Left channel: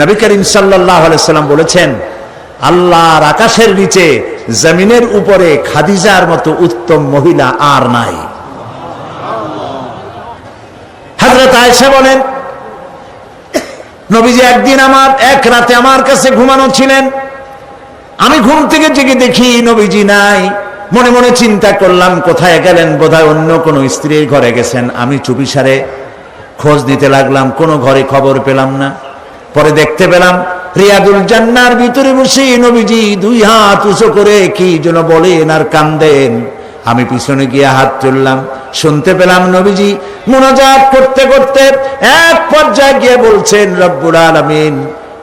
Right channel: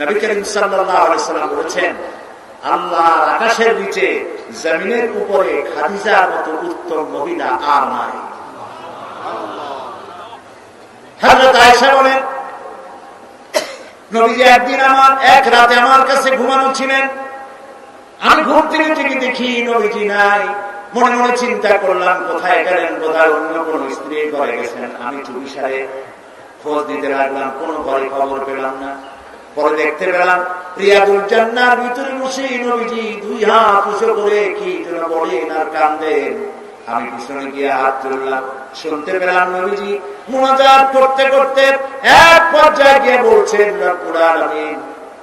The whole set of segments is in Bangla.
নবী করিম সাল্লাল্লাহু আলাইহি সাল্লাম বলেছেন, আল্লাহর আকাশের নিচে জমিনের উপরে খাদিজার মতো উত্তম মহিলা আর নাই। হযরত আয়েশা বলেন, নবীজি একদিন এক রাতে আমার কাছে ঘুমানো ছিলেন। আমি ঘুম থেকে জেগে দেখি নবীজি নাই। মনে মনে চিন্তা করলাম কোথায় গেলেন, বোধহয় অন্য কোনো স্ত্রীর ঘরে গেছেন। আমি চুপিসারে খোঁজ নিতে লাগলাম, কোনো ঘরে খবর পেলাম না। পরে দেখতে পেলাম রিয়াদুল জান্নার ভিতরে বসে নবীজি দুই হাত উঁচু করে কি যেন বলেন আর কান্দেন। আমি পিছনে গিয়ে হাত তুললাম, শুনতে পেলাম নবীজি মুনাজাত করতে করতে এক পর্যায়ে গিয়ে বলছেন, রব্বুল আলামিন,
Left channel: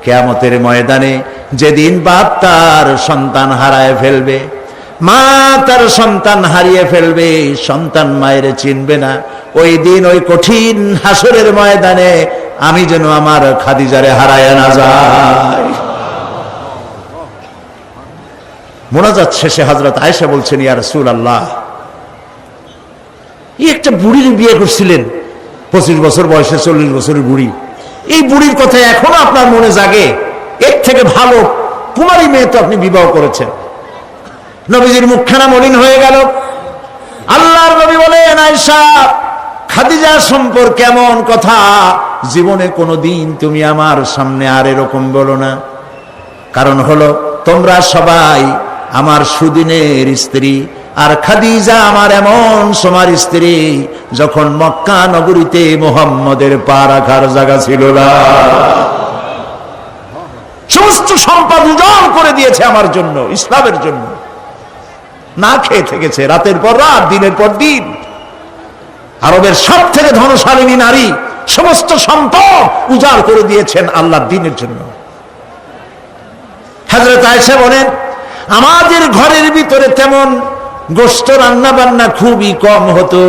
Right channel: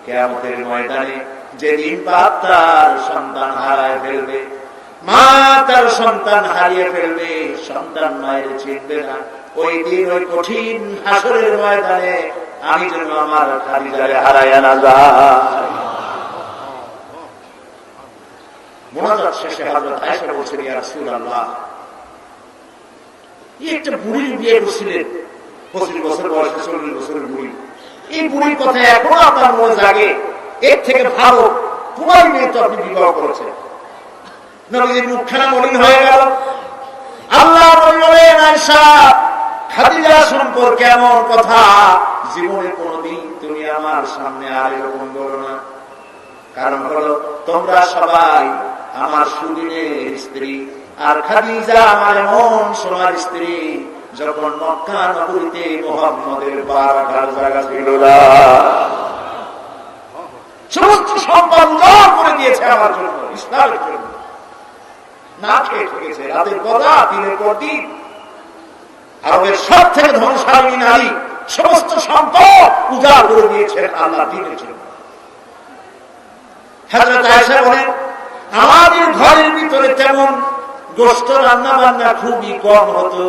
কিয়ামতের ময়দানে যেদিন বাপ তার সন্তান হারায় ফেলবে, মা তার সন্তান হারিয়ে ফেলবে, সন্তান মায়ের চিনবে না, ওই দিন ওই কঠিন হাসরের ময়দানে আমি যেন আমার খাদিজারে হারায় না যাই। মুনাজাত শেষে হযরত আয়েশা বলছেন, ইয়া রাসূলুল্লাহ, এই একটা বুড়ির বিয়ে করছিলেন, 25 বছর বয়সে 40 বছরের বুড়ি। এই বুড়ির কথা এখনো আপনার মনে জাগে? এর থেকে ভালো কুমারী মেয়ে তো আপনি বিবাহ করেছেন। নবীজির মুখখানা মলিন হয়ে গেল। আল্লাহর নবী বলেন, আয়েশা, খাদিজা সম্পর্কে এমন কথা জীবনে কোনোদিন তুমি আমার সামনে আর এরকম বলো না। কারণ হলো তোমরা সবাই আমার সুদিনের স্ত্রী, আর খাদিজা আমার এমন সময়ের স্ত্রী যখন মক্কা নগরীতে মুহাম্মদের পা রাখার জায়গা ছিল না। সমস্ত সম্পদ উজাড় করে দিয়েছে আমার জন্য, ইসলামের জন্য। না খেয়ে থেকেছে রাতের পর রাত, দিনের পর দিন। আরবের সব থেকে ধনশালিনী নারী সমস্ত সম্পদ উজাড় করে দিয়েছেন আল্লাহর দ্বীনের জন্য। হযরত আয়েশা বলেন, আমাদের ঘরের ভিতরে তেমন গোশত রান্না বান্না খুবই কম হতো।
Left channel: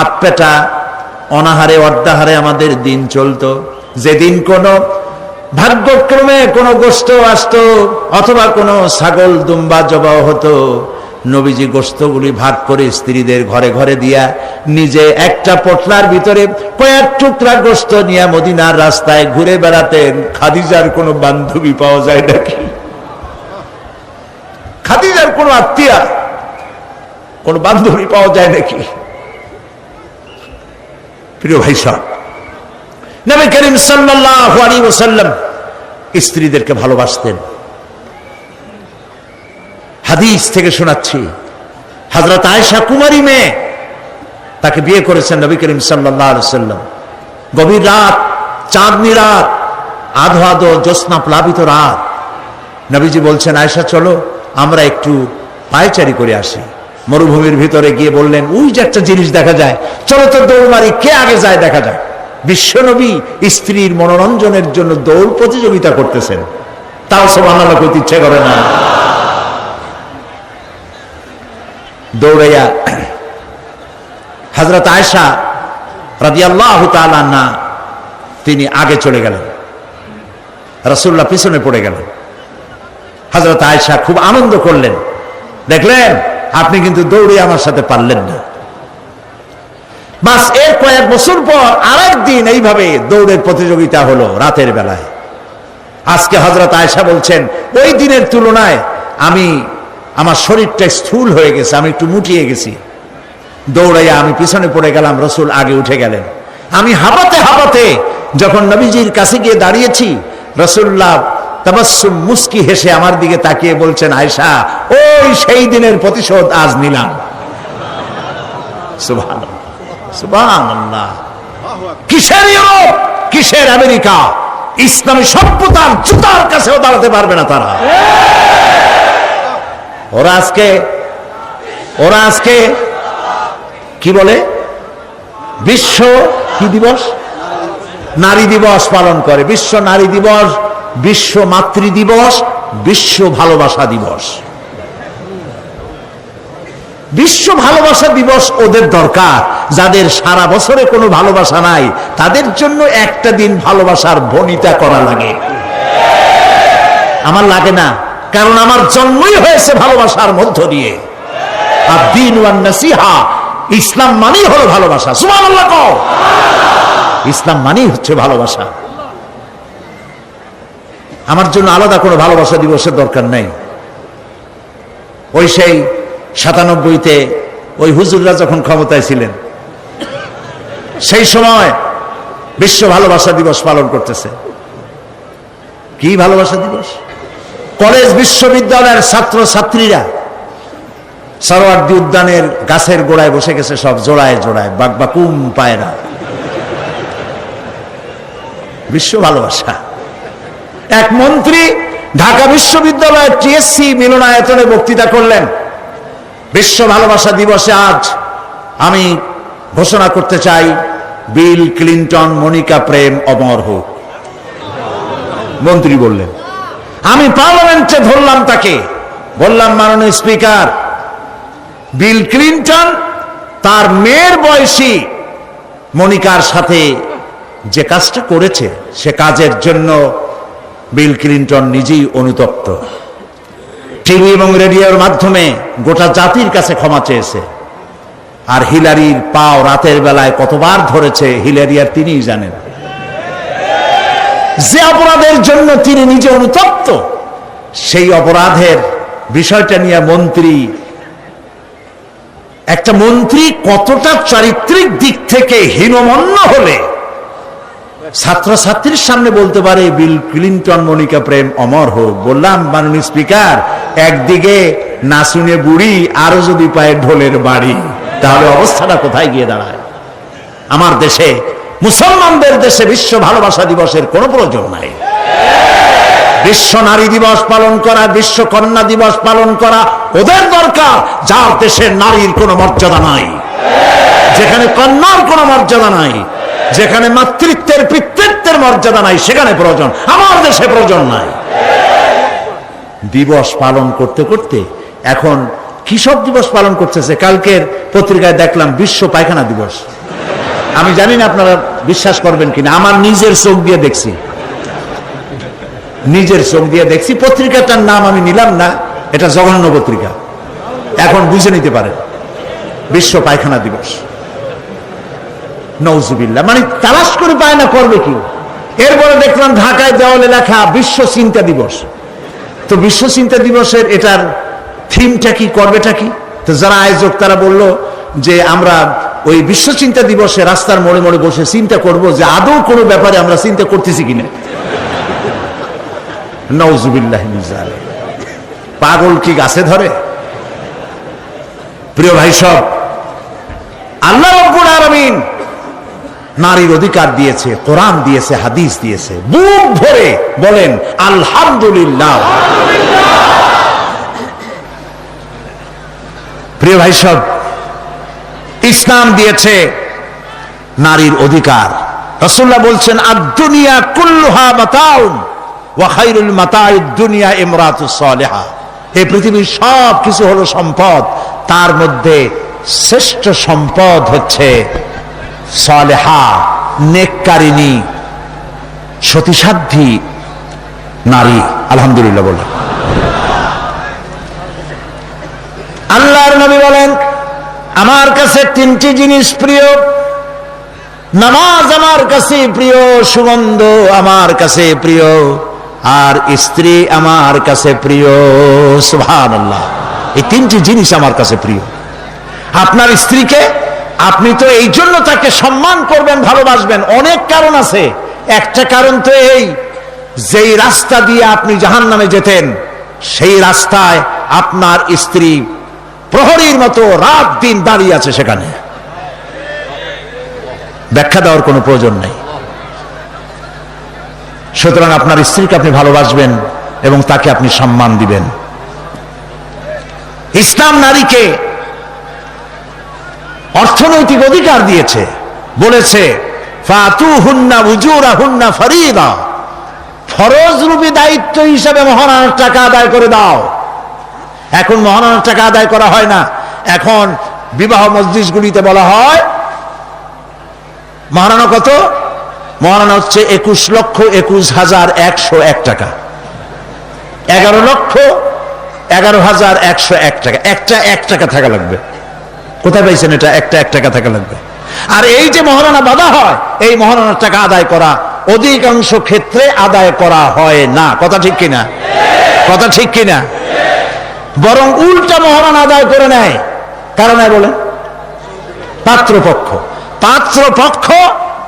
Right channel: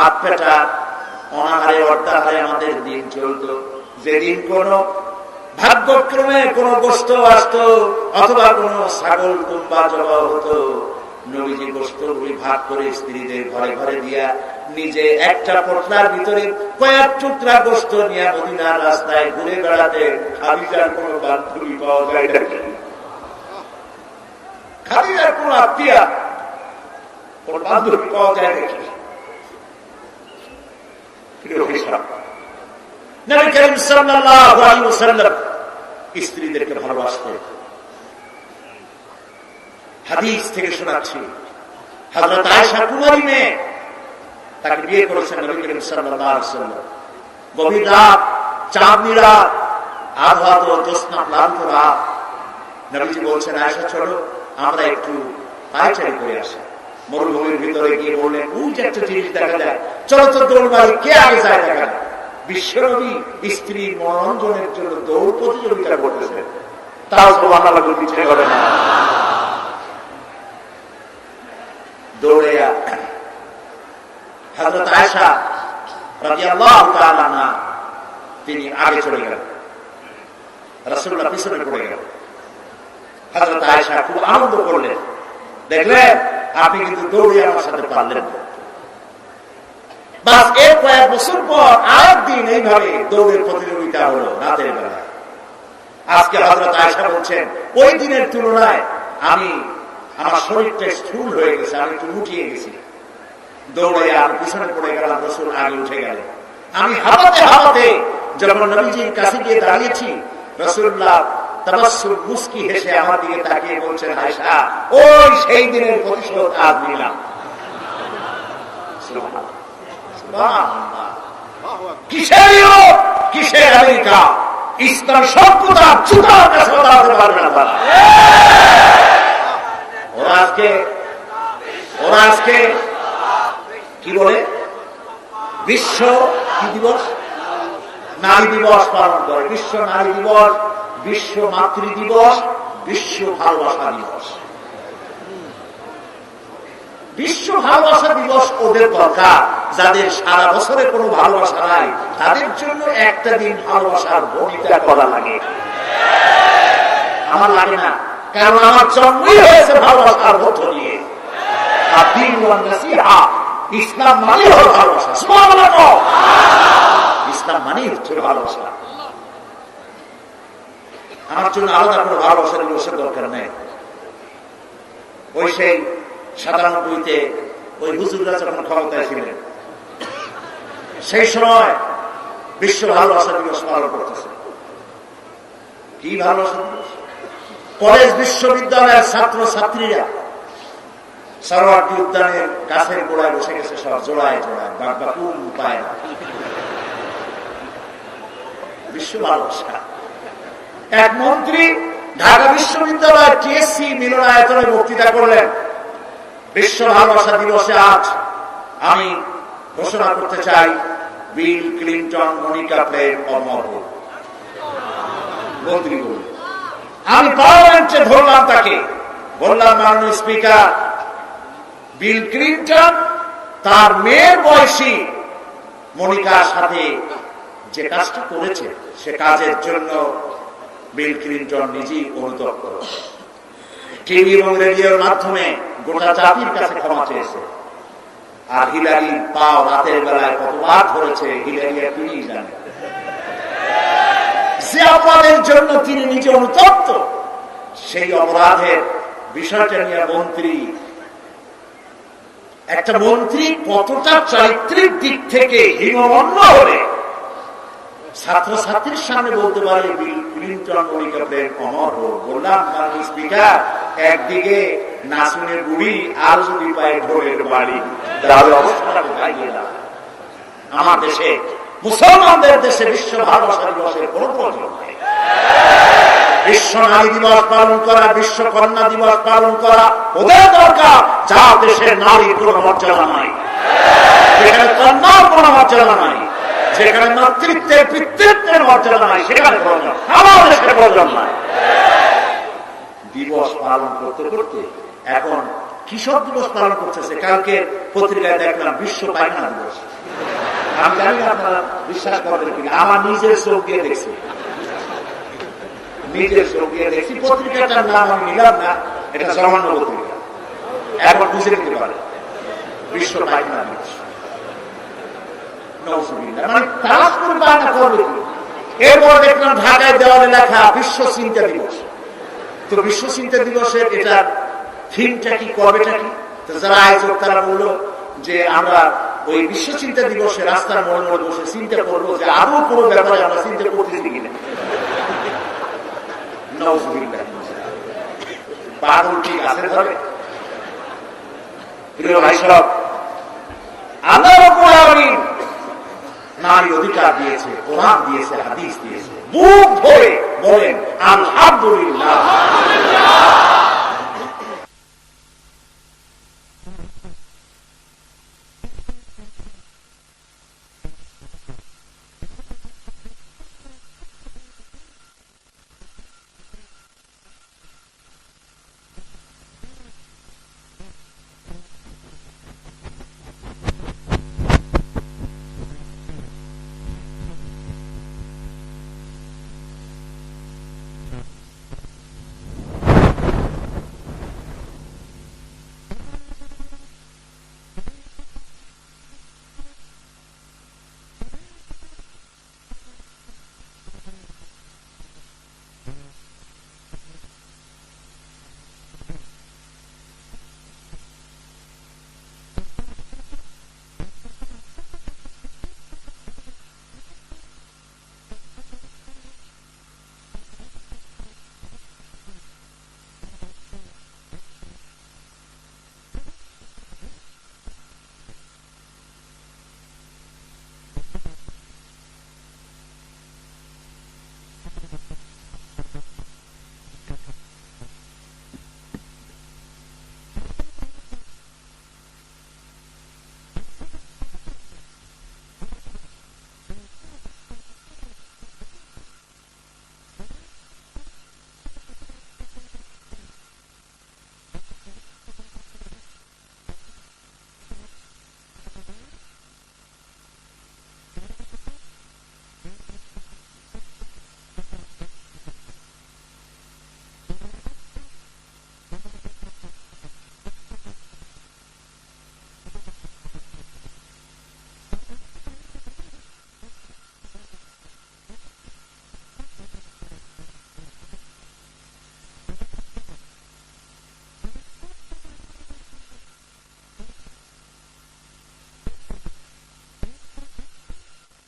আধপেটা অনাহারে অর্ধাহারে আমাদের দিন চলতো। যেদিন কোনো ভাগ্যক্রমে কোনো গোশত আসতো অথবা কোনো ছাগল দুম্বা জবাও হতো, নবীজি গোশতগুলি ভাগ করে স্ত্রীদের ঘরে ঘরে দিয়া নিজে একটা পটলার ভিতরে কয়েক টুকরা গোশত নিয়ে মদিনার রাস্তায় ঘুরে বেড়াতেন। খাদিজার কোনো বান্ধবী পাওয়া যায় নাকি? খাদিজার কোনো আত্মীয়া, কোন বান্ধবী পাওয়া যায় নাকি? প্রিয় ভাই সাহেব, নবী করিম সাল্লাল্লাহু আলাইহি ওয়াসাল্লাম স্ত্রীদেরকে ভালোবাসতেন। হাদিস থেকে শোনাচ্ছি, হযরত আয়েশা কুমারী মেয়ে, তাকে বিয়ে করেছেন নবী করিম সাল্লাল্লাহু আলাইহি ওয়াসাল্লাম। গভীর রাত, চাঁদনি রাত, আধো আধো জ্যোৎস্না প্লাবিত রাত। নবীজি বলছেন, আয়েশা চলো আমরা একটু পায়চারি করে আসি। মরুভূমির ভিতরে গিয়ে বললেন, ওই যে একটা জিনিস দেখা যায়, চলো তো দৌড় মারি, কে আগে যায় দেখা যায়। বিশ্বনবী স্ত্রীর মনোরঞ্জনের জন্য দৌড় প্রতিযোগিতা করতেছেন, তাও সুবহানাল্লাহ কইতে ইচ্ছে করে না। দৌড়াইয়া হযরত আয়েশা রাদিয়াল্লাহু তাআলা আনহা তিনি আগে চলে গেলেন, রাসূলুল্লাহ পিছনে পড়ে গেলেন। হযরত আয়েশা খুব আনন্দ করলেন, দেখলেন আপনি কিন্তু দৌড়ে আমার সাথে পারলেন না। বাস এর কয়েক বছর পর আরেকদিন এইভাবে দৌড়ের প্রতিযোগিতা হলো রাতের বেলায়। আজকে হযরত আয়েশা বলছেন, ওই দিনের তুলনায় আমার শরীরটা স্থূল হয়ে গেছে, আমি একটু মুটিয়ে গেছি। দৌড়াইয়া আমি পিছনে পড়ে গেলাম, রাসূল আগে উঠে গেলেন। আমি হাঁপাতে হাঁপাতে যখন নবীজির কাছে গিয়ে দাঁড়িয়েছি, রাসূলুল্লাহ তাবাসসুম মুস্কি হেসে আমার দিকে তাকিয়ে বলছেন, আয়েশা, ওই সেই দিনের প্রতিশোধ আজ নিলাম। সুবহানাল্লাহ, সুবহানাল্লাহ। কিসের ইউরোপ, কিসের আমেরিকা, ইসলামী সভ্যতার জুতার কাছেও দাঁড়াতে পারবে না তারা। ওরা আজকে কি বলে, বিশ্ব কি দিবস, নারী দিবস পালন করে। বিশ্ব নারী দিবস, বিশ্ব মাতৃ দিবস, বিশ্ব ভালোবাসা দিবস। বিশ্ব ভালোবাসা দিবস ওদের দরকার, যাদের সারা বছরে কোনো ভালোবাসা নাই, তাদের জন্য একটা দিন ভালোবাসার বনিতা করা লাগে। আমার লাগে না, কারণ আমার জন্মই হয়েছে ভালোবাসার মধ্য দিয়ে। আর দ্বীন ওয়ান নাসিহা, ইসলাম মানেই হলো ভালোবাসা। সুবহানাল্লাহ, ইসলাম মানেই হচ্ছে ভালোবাসা। আমার জন্য আলাদা কোনো ভালোবাসা দিবসের দরকার নেই। ওই সেই 97-তে ওই হুজুররা যখন ক্ষমতায় ছিলেন, সেই সময় বিশ্ব ভালোবাসা দিবস পালন করতেছে। কি ভালোবাসা দিবস? কলেজ বিশ্ববিদ্যালয়ের ছাত্র ছাত্রীরা সরোয়ার্দী উদ্যানের গাছের গোড়ায় বসে গেছে, সব জোড়ায় জোড়ায় বাকবাকুম পায়রা। বিশ্ব ভালোবাসা। এক মন্ত্রী ঢাকা বিশ্ববিদ্যালয়ের টিএসসি মিলনায়তনে বক্তৃতা করলেন, বিশ্ব ভালোবাসা দিবসে আজ আমি ঘোষণা করতে চাই, বিল ক্লিন্টন মনিকা প্রেম অমর হোক। মন্ত্রী বললেন। আমি পার্লামেন্টে ধরলাম তাকে, বললাম, মাননীয় স্পিকার, বিল ক্লিন্টন তার মেয়ের বয়সী মনিকার সাথে যে কাজটা করেছে, সে কাজের জন্য বিল ক্লিন্টন নিজেই অনুতপ্ত। টিভি এবং রেডিওর মাধ্যমে গোটা জাতির কাছে ক্ষমা চেয়েছে। আর হিলারির পাও রাতের বেলায় কতবার ধরেছে হিলারি আর তিনিই জানেন। যে অপরাধের জন্য তিনি নিজে অনুতপ্ত, সেই অপরাধের বিষয়টা নিয়ে একটা মন্ত্রী কতটা চারিত্রিক দিক থেকে হীনমন্য হলে ছাত্রছাত্রীর সামনে বলতে পারে বিল ক্লিন্টন মনিকা প্রেম অমর হোক। বললাম, মাননীয় স্পিকার, একদিকে নাচুনে বুড়ি, আরো যদি পায় ঢোলের বাড়ি, তাহলে অবস্থাটা কোথায় গিয়ে দাঁড়ায়? আমার দেশে, মুসলমানদের দেশে বিশ্ব ভালোবাসা দিবসের কোনো প্রয়োজন নাই। বিশ্ব নারী দিবস পালন করা, বিশ্ব কন্যা দিবস পালন করা ওদের দরকার, যার দেশে নারীর কোনো মর্যাদা নাই, যেখানে কন্যার কোনো মর্যাদা নাই, যেখানে মাতৃত্বের পিতৃত্বের মর্যাদা নাই, সেখানে প্রয়োজন। আমার দেশে প্রয়োজন নাই। দিবস পালন করতে করতে এখন কিসব দিবস পালন করতেছে। কালকের পত্রিকায় দেখলাম বিশ্ব পায়খানা দিবস। আমি জানি না আপনারা বিশ্বাস করবেন কিনা, আমার নিজের চোখ দিয়ে দেখছি, পত্রিকাটার নাম আমি নিলাম না, এটা জঘন্য পত্রিকা, এখন বুঝে নিতে পারেন। বিশ্ব পায়খানা দিবস, নওজুবিল্লাহ, মানে তালাশ করে পায় না, করবে কি? এরপরে দেখলাম ঢাকায় দেওয়ালে লেখা বিশ্ব চিন্তা দিবস। তো বিশ্ব চিন্তা দিবসের এটার থিমটা কি, করবেটা কি? তো যারা আয়োজক তারা বলল যে আমরা ওই বিশ্ব চিন্তা দিবসে রাস্তার মোড়ে মোড়ে বসে চিন্তা করব যে আদৌ কোনো ব্যাপারে আমরা চিন্তা করতেছি কিনা। নওজুবিল্লাহ, পাগল কি গাছে ধরে? প্রিয় ভাই সব, আল্লাহ রাব্বুল আলামিন নারীর অধিকার দিয়েছে, কোরআন দিয়েছে, হাদিস দিয়েছে। বুক ভরে বলেন আলহামদুলিল্লাহ। প্রিয় ভাই সব, ইসলাম দিয়েছে নারীর অধিকার। রাসূলুল্লাহ বলছেন, আদ-দুনিয়া কুল্লুহা মাতাউন ওয়া খায়রুল মাতাউদ দুনিয়া ইমরাতুস সালিহা। এই পৃথিবীর সব কিছু হলো সম্পদ, তার মধ্যে শ্রেষ্ঠ সম্পদ হচ্ছে সালেহা, নেককারিনী, সতীসাধ্বী নারী। আলহামদুলিল্লাহ বলেন। আল্লাহর নবী বলেন, আমার কাছে তিনটি জিনিস প্রিয়, নামাজ আমার কাছে প্রিয়, সুগন্ধ আমার কাছে প্রিয়, আর স্ত্রী আমার কাছে প্রিয়। সুবহানাল্লাহ, এই তিনটি জিনিস আমার কাছে প্রিয়। আপনার স্ত্রীকে আপনি তো এই জন্য তাকে সম্মান করবেন, ভালোবাসবেন, অনেক কারণ আছে। একটা কারণ তো এই, যেই রাস্তা দিয়ে আপনি জাহান্নামে যেতেন, সেই রাস্তায় আপনার স্ত্রী প্রহরীর মতো রাত দিন দাঁড়িয়ে আছে, সেখানে ব্যাখ্যা দেওয়ার কোনো প্রয়োজন নেই। সুতরাং আপনার স্ত্রীকে আপনি ভালোবাসবেন এবং তাকে আপনি সম্মান দিবেন। ইসলাম নারীকে অর্থনৈতিক অধিকার দিয়েছে, বলেছে ফাতুহুন্না উজুরাহুন্না ফরিদা, ফরজ রূপী দায়িত্ব হিসাবে মহারণার টাকা আদায় করে দাও। এখন মহারণার টাকা আদায় করা হয় না, এখন বিবাহ মজলিসগুলিতে বলা হয় মহারণা কত? মহারণা হচ্ছে 21,21,101 টাকা, 11,11,101 টাকা। একটা 1 টাকা থাকা লাগবে। কোথায় পাইছেন এটা? একটা 1 টাকা থাকা লাগবে। আর এই যে মহারণা বাঁধা হয়, এই মহারণার টাকা আদায় করা অধিকাংশ ক্ষেত্রে আদায় করা হয় না। কথা ঠিক কিনা? কথা ঠিক কিনা? বরং উল্টা মহারণা আদায় করে নেয়। কারণ বলেন, পাত্রপক্ষ। পাত্রপক্ষ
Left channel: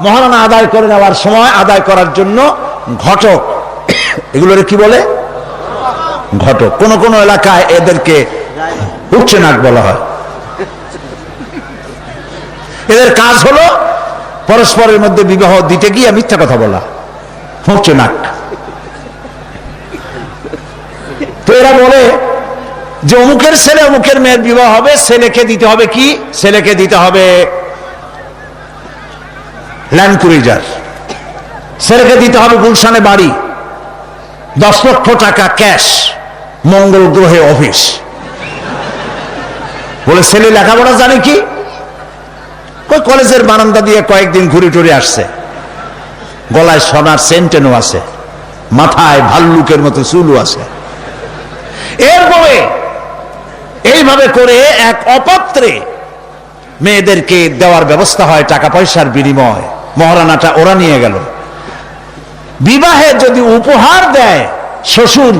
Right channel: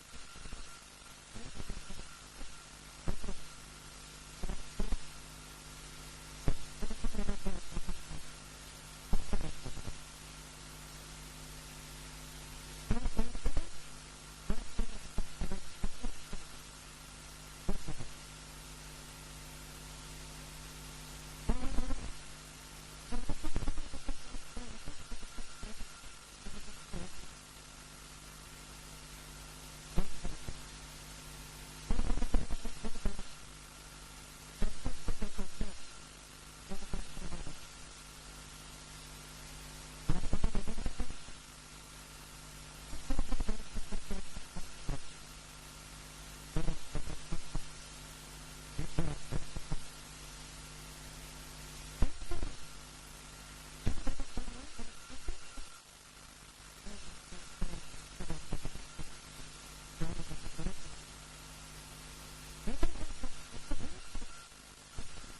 মহারণা আদায় করে নেওয়ার সময় আদায় করার জন্য ঘটক, এগুলোর কি বলে? ঘটক। কোন কোন এলাকায় এদেরকে উচ্চনাক বলা হয়। এদের কাজ হলো পরস্পরের মধ্যে বিবাহ দিতে গিয়ে মিথ্যা কথা বলা, উচ্চনাক। তো এরা বলে যে অমুকের ছেলে অমুকের মেয়ের বিবাহ হবে, ছেলেকে দিতে হবে কি? ছেলেকে দিতে হবে ল্যান্ড ক্রুইজার, ছেলেকে দিতে হবে গুলশানে বাড়ি, 10 লক্ষ টাকা ক্যাশ, মঙ্গল গ্রহে অফিস। বলে ছেলে লেখাপড়া জানে কি? কলেজের বারান্দা দিয়ে কয়েকদিন ঘুরে টুরে আসছে, গলায় সোনার সেন্টেনও আছে, মাথায় ভাল্লুকের মতো চুলও আছে। এরপরে এইভাবে করে এক অপাত্রে মেয়েদেরকে দেওয়ার ব্যবস্থা হয় টাকা পয়সার বিনিময়। মহারানাটা ওরা নিয়ে গেল। বিবাহে যদি উপহার দেয় শ্বশুর,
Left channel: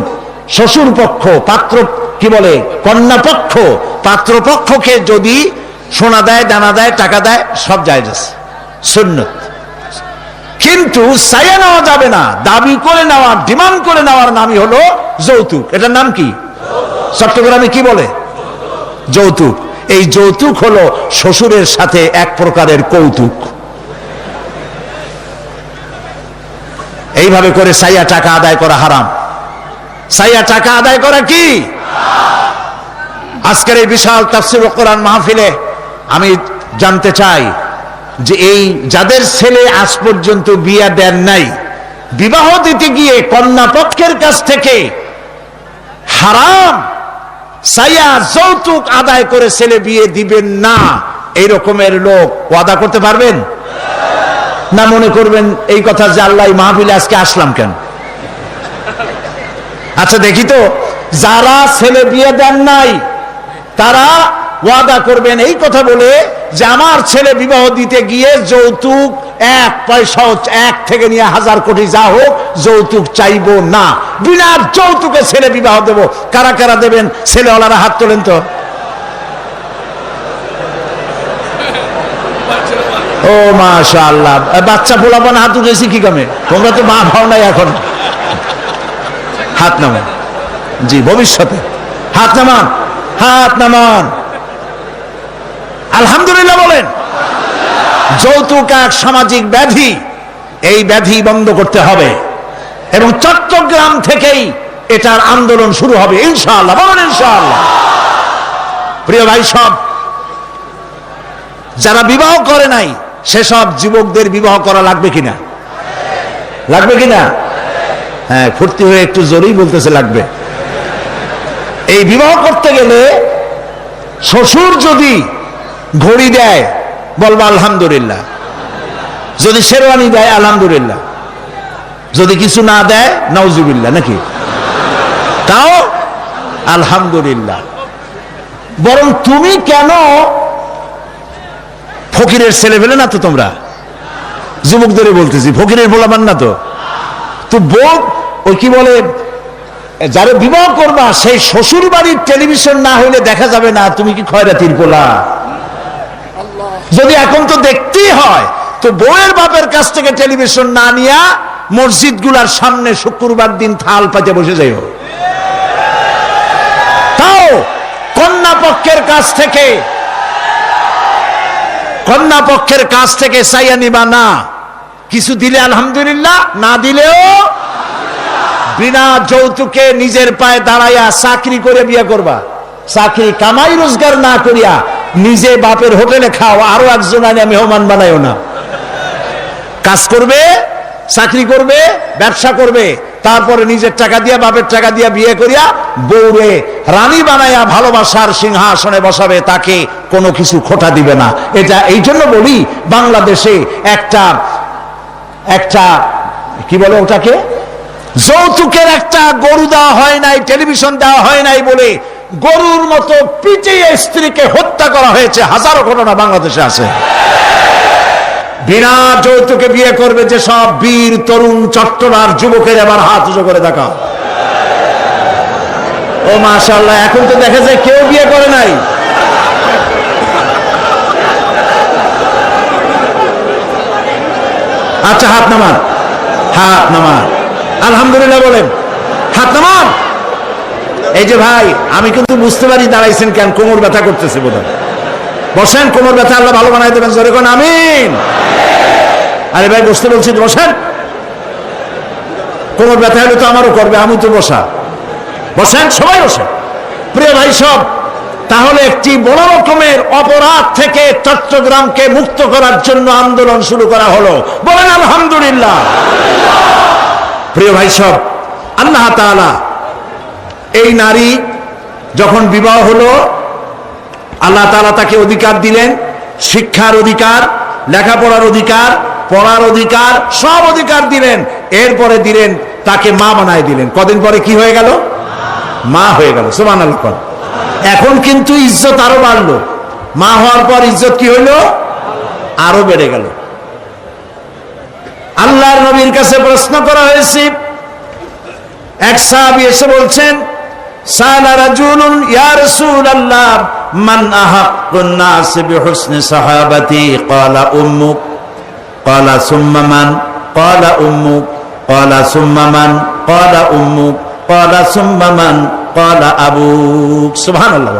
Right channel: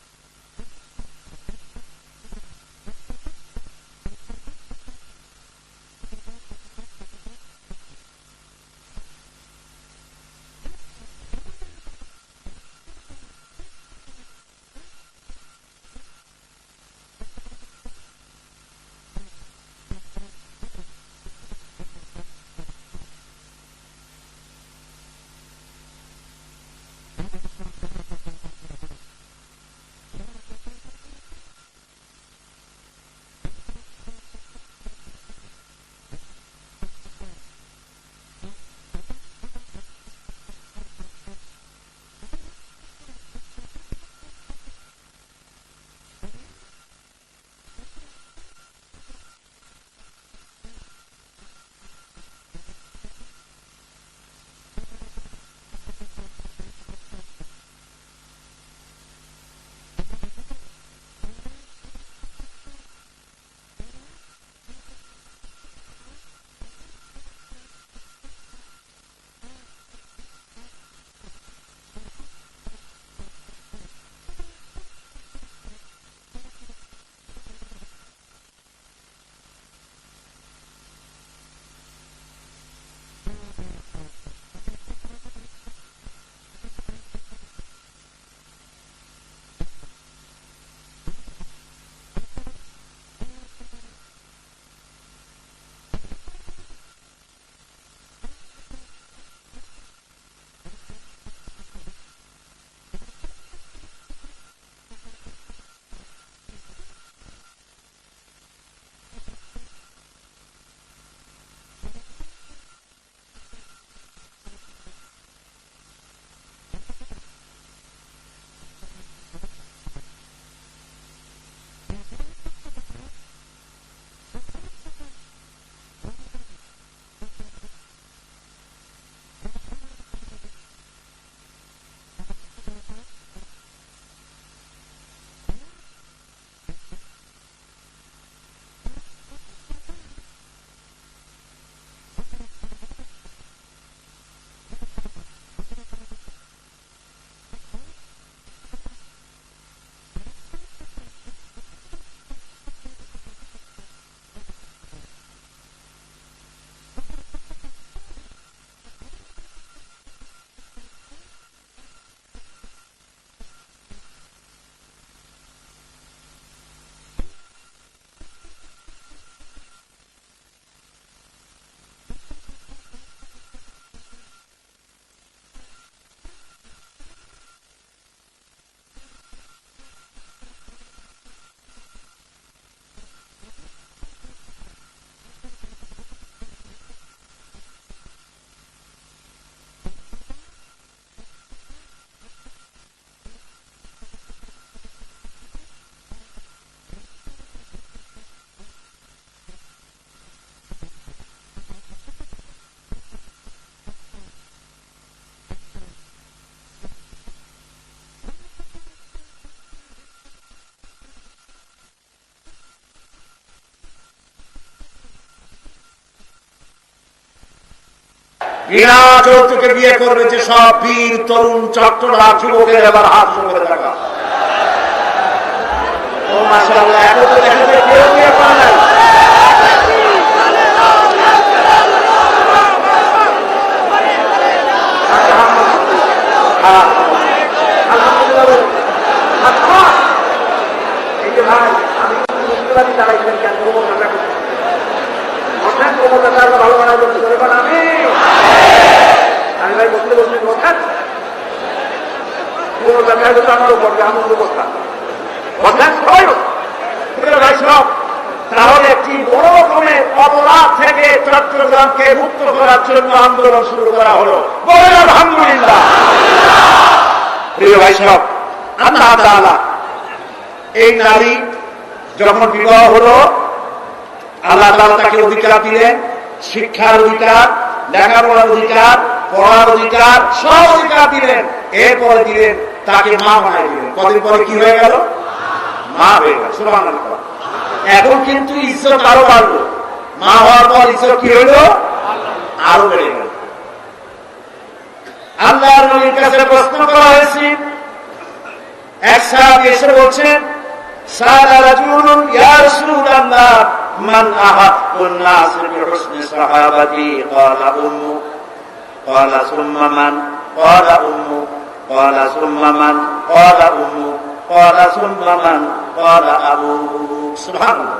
শ্বশুর পক্ষ, পাত্র কি বলে কন্যা পক্ষ, পাত্রপক্ষকে যদি সোনা দেয়, দানা দেয়, টাকা দেয়, সব জায়েজ আছে, সুন্নত। কিন্তু চাইয়া নেওয়া যাবে না, দাবি করে নেওয়া, ডিমান্ড করে নেওয়ার নামই হলো যৌতুক। এটার নাম কি? চট্টগ্রামে কি বলে? যৌতুক। এই যৌতুক হলো শ্বশুরের সাথে এক প্রকারের কৌতুক। এইভাবে করে চাইয়া টাকা আদায় করা হারাম। চাইয়া টাকা আদায় করা কি? আজকের এই বিশাল তাফসীর ও কোরআন মাহফিলে আমি জানতে চাই যে এই যাদের ছেলে আজ পর্যন্ত বিয়ে দেন নাই, বিবাহ দিতে গিয়ে কন্যা পক্ষের কাছ থেকে হারাম চাইয়া যৌতুক আদায় করে ছেলে বিয়ে দিবেন না, এই রকমের লোক ওয়াদা করতে পারবেন না? মনে করবেন এই কথা যে আল্লাহ মাহফিলে আজকে আসলাম কেন? আচ্ছা দেখি তো, যারা ছেলে বিয়ে দেন নাই তারা ওয়াদা করবেন এই কথা বলে যে আমার ছেলে বিবাহ দিতে গিয়ে যৌতুক এক পয়সাও, 1 থেকে নিয়ে 1000 কোটি যা হোক, যৌতুক চাইবো না, বিনা যৌতুকে ছেলে বিবাহ দেব। কারা কারা দেবেন? ছেলেওয়ালারা হাত তোলেন তো। ও মাশাআল্লাহ, বাচ্চা পোলাপান হাত উঠেছি কি কামে? তোমরা তো মা ভাও নাই এখন। হাত নামান। জি, ভবিষ্যতে হাত নামান, হাত নামান। আলহামদুলিল্লাহ বলেন। যৌতুক এক সামাজিক ব্যাধি, এই ব্যাধি বন্ধ করতে হবে এবং চট্টগ্রাম থেকেই এটার আন্দোলন শুরু হবে ইনশাআল্লাহ। বলেন ইনশাআল্লাহ। প্রিয় ভাই, সব যারা বিবাহ করে নাই সেসব যুবকদের বিবাহ করা লাগবে কিনা? লাগবে কিনা? হ্যাঁ, ফুর্তি হয়ে একটু জোরেই বলতেছে লাগবে। এই বিবাহ করতে গেলে শ্বশুর যদি ঘড়ি দেয় বলবা আলহামদুলিল্লাহ, যদি শেরওয়ানি দেয় আলহামদুলিল্লাহ, যদি কিছু না দেয় নাউজুবিল্লাহ, নাকি? তাও আলহামদুলিল্লাহ। বরং তুমি কেন ফকিরের ছেলে ফেলে না তো? তোমরা যুবকদের বলতেছি, ফকিরের বলাবান না তো। তো বউ ওই কি বলে, যারা বিবাহ করবা সেই শ্বশুর বাড়ির টেলিভিশন না হইলে দেখা যাবে না তুমি কি খয়রাতির পোলা। যদি এখন তো দেখতেই হয়, তো বউয়ের বাপের কাছ থেকে টেলিভিশন না নিয়া মসজিদ গুলার সামনে শুক্রবার দিন থাল পাতে বসে যাইও। তাও কন্যা পক্ষের কাছ থেকে চাইয়া নিবা না। কিছু দিলে আলহামদুলিল্লাহ, না দিলেও বিনা যৌতুকে নিজের পায়ে দাঁড়াইয়া চাকরি করে বিয়ে করবা। চাকরি কামাই রোজগার না করিয়া নিজে বাপের হোটেলে খাও, আরো একজন আনিয়া মেহমান বানাইও না। কাজ করবে, চাকরি করবে, ব্যবসা করবে, তারপরে নিজের টাকা দিয়া, বাপের টাকা দিয়া বিয়ে করিয়া বউরে রানী বানাইয়া ভালোবাসার সিংহাসনে বসাবে, তাকে কোনো কিছু খোটা দিবে না। এটা এই জন্য বলি, বাংলাদেশে একটা কি বলে ওটাকে, যৌতুকের একটা গরু দেওয়া হয় নাই, টেলিভিশন দেওয়া হয় নাই বলে গরুর মতো পিটিয়ে স্ত্রীকে হত্যা করা হয়েছে। হাজারো ঘটনা বাংলাদেশে আছে। বিনা যৌতুকে বিয়ে করবে যে সব বীর তরুণ চট্টলার যুবকের আবার হাত উঁচু করে দেখা। ও মাশাআল্লাহ, এখন তো দেখা যায় কেউ বিয়ে করে নাই। আচ্ছা, হাত নামান, হাত নামান, আলহামদুলিল্লাহ বলেন, হাত নামান। এই যে ভাই, আমি কিন্তু বুঝতে পারি দাঁড়াইছেন কেন, কোমর ব্যথা করতেছে বোধহয়। বসেন, কোমর ব্যথা আল্লাহ ভালো বানাই দেবেন, জোরে কোন আমিন। আরে ভাই বসতে বলছি, বসেন। কোমর ব্যথা হলে তো আমারও করবে, আমি তো বসা। বসেন, সবাই বসেন। প্রিয় ভাই সব, তাহলে একটি বড় রকমের অপরাধ থেকে চট্টগ্রামকে মুক্ত করার জন্য আন্দোলন শুরু করা হলো, বলেন আলহামদুলিল্লাহ। প্রিয় ভাই সব, আল্লাহ তাআলা এই নারী যখন বিবাহ হলো, আল্লাহ তাআলা তাকে অধিকার দিলেন, শিক্ষার অধিকার, লেখাপড়ার অধিকার, পড়ার অধিকার, সব অধিকার দিলেন। এরপরে দিলেন তাকে মা বানায় দিলেন। কদিন পরে কি হয়ে গেল? মা হয়ে গেল। সুবহানাল্লাহ। এখন কিন্তু ইজ্জত আরো বাড়লো, মা হওয়ার পর ইজ্জত কি হইল? আরো বেড়ে গেল। আল্লাহর নবীর কাছে প্রশ্ন করা হয়েছে, এক সাহাবী এসে বলছেন, সালা রাজুলুন ইয়া রাসূলুল্লাহ মান আহাক্কুন নাস বিহুসনি সাহাবাতি ক্বালা উম্মুক ক্বালা সুম্মা মান ক্বালা উম্মুক ক্বালা সুম্মা মান ক্বালা উম্মুক ক্বালা সুম্মা মান ক্বালা আবুক। সুবহানাল্লাহ।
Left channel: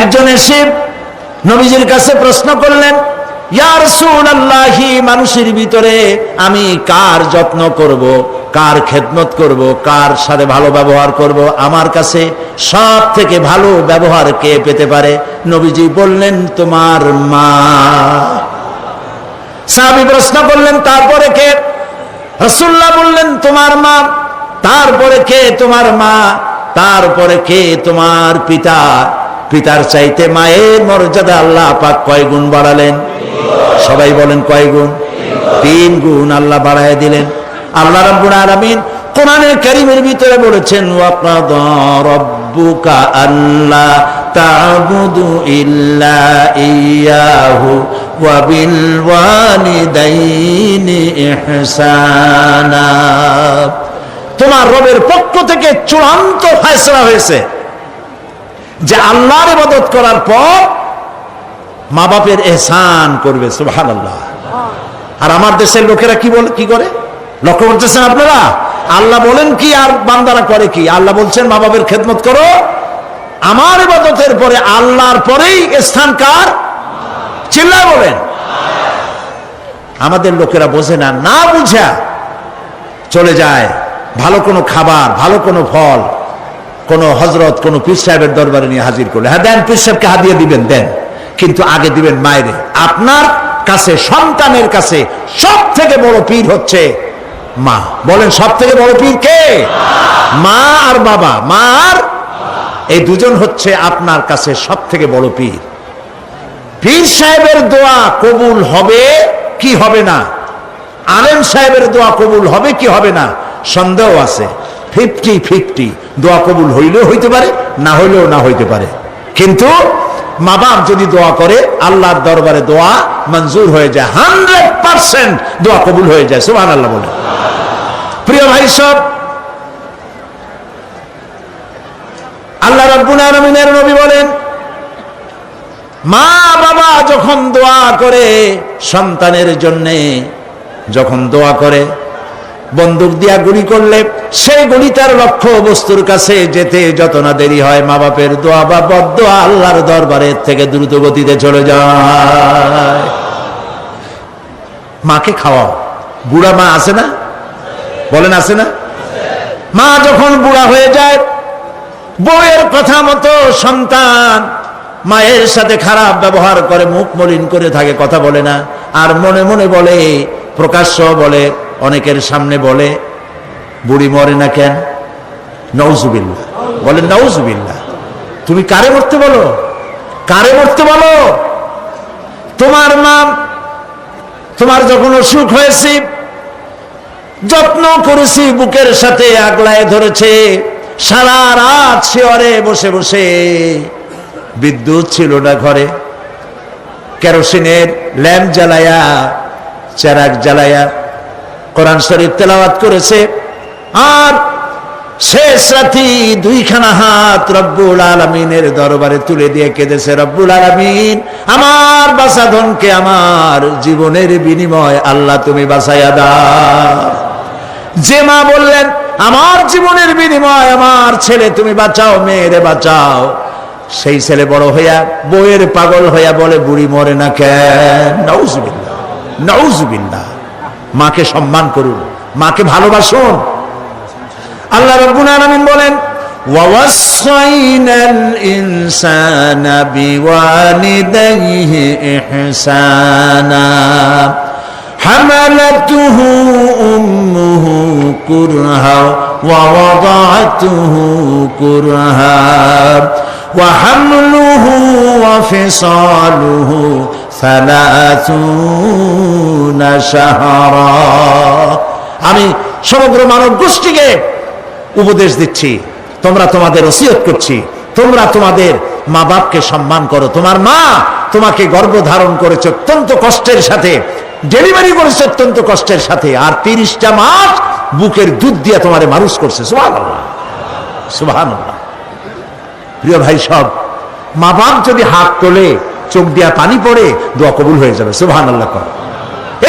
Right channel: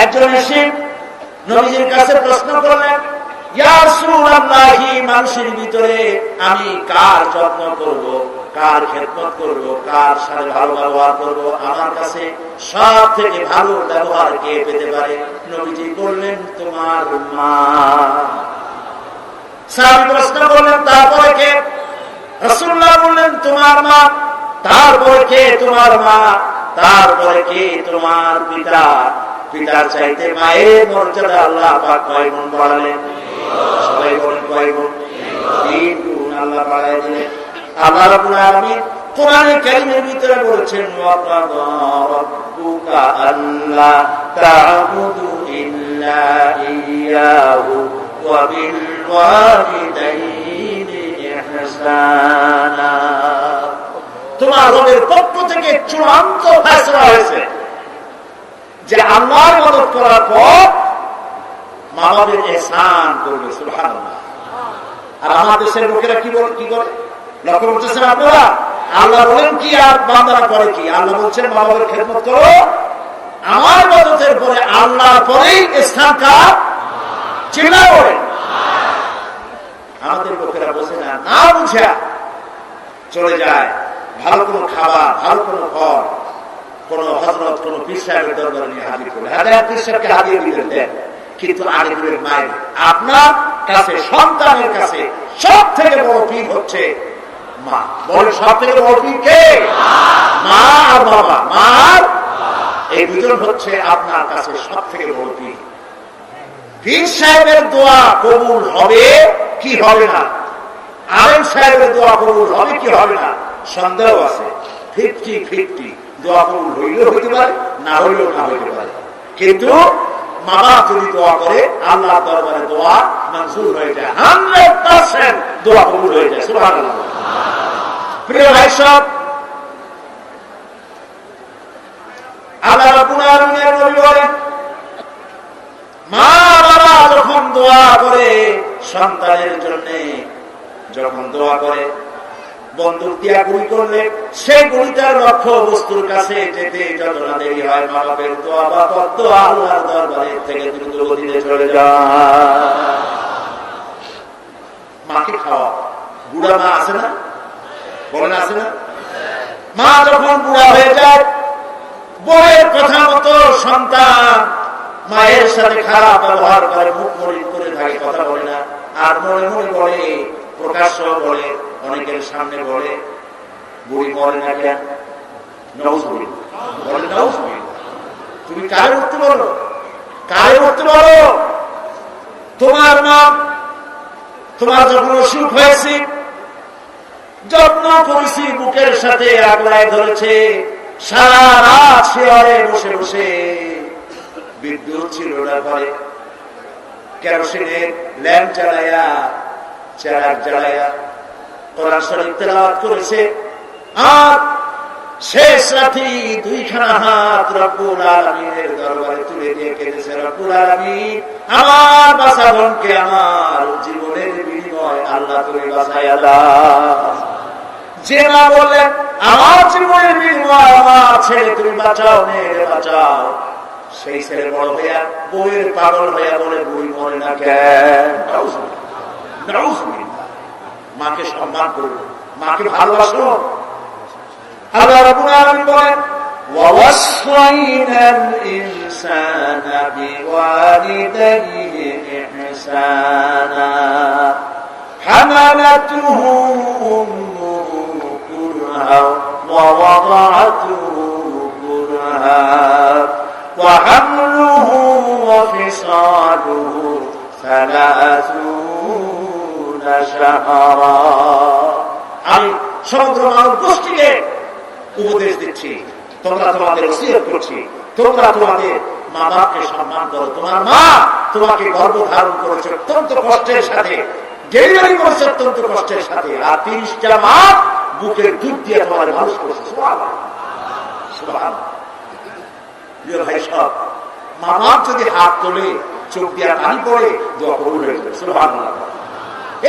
একজন এসে নবীজির কাছে প্রশ্ন করলেন, ইয়া রাসূলুল্লাহ, মানুষের ভিতরে আমি কার যত্ন করব, কার খেদমত করব, কার সাথে ভালো ব্যবহার করব, আমার কাছে সব থেকে ভালো ব্যবহার কে পেতে পারে? নবীজি বললেন, তোমার মা। সাহাবী প্রশ্ন করলেন, তারপরে কে? রাসূলুল্লাহ বললেন, তোমার মা। তারপরে কে? তোমার মা। তারপরে কে? তোমার পিতা। পিতার চাইতে মায়ের মর্যাদা আল্লাহ পাক কয় গুণ বাড়ালেন? সবাই বলেন কয় গুণ? 3 গুণ আল্লাহ বাড়ায় দিলেন। আল্লাহ রাব্বুল আলামিন কোরআনের কারীমের ভিতরে বলেছেন, ওয়াকাদা রাব্বুকা আল্লা তা'বুদু ইল্লা ইয়াহু ওয়া বিল ওয়ালিদাইনি ইহসানা। তোমার রবের পক্ষ থেকে চূড়ান্ত ফয়সালা হয়েছে যে আল্লাহর ইবাদত করার পর মা বাপের ইহসান করবে। সুবহানাল্লাহ। আর আমার দেশের লোকেরা কি বলে, কি করে? লক্ষ্য করতেছেন আপনারা? আল্লাহ বলেন কি আর বান্দারা করে কি? আল্লাহ বলছেন মা বাপের খেদমত করো। আমার ইবাদতের পরে আল্লাহর পরেই স্থান কার? চিল্লায় বলেন। আমাদের লোকেরা বোঝে না, না বুঝা চলে যায় ভালো কোনো খাবার, ভালো কোনো ফল কোন হযরত, কোন পীর সাহেবের দরবারে নিয়ে হাজির করলে, হ্যাঁ দেন, পীর সাহেবকে হাদিয়া দিবেন, দেন, কিন্তু আগে দিবেন মায়েরে। আপনার কাছে, সন্তানের কাছে সব থেকে বড় পীর হচ্ছে মা। বলেন সব থেকে বড় পীর কে? মা আর বাবা। মা আর এই দুজন হচ্ছে আপনার কাছে সব থেকে বড় পীর। পীর সাহেবের দোয়া কবুল হবে কি হবে না, আলেম সাহেবের দোয়া কবুল হবে কি হবে না, সন্দেহ আছে। 50-50, দোয়া কবুল হইলেও হইতে পারে, না হইলেও না হইতে পারে। কিন্তু মা বাপ যদি দোয়া করে, আল্লাহর দরবারে দোয়া মঞ্জুর হয়ে যায়, 100% দোয়া কবুল হয়ে যায়। সুবহানাল্লাহ বলে। প্রিয় ভাই সব, আল্লাহ রাব্বুল আলামিনের নবী বলেন, মা বাবা যখন দোয়া করে সন্তানের জন্যে, যখন দোয়া করে, বন্দুক দিয়া গুলি করলে সেই গুলি তার লক্ষ্য বস্তুর কাছে যেতে যত না দেরি হয়, মা বাপের দোয়া বা বদদোয়া আল্লাহর দরবারের থেকে দ্রুত গতিতে চলে যায়। মাকে খাওয়াও। বুড়া মা আছে না? বলেন আছে না? মা যখন বুড়া হয়ে যায়, বউয়ের কথা মতো সন্তান মায়ের সাথে খারাপ ব্যবহার করে, মুখ মলিন করে থাকে, কথা বলে না, আর মনে মনে বলে, প্রকাশ্য বলে, অনেকের সামনে বলে, বুড়ি মরে না কেন? নাউজুবিল্লাহ। বলেন নাউজুবিল্লাহ। তুমি কারে মরতে বলো? কারে মরতে বলো? তোমার মা তোমার যখন অসুখ হয়েছে, যত্ন করেছি, বুকের সাথে আগলায় ধরেছে, সারা রাত শেয়ারে বসে বসে, বিদ্যুৎ ছিল না ঘরে, কেরোসিনের ল্যাম্প জ্বালায়া, চেরাগ জ্বালায়া কোরআন শরীফ তেলাওয়াত করেছে। আর শেষ রাতি দুইখানা হাত রব্বুল আলামিনের দরবারে তুলে দিয়ে কেঁদেছে, রব্বুল আলামিন আমার বাঁচাধনকে আমার জীবনের বিনিময় আল্লাহ তুমি বাঁচাইয়া দাও। যে মা বললেন আমার জীবনের বিনিময় আমার ছেলে তুমি বাঁচাও, মেয়েরে বাঁচাও, সেই ছেলে বড় হইয়া বইয়ের পাগল হইয়া বলে বুড়ি মরে না কেন। নাউজুবিল্লাহ, নাউজুবিল্লাহ। মাকে সম্মান করুন, মাকে ভালোবাসুন। আল্লাহ রাব্বুল আলামিন বলেন ওয়াওয়াসাইনাল ইনসানা বিওয়ালিদাইহি ইহসানা হামালাতুহু উম্মুহু কুরহা ওয়া ওয়াদাআতুহু কুরহা ওয়া হামলুহু ওয়া ফিসালুহু 30 শাহরা। আমি সমগ্র মানব গোষ্ঠীকে উপদেশ দিচ্ছি, তোমরা তোমাদের ওসিয়ত করছি, তোমরা তোমাদের মা বাপকে সম্মান করো। তোমার মা তোমাকে গর্ভধারণ করেছে অত্যন্ত কষ্টের সাথে, ডেলিভারি করেছে অত্যন্ত কষ্টের সাথে, আর 30টা মাস বুকের দুধ দিয়ে তোমারে মানুষ করছে। সুবহানাল্লাহ, সুবহানাল্লাহ। প্রিয় ভাই সব, মা বাপ যদি হাত তোলে, চোখ দিয়া পানি পড়ে, দোয়া কবুল হয়ে যাবে। সুবহানাল্লাহ।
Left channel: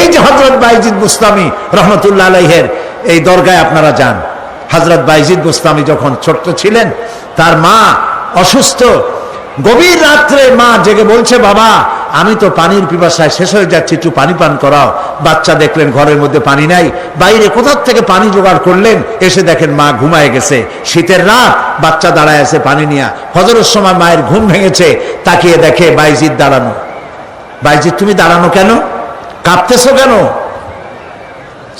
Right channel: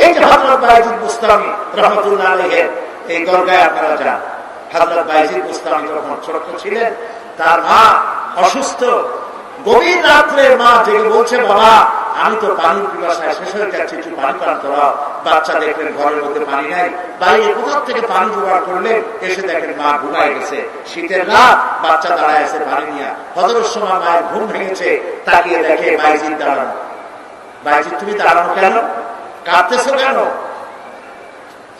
এই যে হযরত বাইজিদ বুস্তামি রহমতুল্লাহ আলাইহির এই দরগায় আপনারা যান, হযরত বাইজিদ বুস্তামি যখন ছোট্ট ছিলেন, তার মা অসুস্থ, গভীর রাত্রে মা জেগে বলছে বাবা আমি তো পানির পিপাসায় শেষ হয়ে যাচ্ছি, একটু পানি পান করাও। বাচ্চা দেখলেন ঘরের মধ্যে পানি নাই, বাইরে কোথা থেকে পানি জোগাড় করলেন, এসে দেখেন মা ঘুমায় গেছে। শীতের রাত, বাচ্চা দাঁড়ায় আছে পানি নিয়ে। ফজরের সময় মায়ের ঘুম ভেঙেছে, তাকিয়ে দেখে বাইজিদ দাঁড়ানো। বাইজিদ তুমি দাঁড়ানো কেন, কাঁদতেছো কেন?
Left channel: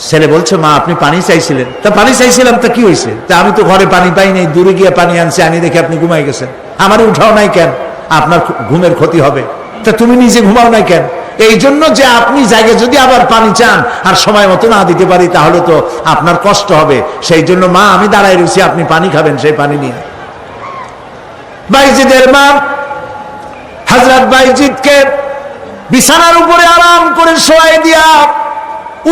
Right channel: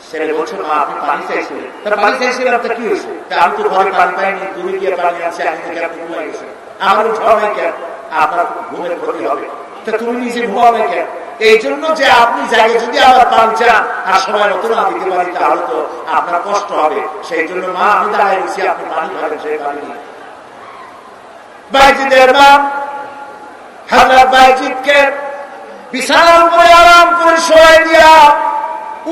ছেলে বলছে মা আপনি পানি চাইছিলেন। তা পানি চাইছিলাম, তা কি হয়েছে? তা আমি তো ঘরে পানি পাই নাই, দূরে গিয়ে পানি আনছি, আনি দেখে আপনি ঘুমাই গেছেন, আমার উঠাও নাই কেন? আপনার ঘুমের ক্ষতি হবে। তা তুমি নিজে ঘুমাও নাই কেন? এই জন্য যে আপনি জায়গায় যদি আবার পানি চান আর সময় মতো না দিতে পারি, তাহলে তো আপনার কষ্ট হবে। সেই জন্য মা আমি দাঁড়ায় রয়েছি, আপনি পানি খাবেন, সেই পানি নিয়ে। বাইজিদের মা হযরত বাইজিদকে বিছানার উপরে আরাম করে শোয়াই দিয়া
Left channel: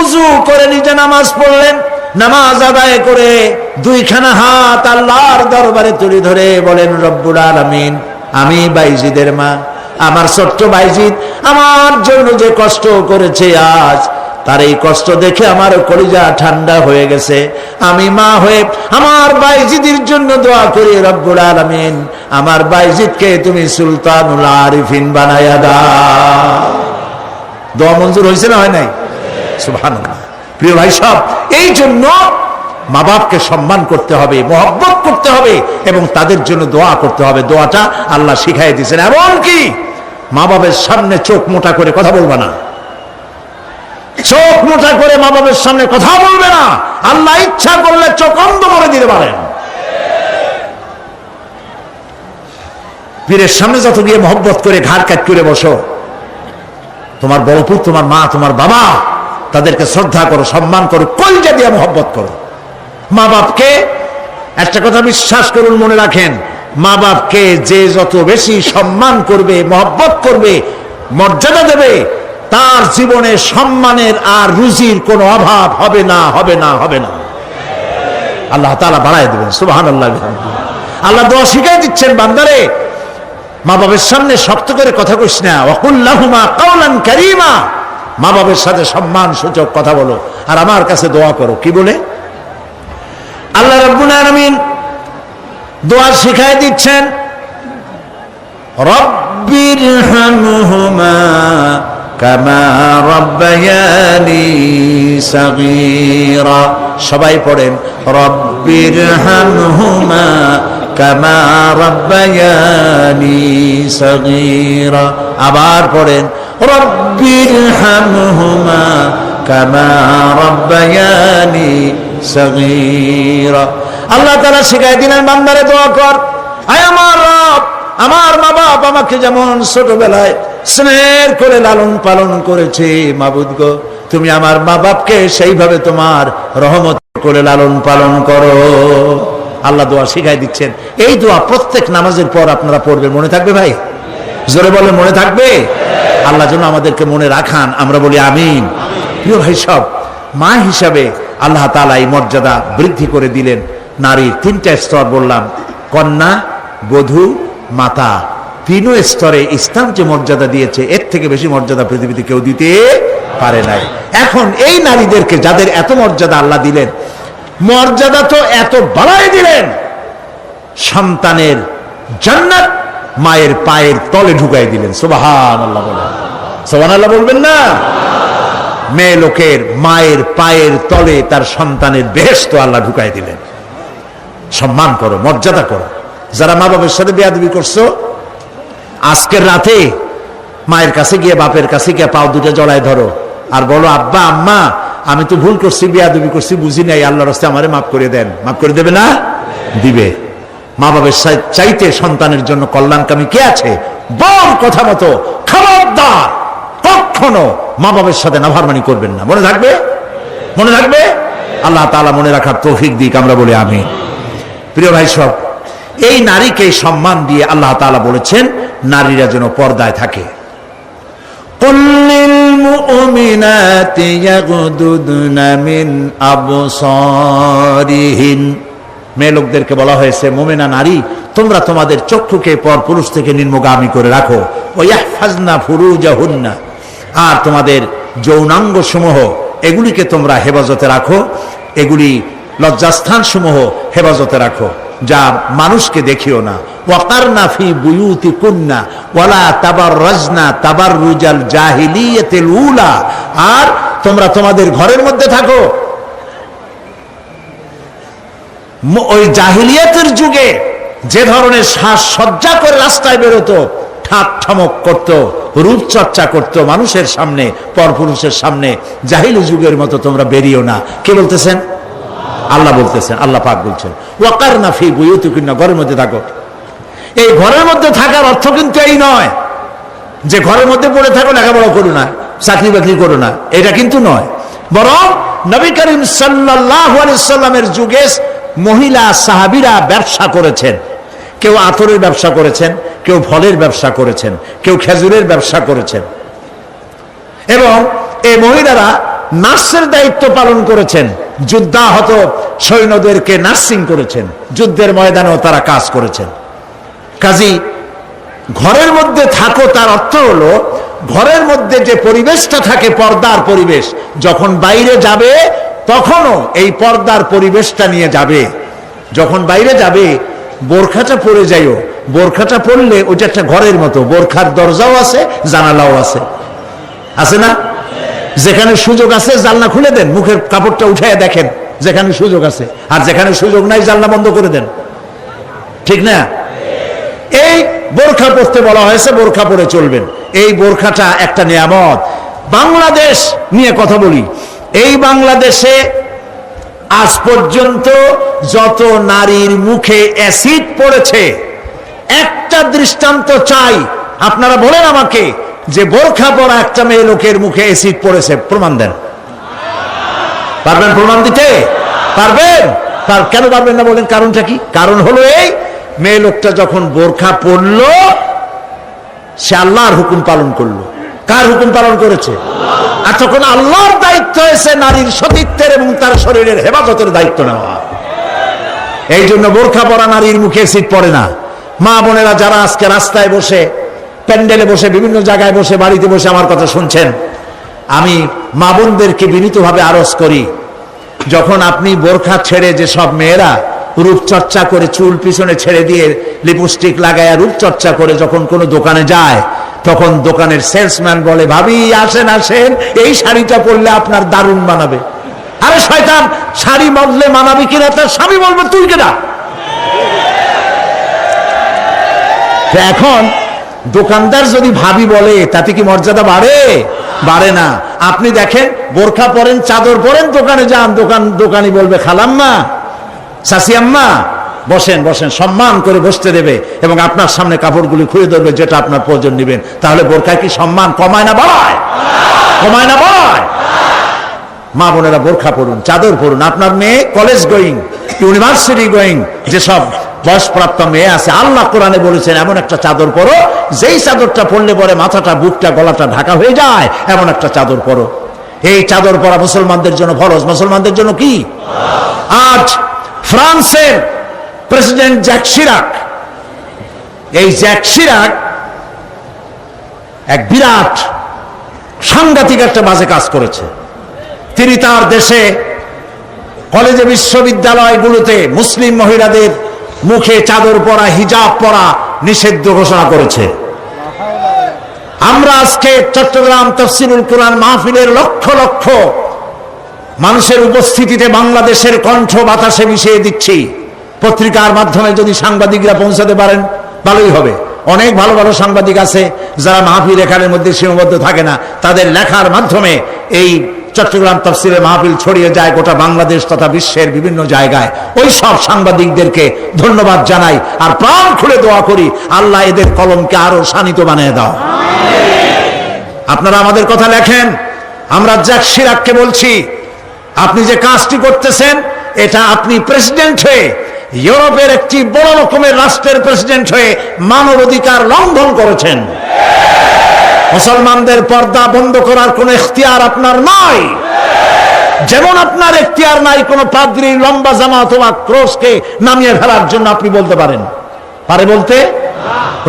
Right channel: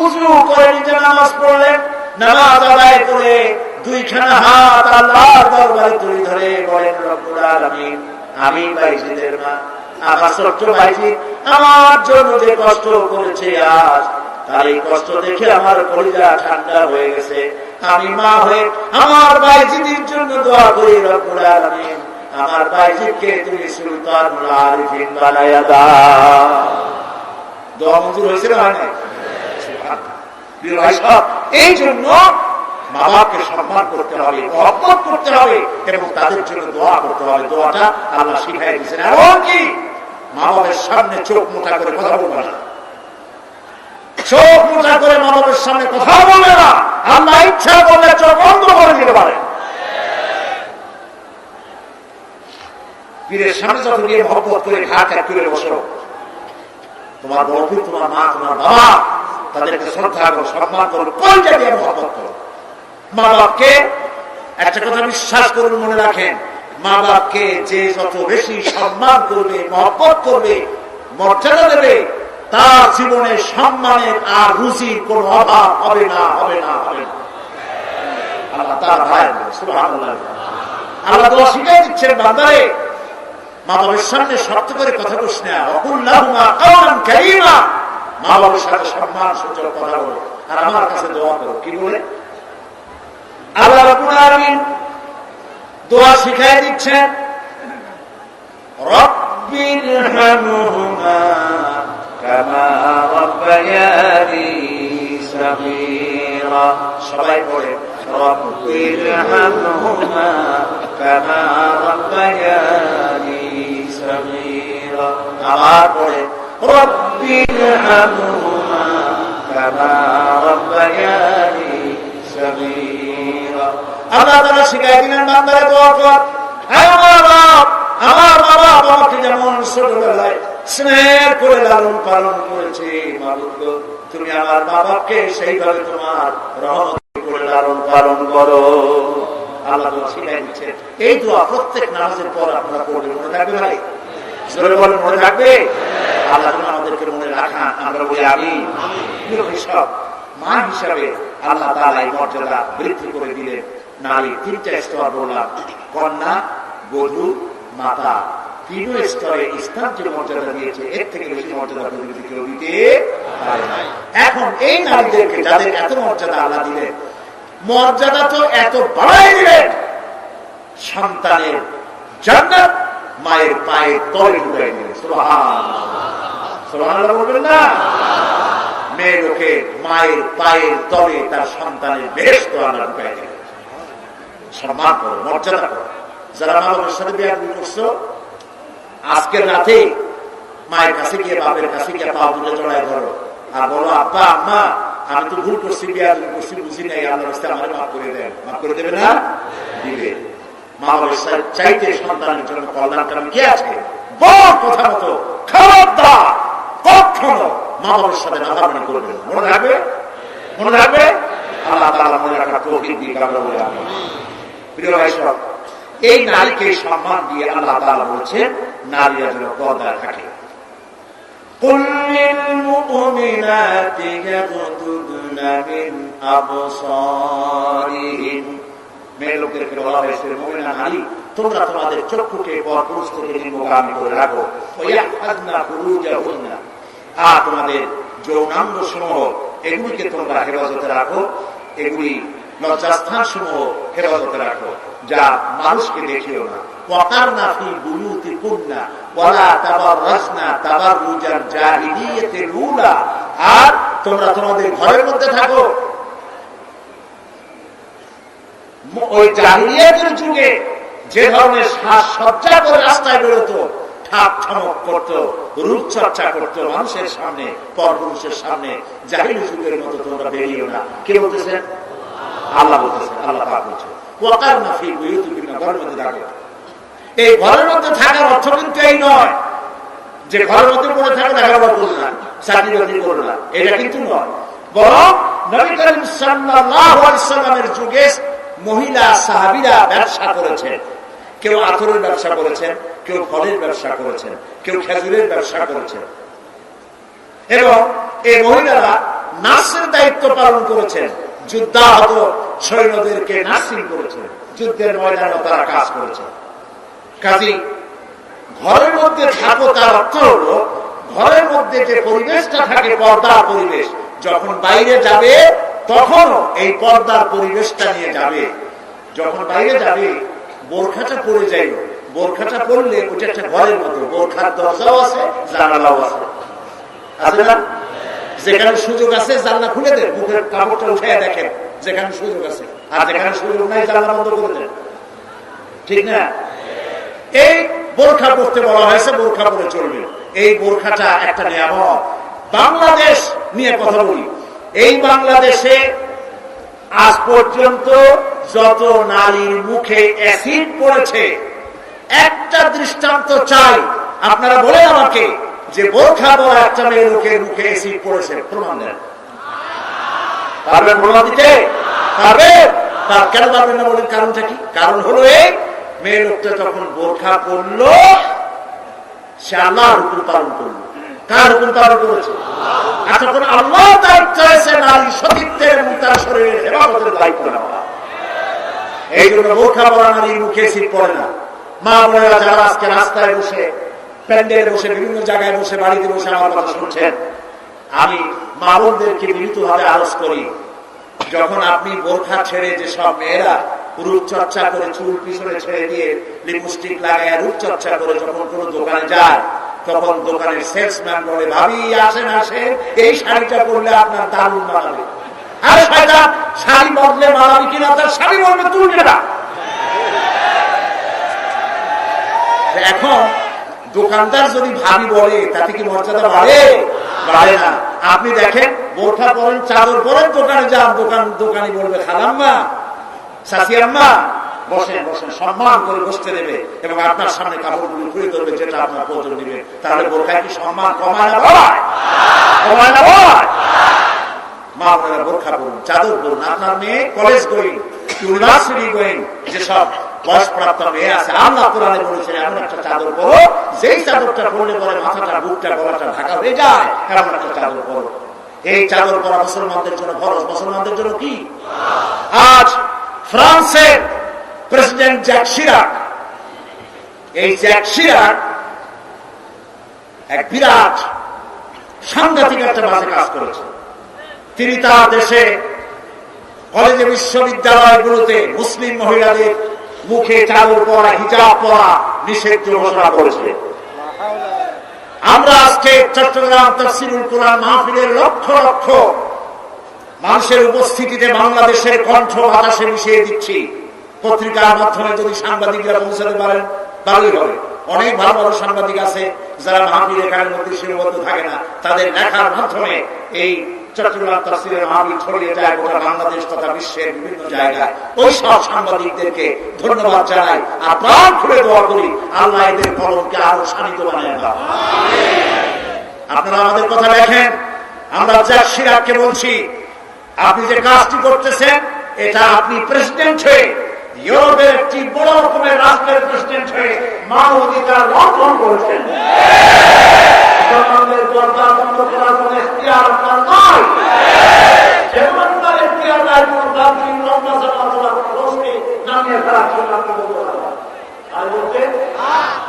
উযু করে নিজে নামাজ পড়লেন। নামাজ আদায় করে দুইখানা হাত আল্লাহর দরবারে তুলে ধরে বলেন রব্বুল আলামিন আমি বাইজিদের মা, আমার ছোট্ট বাইজিদ আমার জন্য যে কষ্ট করেছে আজ, তার এই কষ্ট দেখে আমার কলিজা ঠান্ডা হয়ে গেছে। আমি মা হয়ে আমার বাইজিদের জন্য দোয়া করি রব্বুল আলামিন আমার বাইজিদকে তুমি সুলতানুল আরিফিন বানায়া দাও। দোয়া মঞ্জুর হয়েছে না হয় নাই? সুবহানাল্লাহ। প্রিয় ভাই সব, এই জন্য মা বাপকে সম্মান করতে হবে, মহব্বত করতে হবে এবং তাদের জন্য দোয়া করতে হবে। দোয়াটা আল্লাহ শিখাই দিয়েছেন। এমনকি মা বাবার সামনে চোখ মোটা করে কথা বলবে না, চোখ মোটা করে মা বাবার সামনে কথা বলবে না। আল্লাহ ইচ্ছা করলে চোখ অন্ধ করে দিতে পারেন। পীরের সামনে যত গিয়ে মহব্বত করে ঘাড় কাট করে বসো, তোমার বড়পুর, তোমার মা, তোমার বাবা, তাদেরকে শ্রদ্ধা করো, সম্মান করো, কলজা দিয়ে মহব্বত করো। মা বাপকে একটা কথা বিশ্বাস করুন, মনে রাখেন, মা বাপকে যে যত বেশি সম্মান করবে, মহব্বত করবে, মর্যাদা দেবে, তার জীবনে সম্মানের আর রুজির কোনো অভাব হবে না, হবে না, হবে না। আল্লাহ তাআলা বাড়ায় দেবেন। সুবহানাল্লাহ। আল্লাহ দোয়া শিখাই দিচ্ছেন বান্দারে, মা বাবার সামনে শক্ত করে কথা কইস না, ওয়াকুল লাহুমা কাওলান কারীমা, মা বাবার সাথে সম্মান সূচক কথা বলো আর আমার কাছে দোয়া করো। কি বলে? আল্লাহ রাব্বুল আলামিন দোয়া শিখাই দিচ্ছেন, রব্বিরহামহুমা কামা রাব্বায়ানি সাগীরা। সবাই পড়েন রব্বিরহামহুমা কামা রাব্বায়ানি সাগীরা। আবার পড়েন রব্বিরহামহুমা কামা রাব্বায়ানি সাগীরা। আল্লাহ তাআলা শিখাই দিলেন বান্দারে দোয়া কর, আয় আমার রব, আমার মা বাপ আমাকে যেমন ছোটবেলায় স্নেহ করে লালন পালন করেছে, মাবুদ গো তুমি আমার মা বাপকে সেইভাবে তোমার রহমত করে লালন পালন করো। আল্লাহ দোয়া শিখাই দিচ্ছেন। এই দোয়া প্রত্যেক নামাজের পর আপনারা পড়বেন। মনে থাকবে ভাই? জোরে বলেন, মনে থাকবে? আল্লাহ যেন আমাদেরকে মনে রাখান, আমরা বলি আমিন। প্রিয় ভাই সব, মা হিসাবে আল্লাহ তাআলা এই মর্যাদা বৃদ্ধি করে দিলেন। নারীর তিনটা স্তর বললাম, কন্যা, বধূ, মাতা। তিন স্তরে ইসলাম যে মর্যাদা দিয়েছে, এর থেকে বেশি মর্যাদা পৃথিবীতে কেউ দিতে পারে নাই। এখন এই নারীদেরকে যাদের এত মর্যাদা আল্লাহ দিলেন, মর্যাদা তো এত বাড়াই দিলেন, সন্তানের জান্নাত মায়ের পায়ের তলে ঢুকাই দিলেন। সুবহানাল্লাহ বলেন, সুবহানাল্লাহ বলবেন না? মেয়ে লোকের মায়ের পায়ের তলে তার সন্তানের বেহেশত আল্লাহ ঢুকাই দিলেন। সম্মান করো, মর্যাদা করো। যারা মা বাবার সাথে বেয়াদবি করছো, আজকের রাতে মায়ের কাছে গিয়ে, বাপের কাছে গিয়ে পাও দুটো জড়ায় ধরো আর বলো, আব্বা আম্মা আমি তো ভুল করছি, বেয়াদবি করছি, বুঝি নাই, আল্লাহর রাস্তায় আমারে মাফ করে দেন। মাফ করে দেবে না? দিবে। মা বাবার চাইতে সন্তানের জন্য কল্যাণকামী কে আছে? বল কথা মতো, খবরদার কখনো মা বাবার সাথে নাফরমানি করবেন না। মনে থাকবে? মনে থাকবে? আল্লাহ তাআলা মনে রাখার তৌফিক দিক, আমরা বলি আমিন। প্রিয় ভাই সব, এই নারীকে সম্মান দিয়ে আল্লাহ তাআলা বলেছেন নারীরা যেন পর্দায় থাকে। কুল্লিল মুমিনাতি ইয়াগুদুদনা মিন আবসারিহিন, মেয়ে লোকদেরকে বলা হয়েছে, মুমিনা নারী তোমরা তোমাদের চক্ষুকে পর পুরুষ থেকে নিম্নগামী করে রাখো। ওয়াহফাজনা ফুরুজাহুন্না, আর তোমাদের যৌনাঙ্গ সমূহ এগুলিকে তোমরা হেফাজতে রাখো, এগুলি লজ্জাস্থান সমূহ হেফাজতে রাখো, যা মানুষকে দেখিও না। ওয়াকারনা ফি বুয়ুতিকুন্না ওয়ালা তাবাররাজনা তাবাররুজাল জাহিলিয়াতিল উলা, আর তোমরা তোমাদের ঘরের মধ্যে থাকো। ওই জাহিলিয়াতের যুগে যে ধরনের সাজসজ্জা করে রাস্তায় বেরোতো, ঠাক ঠমক করতো, রূপচর্চা করতো মানুষের সামনে, পরপুরুষের সামনে, জাহিলি যুগের মতো তোমরা বেরিও না। কে বলতেছেন? আল্লাহ বলতেছেন, আল্লাহ পাক বলছেন ওয়াকারনা ফি বুয়ুতিকুন্না, ঘরের মধ্যে থাকো। এই ঘরের মধ্যে থাকার অর্থ কিন্তু এই নয় যে ঘরের মধ্যে পড়ে থাকো, লেখাপড়া করো না, চাকরি বাকরি করো না, এটা কিন্তু নয়। বরং নবী করিম সাল্লাল্লাহু আলাইহি সাল্লামের যুগে মহিলা সাহাবীরা ব্যবসা করেছেন। কেউ আতরের ব্যবসা করেছেন, কেউ ফলের ব্যবসা করেছেন, কেউ খেজুরের ব্যবসা করেছেন, এবং এই মহিলারা নার্সের দায়িত্ব পালন করেছেন। যুদ্ধাহত সৈন্যদেরকে নার্সিং করেছেন, যুদ্ধের ময়দানেও তারা কাজ করেছেন। কাজী ঘরের মধ্যে থাকো, তার অর্থ হলো ঘরের মধ্যে যে পরিবেশটা থাকে পর্দার পরিবেশ, যখন বাইরে যাবে তখনও এই পর্দার পরিবেশটা নিয়ে যাবে। যখন বাইরে যাবে বোরখাটা পরে যাইও, বোরখাটা পরলে ওইটা একটা ঘরের মতো, বোরখার দরজাও আছে, জানালাও আছে, আছে না? যেখানে সুযোগ আছে জানলা খুলে দেন, মুখের কাপড়টা উঠায় দেখেন যেখানে সুযোগ আছে, আর যেখানে সুযোগ নাই জানলা বন্ধ করে দেন, ঠিক না? এই বোরখা পরতে বলা হয়েছে, বোরখা পরে চলবেন। এই বোরখাটা একটা নিয়ামত। বাংলাদেশ নিয়ে কথা বলি, এই বাংলাদেশে আজ পর্যন্ত যত নারীর মুখে অ্যাসিড পড়েছে, একটা দৃষ্টান্ত চাই। আপনারা বলেন আমাকে যে বোরখা পরা একটা মেয়ে লোকের মুখে অ্যাসিড পড়েছে, প্রমাণ দেন। পারবেন প্রমাণ দিতে? পারবেন? কেন পারবেন না বলেন? কারণটা কি? কারণ হলো এই, মেয়ে লোকটা যখন বোরখা পরলো সে আল্লাহর হুকুম পালন করলো। কার হুকুম পালন করেছে? আর তখন আল্লাহর দায়িত্ব হয়েছে নারীর সতীত্বের এবং তার শরীরের হেফাজতের দায়িত্ব নেওয়া। এই জন্য বোরখা পরা নারীর মুখে অ্যাসিড পড়ে না। মা বোনেরা যারা আজকে রাস্তায় বসে, প্যান্ডেলে বসে, বিভিন্ন জায়গায় বসে, বাড়িতে বসে আমার কথা শুনছেন, আমি মা বোনদেরকে বিনীতভাবে আরজ করি, যখন আপনি বোরখা ছেড়ে, যে সব মেয়েরা রূপচর্চা করে চুল পিছনে ছেড়ে দিয়ে লিপস্টিক লাগায় রূপচর্চা করে যখন কোনো দোকানে যায়, তখন দোকানের সেলসম্যান বলে, ভাবি আসেন আসেন, এই শাড়িটা পরলে আপনার দারুণ মানাবে। আরে শয়তান, শাড়ি বদলে মানাবি কিনা তার স্বামী বলবে তুই কিনা। এখন দোকানদার যদি ভাবি বলে তাতে কি মর্যাদা বাড়ে? বাড়ে না। আপনি দেখেন, বোরখা পরেন, চাদর পরেন, দোকানে যান, দোকানি বলবে খালাম্মা, চাচি আম্মা, বসেন বসেন, সম্মান করে বসতে দেবে এবং আপনার সামনে কাপড়গুলি খুলে ধরবে যেটা আপনার প্রয়োজন নেবেন। তাহলে বোরখায় কি সম্মান কমায় না বাড়ায়? কমায় না বাড়ায়? মা বোনেরা বোরখা পরুন, চাদর পরুন। আপনার মেয়ে কলেজ গোয়িং, ইউনিভার্সিটি গোয়িং, যেসব বয়সপ্রাপ্ত মেয়ে আছে, আল্লাহ কোরআনে বলেছেন এমন একটা চাদর পরো, যেই চাদরটা পরলে পরে মাথাটা, বুকটা, গলাটা ঢাকা হয়ে যায়, এমন একটা চাদর পরো। এই চাদর পরা মুসলমানদের জন্য ফরজ। মুসলমানদের জন্য কি? আজ ফ্রান্সের প্রেসিডেন্ট জ্যাক শিরাক, এই জ্যাক শিরাক এক বিরাট সাংঘাতিক একটা বাজে কাজ করেছে। তিনি তার দেশে কলেজে, বিশ্ববিদ্যালয়গুলোতে মুসলিম মহিলাদের মুখে চাদর পরা, হিজাব পরা নিষিদ্ধ ঘোষণা করেছে। আমরা আজকে চট্টগ্রাম তাফসীরুল কুরআন মাহফিলের লক্ষ লক্ষ মানুষের উপস্থিতিতে বাংলাদেশের কণ্ঠ বাতাসে মিশিয়ে দিচ্ছি। পত্রিকার মাধ্যমে যদি সাংবাদিকরা পৌঁছাতে পারেন ভালোই হবে। অনেক ভালো ভালো সাংবাদিক আছে যারা মাহফিল এখানের মধ্যে সীমাবদ্ধ থাকে না, তাদের লেখার মাধ্যমে এই চট্টগ্রাম তাফসীরের মাহফিল ছড়িয়ে যায় গোটা বাংলাদেশ তথা বিশ্বের বিভিন্ন জায়গায়। ওই সব সাংবাদিকদেরকে ধন্যবাদ জানাই আর প্রাণ খুলে দোয়া করি, আল্লাহ এদের কলমকে আরো শানিত বানিয়ে দাও। আপনারা আমাদের কথা লেখেন। আমরা জ্যাক শিরাককে বলছি, আপনি যে কাজটি করতেছেন, এটা আপনি প্রেসিডেন্ট হয়ে, ইউরোপের একটি বড় রকমের রাষ্ট্রের প্রেসিডেন্ট হয়ে মানবাধিকার লঙ্ঘন করেছেন। মুসলমানদের পর্দা বন্ধ করার কোন ইখতিয়ার আপনার নয়, যেমন আপনার ইখতিয়ার নাই কোন পাদ্রীর লম্বা জামা অথবা ক্রসকে নামিয়ে ফেলার জন্য। আপনি বলতে পারেন, পারে বলতে?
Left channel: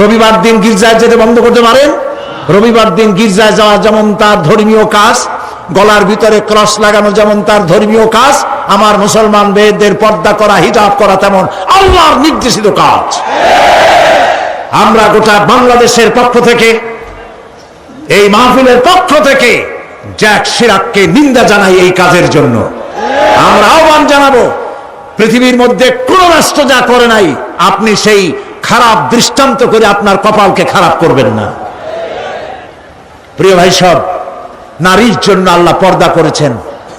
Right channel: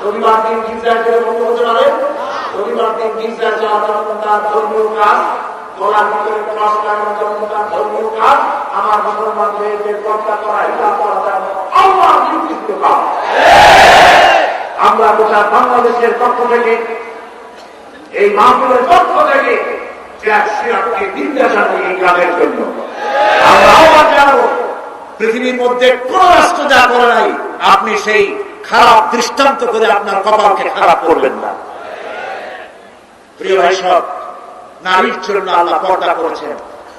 রবিবার দিন গির্জায় যেতে বন্ধ করতে পারেন? রবিবার দিন গির্জায় যাওয়া যেমন তার ধর্মীয় কাজ, গলার ভিতরে ক্রস লাগানো যেমন তার ধর্মীয় কাজ, আমার মুসলমান মেয়েদের পর্দা করা, হিজাব করা তেমন আল্লাহর নির্দেশিত কাজ। আমরা গোটা বাংলাদেশের পক্ষ থেকে, এই মাহফিলের পক্ষ থেকে জ্যাক শিরাককে নিন্দা জানাই এই কাজের জন্য। আমরা আহ্বান জানাবো, পৃথিবীর মধ্যে কোন রাষ্ট্র যা করে নাই, আপনি সেই খারাপ দৃষ্টান্ত করে আপনার কপালকে খারাপ করবেন না। প্রিয় ভাই সব, নারীর জন্য আল্লাহ পর্দা করেছেন,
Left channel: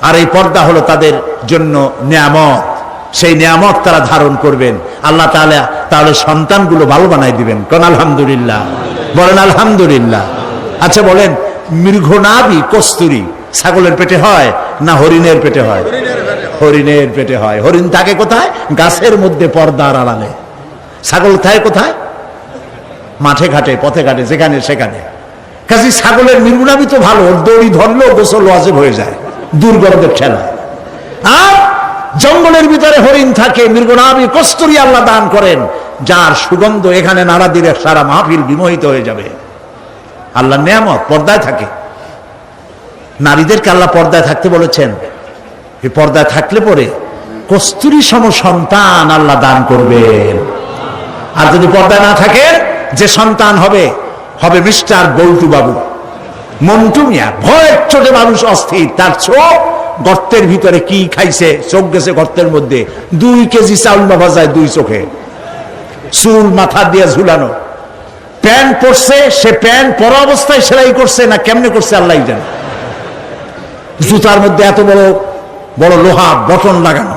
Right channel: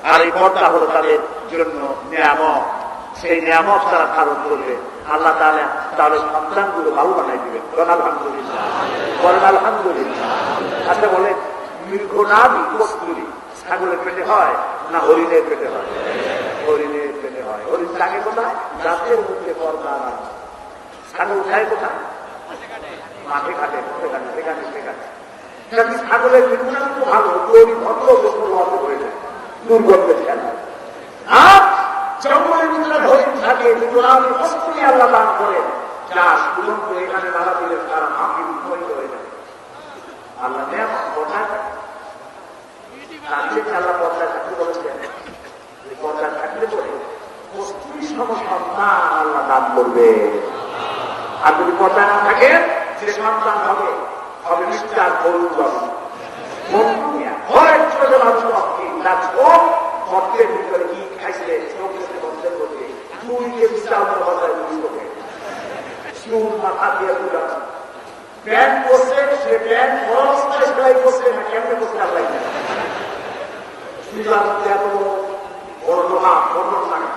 আর এই পর্দা হলো তাদের জন্য নিয়ামত। সেই নিয়ামত তারা ধারণ করবেন, আল্লাহ তাআলা তাহলে সন্তানগুলো ভালো বানাই দিবেন। কোন আলহামদুলিল্লাহ, বলেন আলহামদুলিল্লাহ। আচ্ছা বলেন, মৃগনাভি কস্তুরী ছাগলের পেটে হয় না হরিণের পেটে হয়? হরিণের পেটে হয়। হরিণ থাকে কোথায়? গাছের মধ্যে, পর্দার আড়ালে। ছাগল থাকে কোথায়? মাঠে ঘাটে, পথে ঘাটে, যেখানে সেখানে। কাজে ছাগলের মৃগনাভি তো ভালো, দড়ি ধরলেও গোসল ওয়াজিব হয়ে যায়, দুর্গন্ধের ঠেলা। আর জঙ্গলের ভিতরে হরিণ থাকে, মৃগনাভি কস্তুরী আল্লাহ দান করেন, যার সুগন্ধ এখানে নাড়া দিলে সারা মাহফিল বিমোহিত হয়ে যাবে। আল্লাহ নিয়ামত পর্দায় থাকে। নারীদেরকে আল্লাহ পর্দায় থাকতে বলেছেন। এই পর্দায় থাকলে পরে কস্তুরী সম সন্তান আল্লাহ দান করবেন। আর যদি পর্দায় না থাকে, যে সন্তান হবে হবে মিস্টার বল্টু বাবু, মন্টু মিয়া। ভয়ের চোটে মানুষ অস্থির, তার চোখ গর্তের ভিতরে কি খাইছে, চোখ গেছে গর্তের মধ্যে। 2 কেজি চাউল ভাজায় 2 চোখে, চুল মাথা দিয়ে ঝুলানো। প্যান্ট পরছে, সে প্যান্ট পরা অবস্থায় সেলাই করছে না কেমনে করছে আল্লাহ জানে। জুতার মধ্যে এত বড় বড় লোহা বটন লাগানো,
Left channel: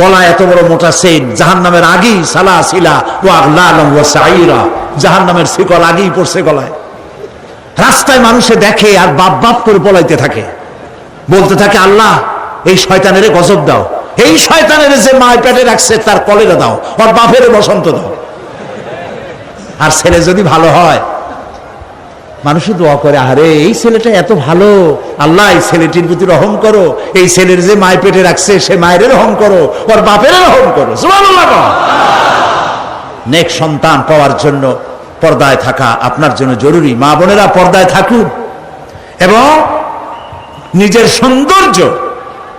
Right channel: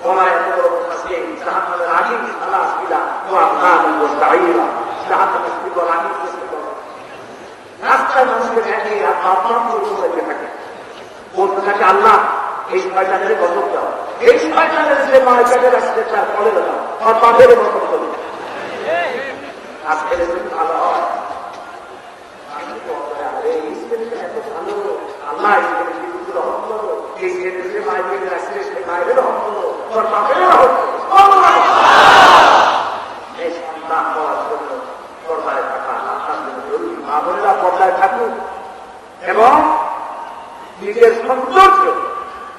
গলায় এত বড় মোটা চেইন। জাহান্নামের আগেই সালাসিলা ওয়া আগলালাম ওয়া সাইরা, জাহান্নামের শিকল আগেই পড়ছে গলায়। রাস্তায় মানুষে দেখে আর বাপ বাপ করে পলাইতে থাকে, বলতে থাকে আল্লাহ এই শয়তানের গজব দাও, এই শয়তানের যে মায় পেটে রাখছে তার কলেরা দাও, ওর বাপের বসন্ত দাও। আর ছেলে যদি ভালো হয়, মানুষই দোয়া করে, আরে এই ছেলেটা এত ভালো, আল্লাহ এই ছেলেটির প্রতি রহম করো, এই ছেলের যে মায় পেটে রাখছে সে মায়ের রহম করো, ওর বাপের রহম করো। সুবহানাল্লাহ। নেক সন্তান পাওয়ার জন্য পর্দায় থাকা আপনার জন্য জরুরি। মা বোনেরা পর্দায় থাকুন এবং নিজের সৌন্দর্য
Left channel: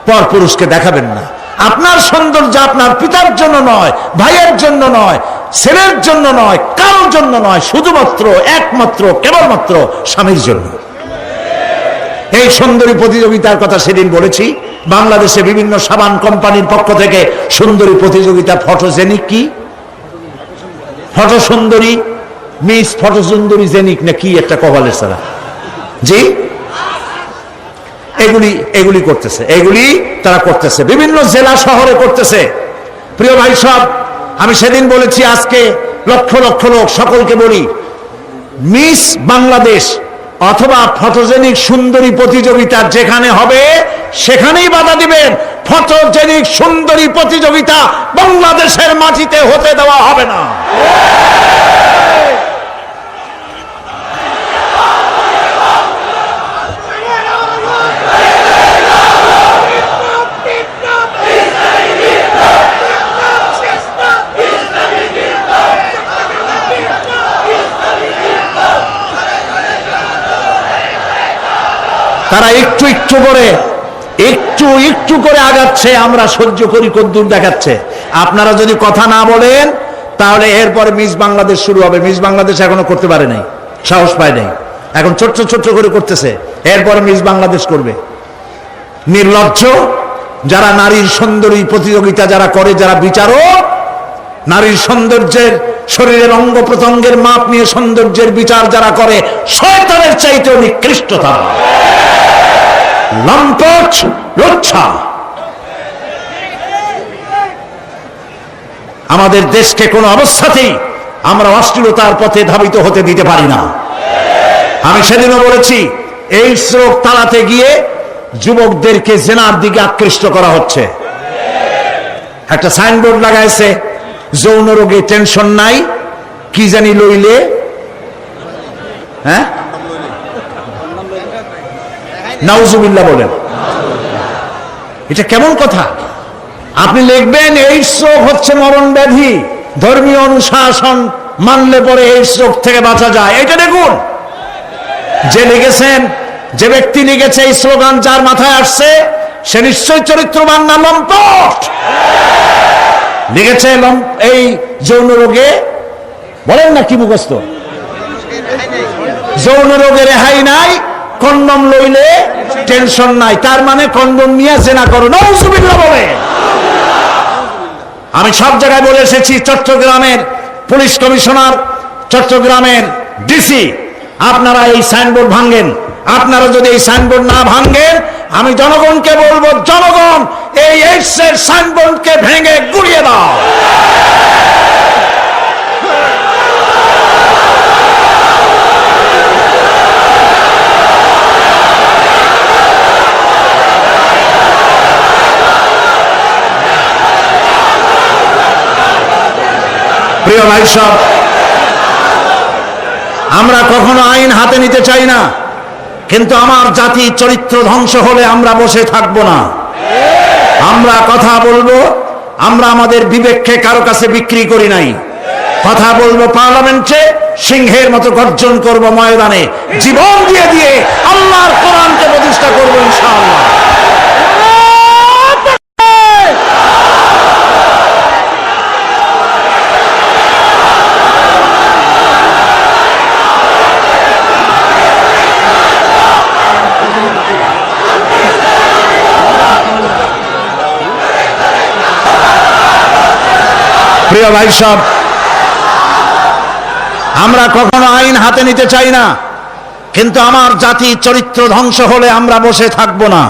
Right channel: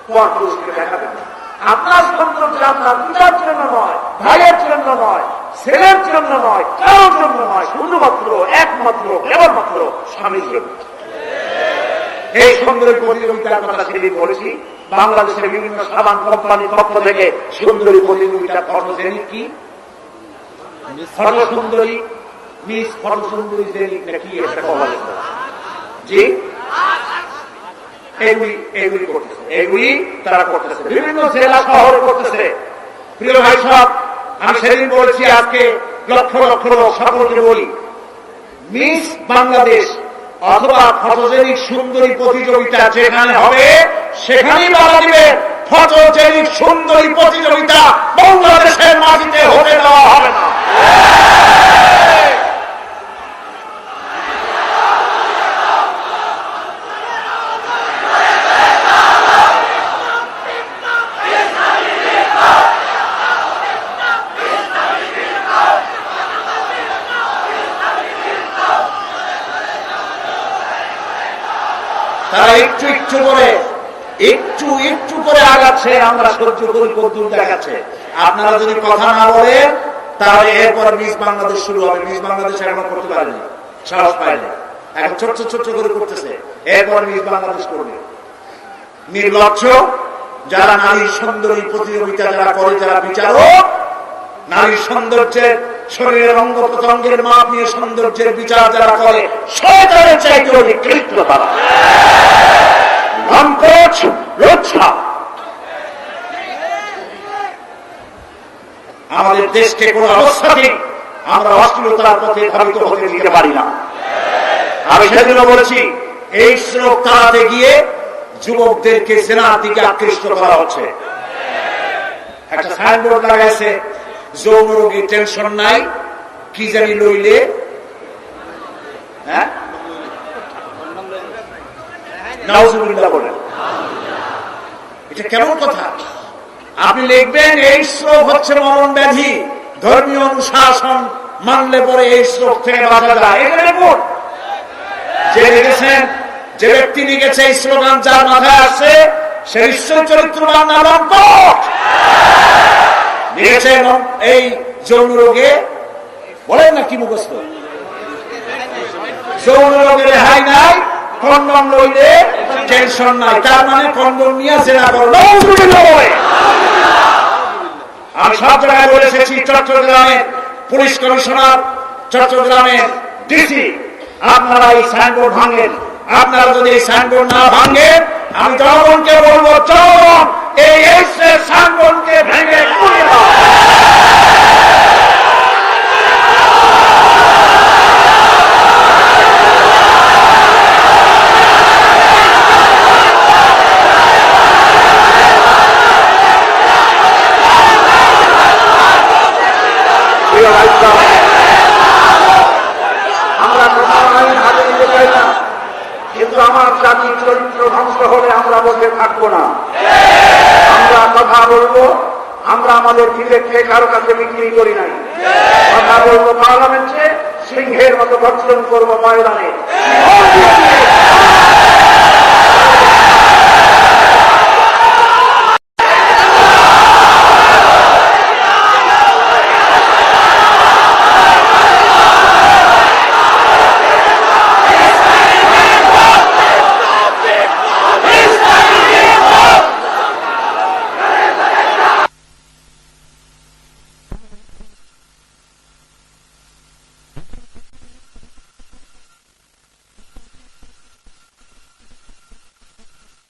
পরপুরুষকে দেখাবেন না। আপনার সৌন্দর্য আপনার পিতার জন্য নয়, ভাইয়ের জন্য নয়, ছেলের জন্য নয়, কারোর জন্য নয়, শুধুমাত্র একমাত্র কেবলমাত্র স্বামীর জন্য। এই সুন্দরী প্রতিযোগিতার কথা সেদিন বলেছি। বাংলাদেশে বিভিন্ন সাবান কোম্পানির পক্ষ থেকে সুন্দরী প্রতিযোগিতা, ফটোজেনিক কি ফটো সুন্দরী, মিস ফটো সুন্দরী জেনিক না কি একটা কভালের সারা, জি এগুলি করতেছে, এগুলি তারা করতেছে, বিভিন্ন জেলা শহরে করতেছে। প্রিয় ভাই সব, আমি সেদিন বলেছি, আজকে লক্ষ লক্ষ লোক, সকলকে বলি, মিস বাংলাদেশ অথবা ফটোজেনিক সুন্দরী প্রতিযোগিতা যেখানে হবে সেখানেই বাধা দিবেন। ফটোজেনিক সুন্দরী প্রতিযোগিতা বাংলাদেশের মাটিতে হতে দেওয়া হবে না। তারা একটু একটু করে আগাচ্ছে, আমরা সহ্য করি কদ্দূর দেখাচ্ছে। আপনারা যদি কথা না বলেন তাহলে এরপর মিস বাংলাদেশ শুরু হবে। মিস বাংলাদেশ এখনো করতে পারে নাই, সাহস পায় নাই, এখন ছোট্ট ছোট্ট করে করতেছে, এরপর মিস বাংলাদেশ করবে। নির্লজ্জ যারা নারীর সৌন্দর্য প্রতিযোগিতা যারা করে, যারা বিচারক, নারীর সৌন্দর্যের শরীরের অঙ্গ প্রত্যঙ্গের মাপ নিয়ে সৌন্দর্যের বিচার যারা করে, শয়তানের চাইতে নিকৃষ্টতা, লম্পট, লজ্জা। আমাদের দেশকে কোন অবস্থাতেই আমরা অশ্লীলতার পথে ধাবিত হতে দিতে পারি না। আমি সেদিনও বলেছি, এই স্রোত তাড়াতে গিয়ে যুবকদেরকে জেনার দিকে আকৃষ্ট করা হচ্ছে। একটা সাইনবোর্ড লাগাইছে, যৌন রোগে টেনশন নাই, কি জানি লইলে, হ্যাঁ নাউজুবিল্লাহ বলেন। এটা কেমন কথা? আপনি লিখবেন এইডস রোগ হচ্ছে মরণ ব্যাধি, ধর্মীয় অনুশাসন মানলে পরে এইডস রোগ থেকে বাঁচা যায়। এটা দেখুন, যে লিখেছেন, যে ব্যক্তি লিখেছে এই স্লোগান, যার মাথায় আসছে সে নিশ্চয়ই চরিত্রবান না লম্পট। লিখেছে এই যৌন রোগে, বলেন না কি মুখস্থ, যৌন রোগে রেহাই নাই, কন্ডম লইলে টেনশন নাই, তার মানে কন্ডম নিয়ে জেনা করো। আমি সব জায়গায় বলে এসেছি, চট্টগ্রামের পুলিশ কমিশনার, চট্টগ্রামের ডিসি, আপনারা এই সাইনবোর্ড ভাঙেন। আপনারা যদি এই সাইনবোর্ড না ভাঙেন, আমি জনগণকে বলবো, জনগণ এই এক্সের সাইনবোর্ডকে ভেঙে গুড়িয়ে দাও। প্রিয় ভাই সব, আমরা কখনো আইন হাতে নিতে চাই না, কিন্তু আমার জাতি চরিত্র ধ্বংস হলে আমরা বসে থাকবো না। আমরা কথা বলবো, আমরা আমাদের বিবেককে কারো কাছে বিক্রি করি নাই। কথা বলবো পার্লামেন্টে, সিংহের মতো গর্জন করব ময়দানে, জীবন দিয়ে দিয়ে আল্লাহর কোরআনকে প্রতিষ্ঠা করবো ইনশাআল্লাহ। প্রিয় ভাই সব, আমরা কখনো আইন হাতে নিতে চাই না, কিন্তু আমার জাতি চরিত্র ধ্বংস হলে আমরা বসে থাকবো না।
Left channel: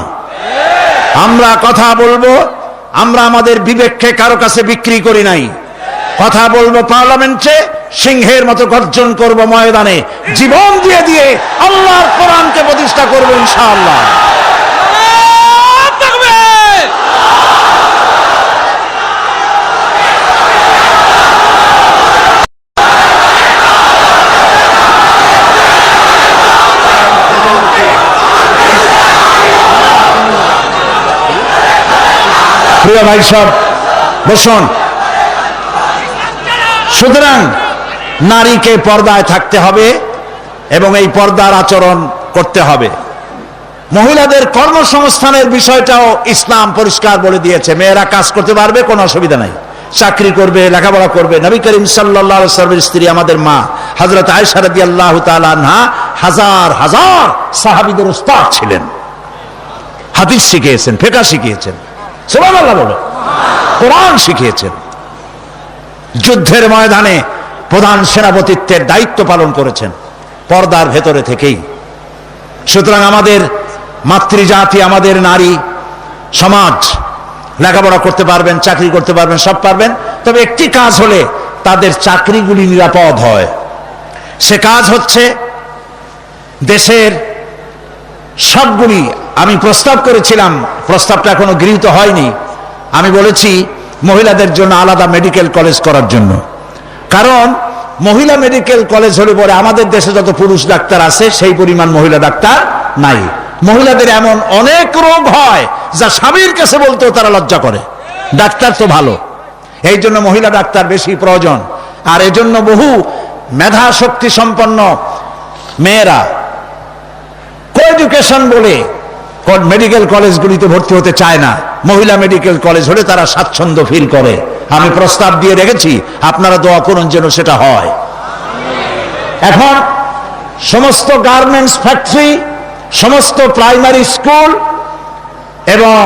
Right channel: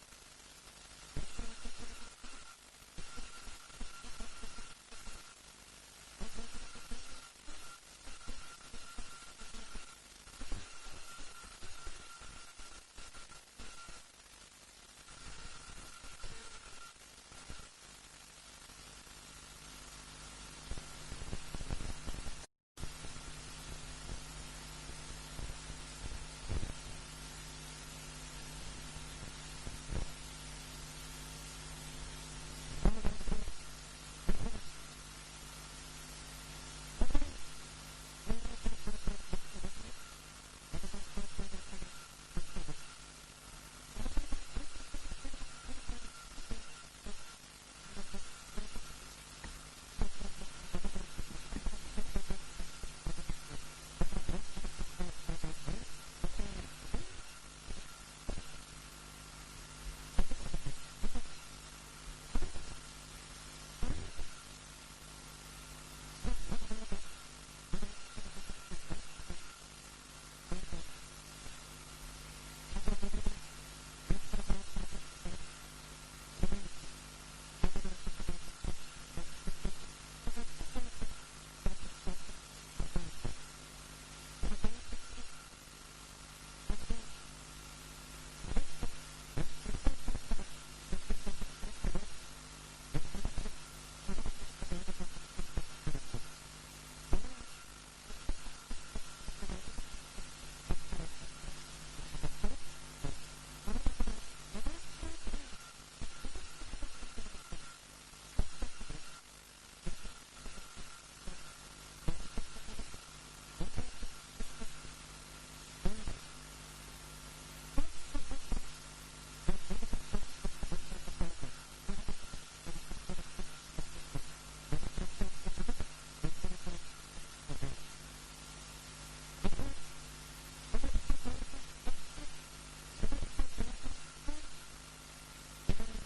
আমরা কথা বলবো, আমরা আমাদের বিবেককে কারো কাছে বিক্রি করি নাই। কথা বলবো পার্লামেন্টে, সিংহের মতো গর্জন করব ময়দানে, জীবন দিয়ে দিয়ে আল্লাহর কোরআনকে প্রতিষ্ঠা করবো ইনশাআল্লাহ। প্রিয় ভাই সব, বসুন। সুতরাং নারীকে পর্দায় থাকতে হবে এবং এই পর্দার আচরণ করতে হবে। মহিলাদের কর্মসংস্থানের বিষয়টাও ইসলাম পরিষ্কার বলে দিয়েছে। মেয়েরা কাজ করতে পারবে, কোনো অসুবিধা নাই, চাকরি করবে, লেখাপড়া করবে। নবী করিম সাল্লাল্লাহু আলাইহি ওয়াসাল্লামের স্ত্রী আমাদের মা হযরত আয়েশা রাদিয়াল্লাহু তাআলা আনহা হাজার হাজার সাহাবীদের উস্তাদ ছিলেন, হাদিস শিখিয়েছেন, ফিকহ শিখিয়েছেন, সুবহানাল্লাহ বলো, কোরআন শিখিয়েছেন, যুদ্ধের ময়দানে প্রধান সেনাপতিত্বের দায়িত্ব পালন করেছেন পর্দার ভেতরে থেকেই। সুতরাং আমাদের মাতৃজাতি, আমাদের নারী সমাজ লেখাপড়া করতে পারবেন, চাকরি করতে পারবেন, সব পারবেন, তবে একটি কাজ হলে তাদের চাকরিগুলি নিরাপদ হয়। সে কাজ হচ্ছে দেশের সবগুলি আমি প্রস্তাব করেছিলাম, প্রস্তাবটা এখনো গৃহীত হয়নি। আমি বলেছি মহিলাদের জন্য আলাদা মেডিকেল কলেজ করার জন্য, কারণ মহিলা মেডিকেল কলেজ হলে পরে আমাদের দেশে যত পুরুষ ডাক্তার আছে সেই পরিমাণ মহিলা ডাক্তার নাই। মহিলাদের এমন অনেক রোগ হয় যা স্বামীর কাছে বলতেও তারা লজ্জা করে। ডাক্তার তো ভালো, এই জন্য মহিলা ডাক্তার বেশি প্রয়োজন। আর এজন্য বহু মেধা শক্তি সম্পন্ন মেয়েরা কোএডুকেশন বলে মেডিকেল কলেজগুলিতে ভর্তি হতে চায় না। মহিলা মেডিকেল কলেজ হলে তারা স্বাচ্ছন্দ্য ফিল করে। আমি প্রস্তাব দিয়ে রেখেছি, আপনারা দোয়া করুন যেন সেটা হয়। এখন সমস্ত গার্মেন্টস ফ্যাক্টরি, সমস্ত প্রাইমারি স্কুল এবং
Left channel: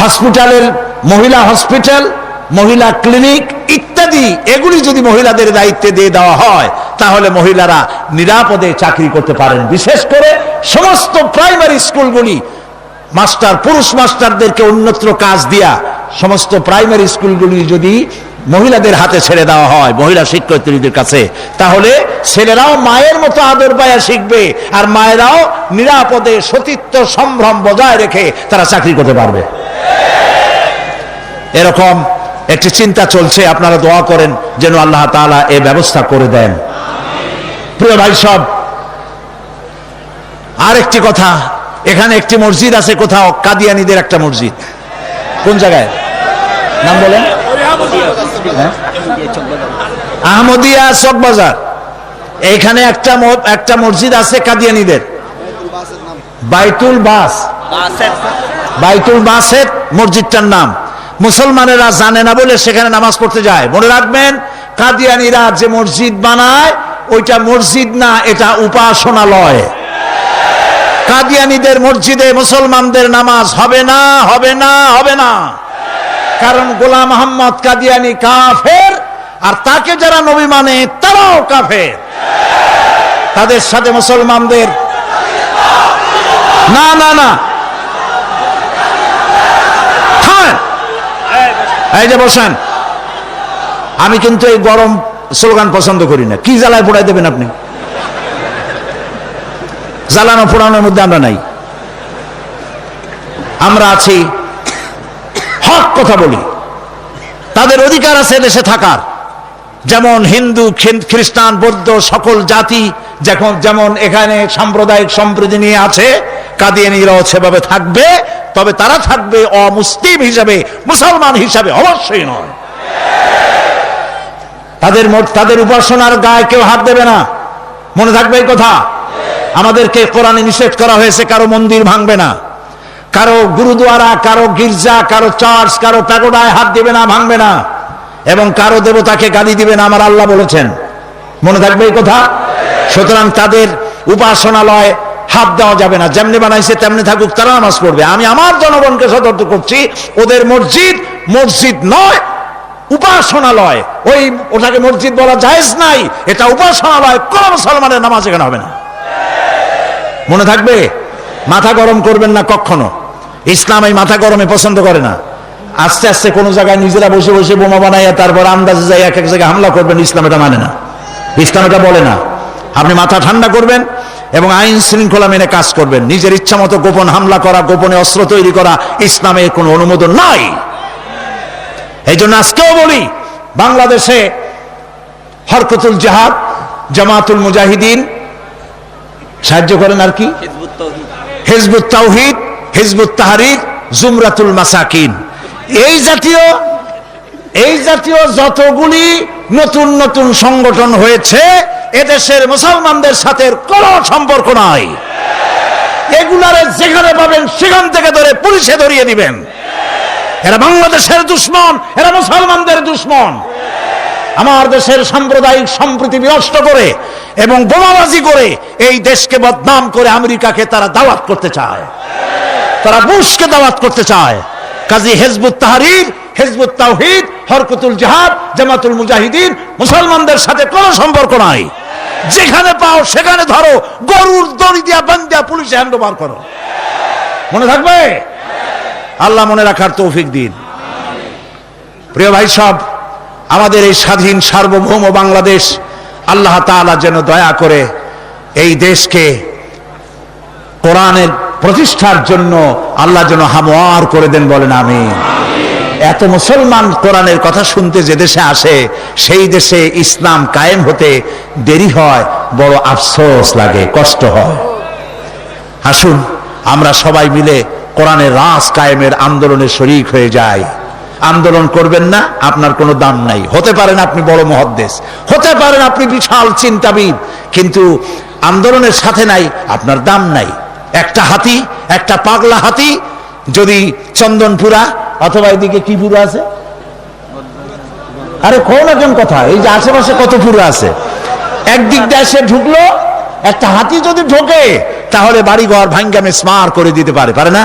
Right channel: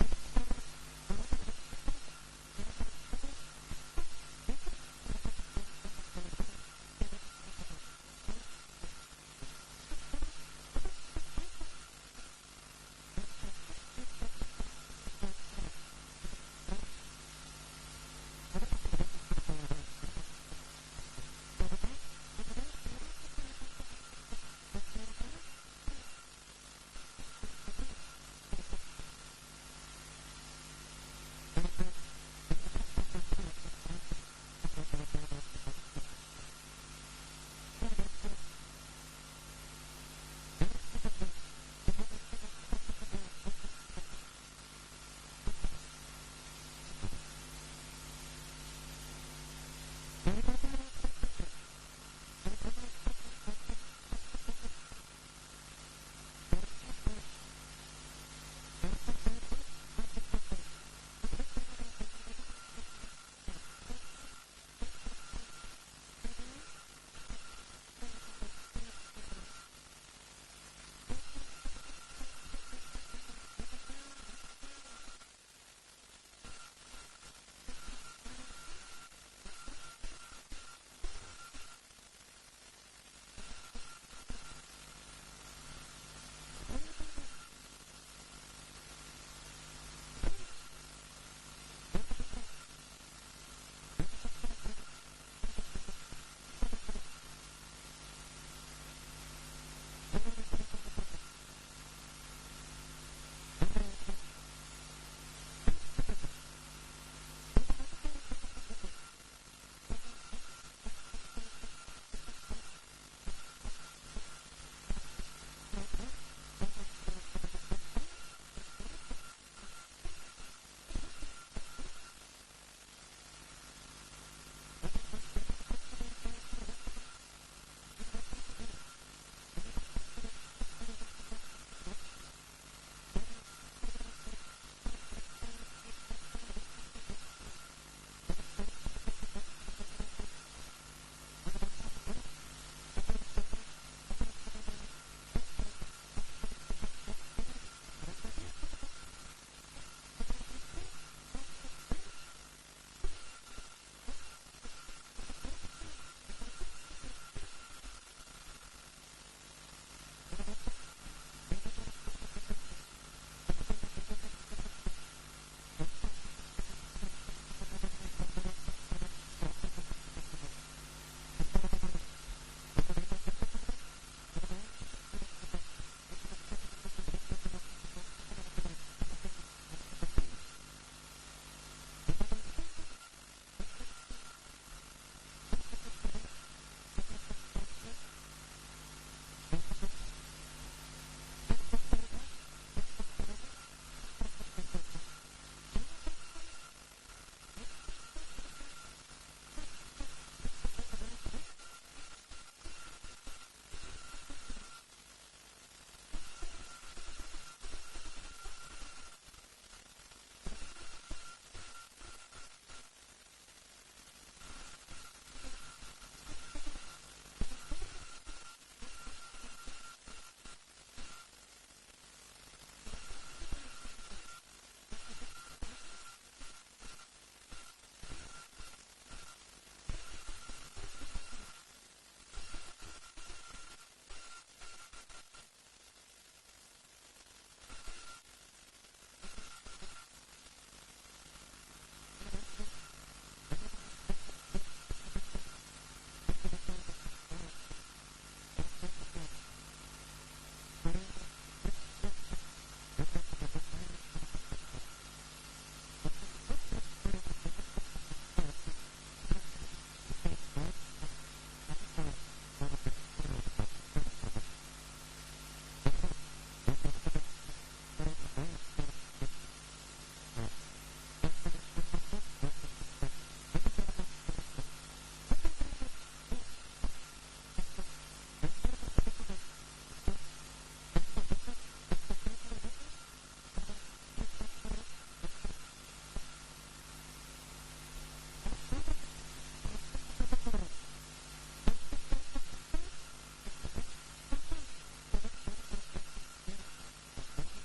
হসপিটালের মহিলা হসপিটাল, মহিলা ক্লিনিক ইত্যাদি এগুলি যদি মহিলাদের দায়িত্বে দিয়ে দেওয়া হয় তাহলে মহিলারা নিরাপদে চাকরি করতে পারেন। বিশেষ করে সমস্ত প্রাইমারি স্কুলগুলি মাস্টার, পুরুষ মাস্টারদেরকে অন্যত্র কাজ দিয়া সমস্ত প্রাইমারি স্কুলগুলি যদি মহিলাদের হাতে ছেড়ে দেওয়া হয়, মহিলা শিক্ষয়িত্রীদের কাছে, তাহলে ছেলেরাও মায়ের মতো আদর পায়া শিখবে আর মায়েরাও নিরাপদে সতীত্ব সম্ভ্রম বজায় রেখে তারা চাকরি করতে পারবে। এরকম একটি চিন্তা চলছে, আপনারা দোয়া করেন যেন আল্লাহ তাআলা এই ব্যবস্থা করে দেন। প্রিয় ভাই সব, আর একটি কথা, এখানে একটি মসজিদ আছে কোথাও, কাদিয়ানীদের একটা মসজিদ। কোন জায়গায় নাম বলেন? আহমদিয়া চকবাজার। এইখানে একটা মসজিদ আছে কাদিয়ানীদের, বাইতুল বাসের মসজিদটার নাম। মুসলমানেরা জানে না বলে সেখানে নামাজ পড়তে যায়। মনে রাখবেন, কাদিয়ানীরা যে মসজিদ বানায় ওইটা মসজিদ না, এটা উপাসনালয়। কাদিয়ানীদের মসজিদে মুসলমানদের নামাজ হবে না, হবে না, হবে না। কারণ গোলাম মোহাম্মদ কাদিয়ানী কাফের, আর তাকে যারা নবী মানে তারাও কাফের। তাদের সাথে মুসলমানদের না না না, এই যে বসেন। আমি কিন্তু এই গরম স্লোগান পছন্দ করি না। কি জ্বালায় পোড়াই দেবেন আপনি? জ্বালানো পোড়ানোর মধ্যে আমরা নাই। আমরা আছি, হক কথা বলি। তাদের অধিকার আছে দেশে থাকার, যেমন হিন্দু, খ্রিস্টান, বৌদ্ধ সকল জাতি যেমন এখানে সাম্প্রদায়িক সম্প্রীতি নিয়ে আছে, কাদিয়ানীরাও সেভাবে থাকবে। তবে তারা থাকবে অমুসলিম হিসাবে, মুসলমান হিসাবে অবশ্যই নয়। তাদের উপাসনার গায়ে কেউ হাত দেবে না, মনে থাকবে এই কথা। আমাদেরকে কোরআনে নিষেধ করা হয়েছে কারো মন্দির ভাঙবে না, কারো গুরুদ্বারা, কারো গির্জা, কারো চার্চ, কারো প্যাগোডায় হাত দিবে না, ভাঙবে না, এবং কারো দেবতাকে গালি দিবে না, আমার আল্লাহ বলেছেন। মনে থাকবে এই কথা। সুতরাং তাদের উপাসনালয় হাত দেওয়া যাবে না। যেমনি বানাইছে তেমনি থাকুক, তারা নামাজ পড়বে। আমি আমার জনগণকে সতর্ক করছি, ওদের মসজিদ মসজিদ নয়, উপাসনালয়। ওটাকে মসজিদ বলা জায়েজ নাই, এটা উপাসনালয়। কোন মুসলমানের নামাজ এখানে হবে না, মনে থাকবে। মাথা গরম করবেন না কখনো। ইসলাম এই মাথা গরমে পছন্দ করে না। আস্তে আস্তে কোন জায়গায় নিজেরা বসে বসে বোমা বানাইয়া তারপর আন্দাজে যাই এক এক জায়গায় হামলা করবেন, ইসলাম এটা মানে না, ইসলাম এটা বলে না। আপনি মাথা ঠান্ডা করবেন এবং আইন শৃঙ্খলা মেনে কাজ করবেন। নিজের ইচ্ছা মতো গোপন হামলা করা, গোপনে অস্ত্র তৈরি করা ইসলামের কোনো অনুমোদন নাই। এই জন্য আজকেও বলি, বাংলাদেশে হরকতুল জিহাদ, জামাতুল মুজাহিদিন সাহায্য করেন, আর কি হিজবুত তাওহীদ, হিজবুত তাহরীর, জুমরাতুল মাসাকিন, এই জাতীয় যতগুলি নতুন নতুন সংগঠন হয়েছে, এদেশের মুসলমানদের সাথে কোনো সম্পর্ক নাই। এগুলারে যেখানে পাবেন সেখান থেকে ধরে পুলিশে ধরিয়ে দিবেন। এরা বাংলাদেশের দুশ্মন, এরা মুসলমানদের দুশ্মন। আমার দেশের সাম্প্রদায়িক সম্প্রীতি বিনষ্ট করে এবং বোমাবাজি করে এই দেশকে বদনাম করে আমেরিকাকে তারা দাওয়াত করতে চায়, তারা বুশকে দাওয়াত করতে চায়। কাজী হিজবুত তাহরীর, হিজবুত তাওহীদ, হরকতুল জিহাদ, জামাতুল মুজাহিদিন মুসলমানদের সাথে কোনো সম্পর্ক নাই। যেখানে পাও সেখানে ধরো, গরুর দড়ি দিয়া বান্ধিয়া পুলিশে হ্যান্ডওভার করো। মনে থাকবে। আল্লাহ মনে রাখার তৌফিক দিন। প্রিয় ভাই সব, আমাদের এই স্বাধীন সার্বভৌম বাংলাদেশ, আল্লাহ তাআলা যেন দয়া করে এই দেশকে কোরআনের প্রতিষ্ঠার জন্য আল্লাহ যেন হামওয়ার করে দেন, বলেন আমিন। এত মুসলমান কোরআনের কথা শুনতে যে দেশে আসে, সেই দেশে ইসলাম কায়েম হতে দেরি হয়, বড় আফসোস লাগে, কষ্ট হয়। আসুন আমরা সবাই মিলে কোরআনের রাজ কায়েমের আন্দোলনে শরীক হয়ে যাই। আন্দোলন করবেন না, আপনার কোনো দাম নাই। হতে পারেন আপনি বড় মুহাদ্দিস, হতে পারেন আপনি বিশাল চিন্তাবিদ, কিন্তু আন্দোলনের সাথে নাই, আপনার দাম নাই। একটা হাতি, একটা পাগলা হাতি যদি চন্দনপুরা অথবা এদিকে কি পুরো আছে, আরে কোন এখন কথা, এই যে আশেপাশে কত পুরো আছে, একদিক দিয়ে এসে ঢুকলো, একটা হাতি যদি ঢোকে তাহলে বাড়িঘর ভাঙ্গা মেসমার করে দিতে পারে, পারে না?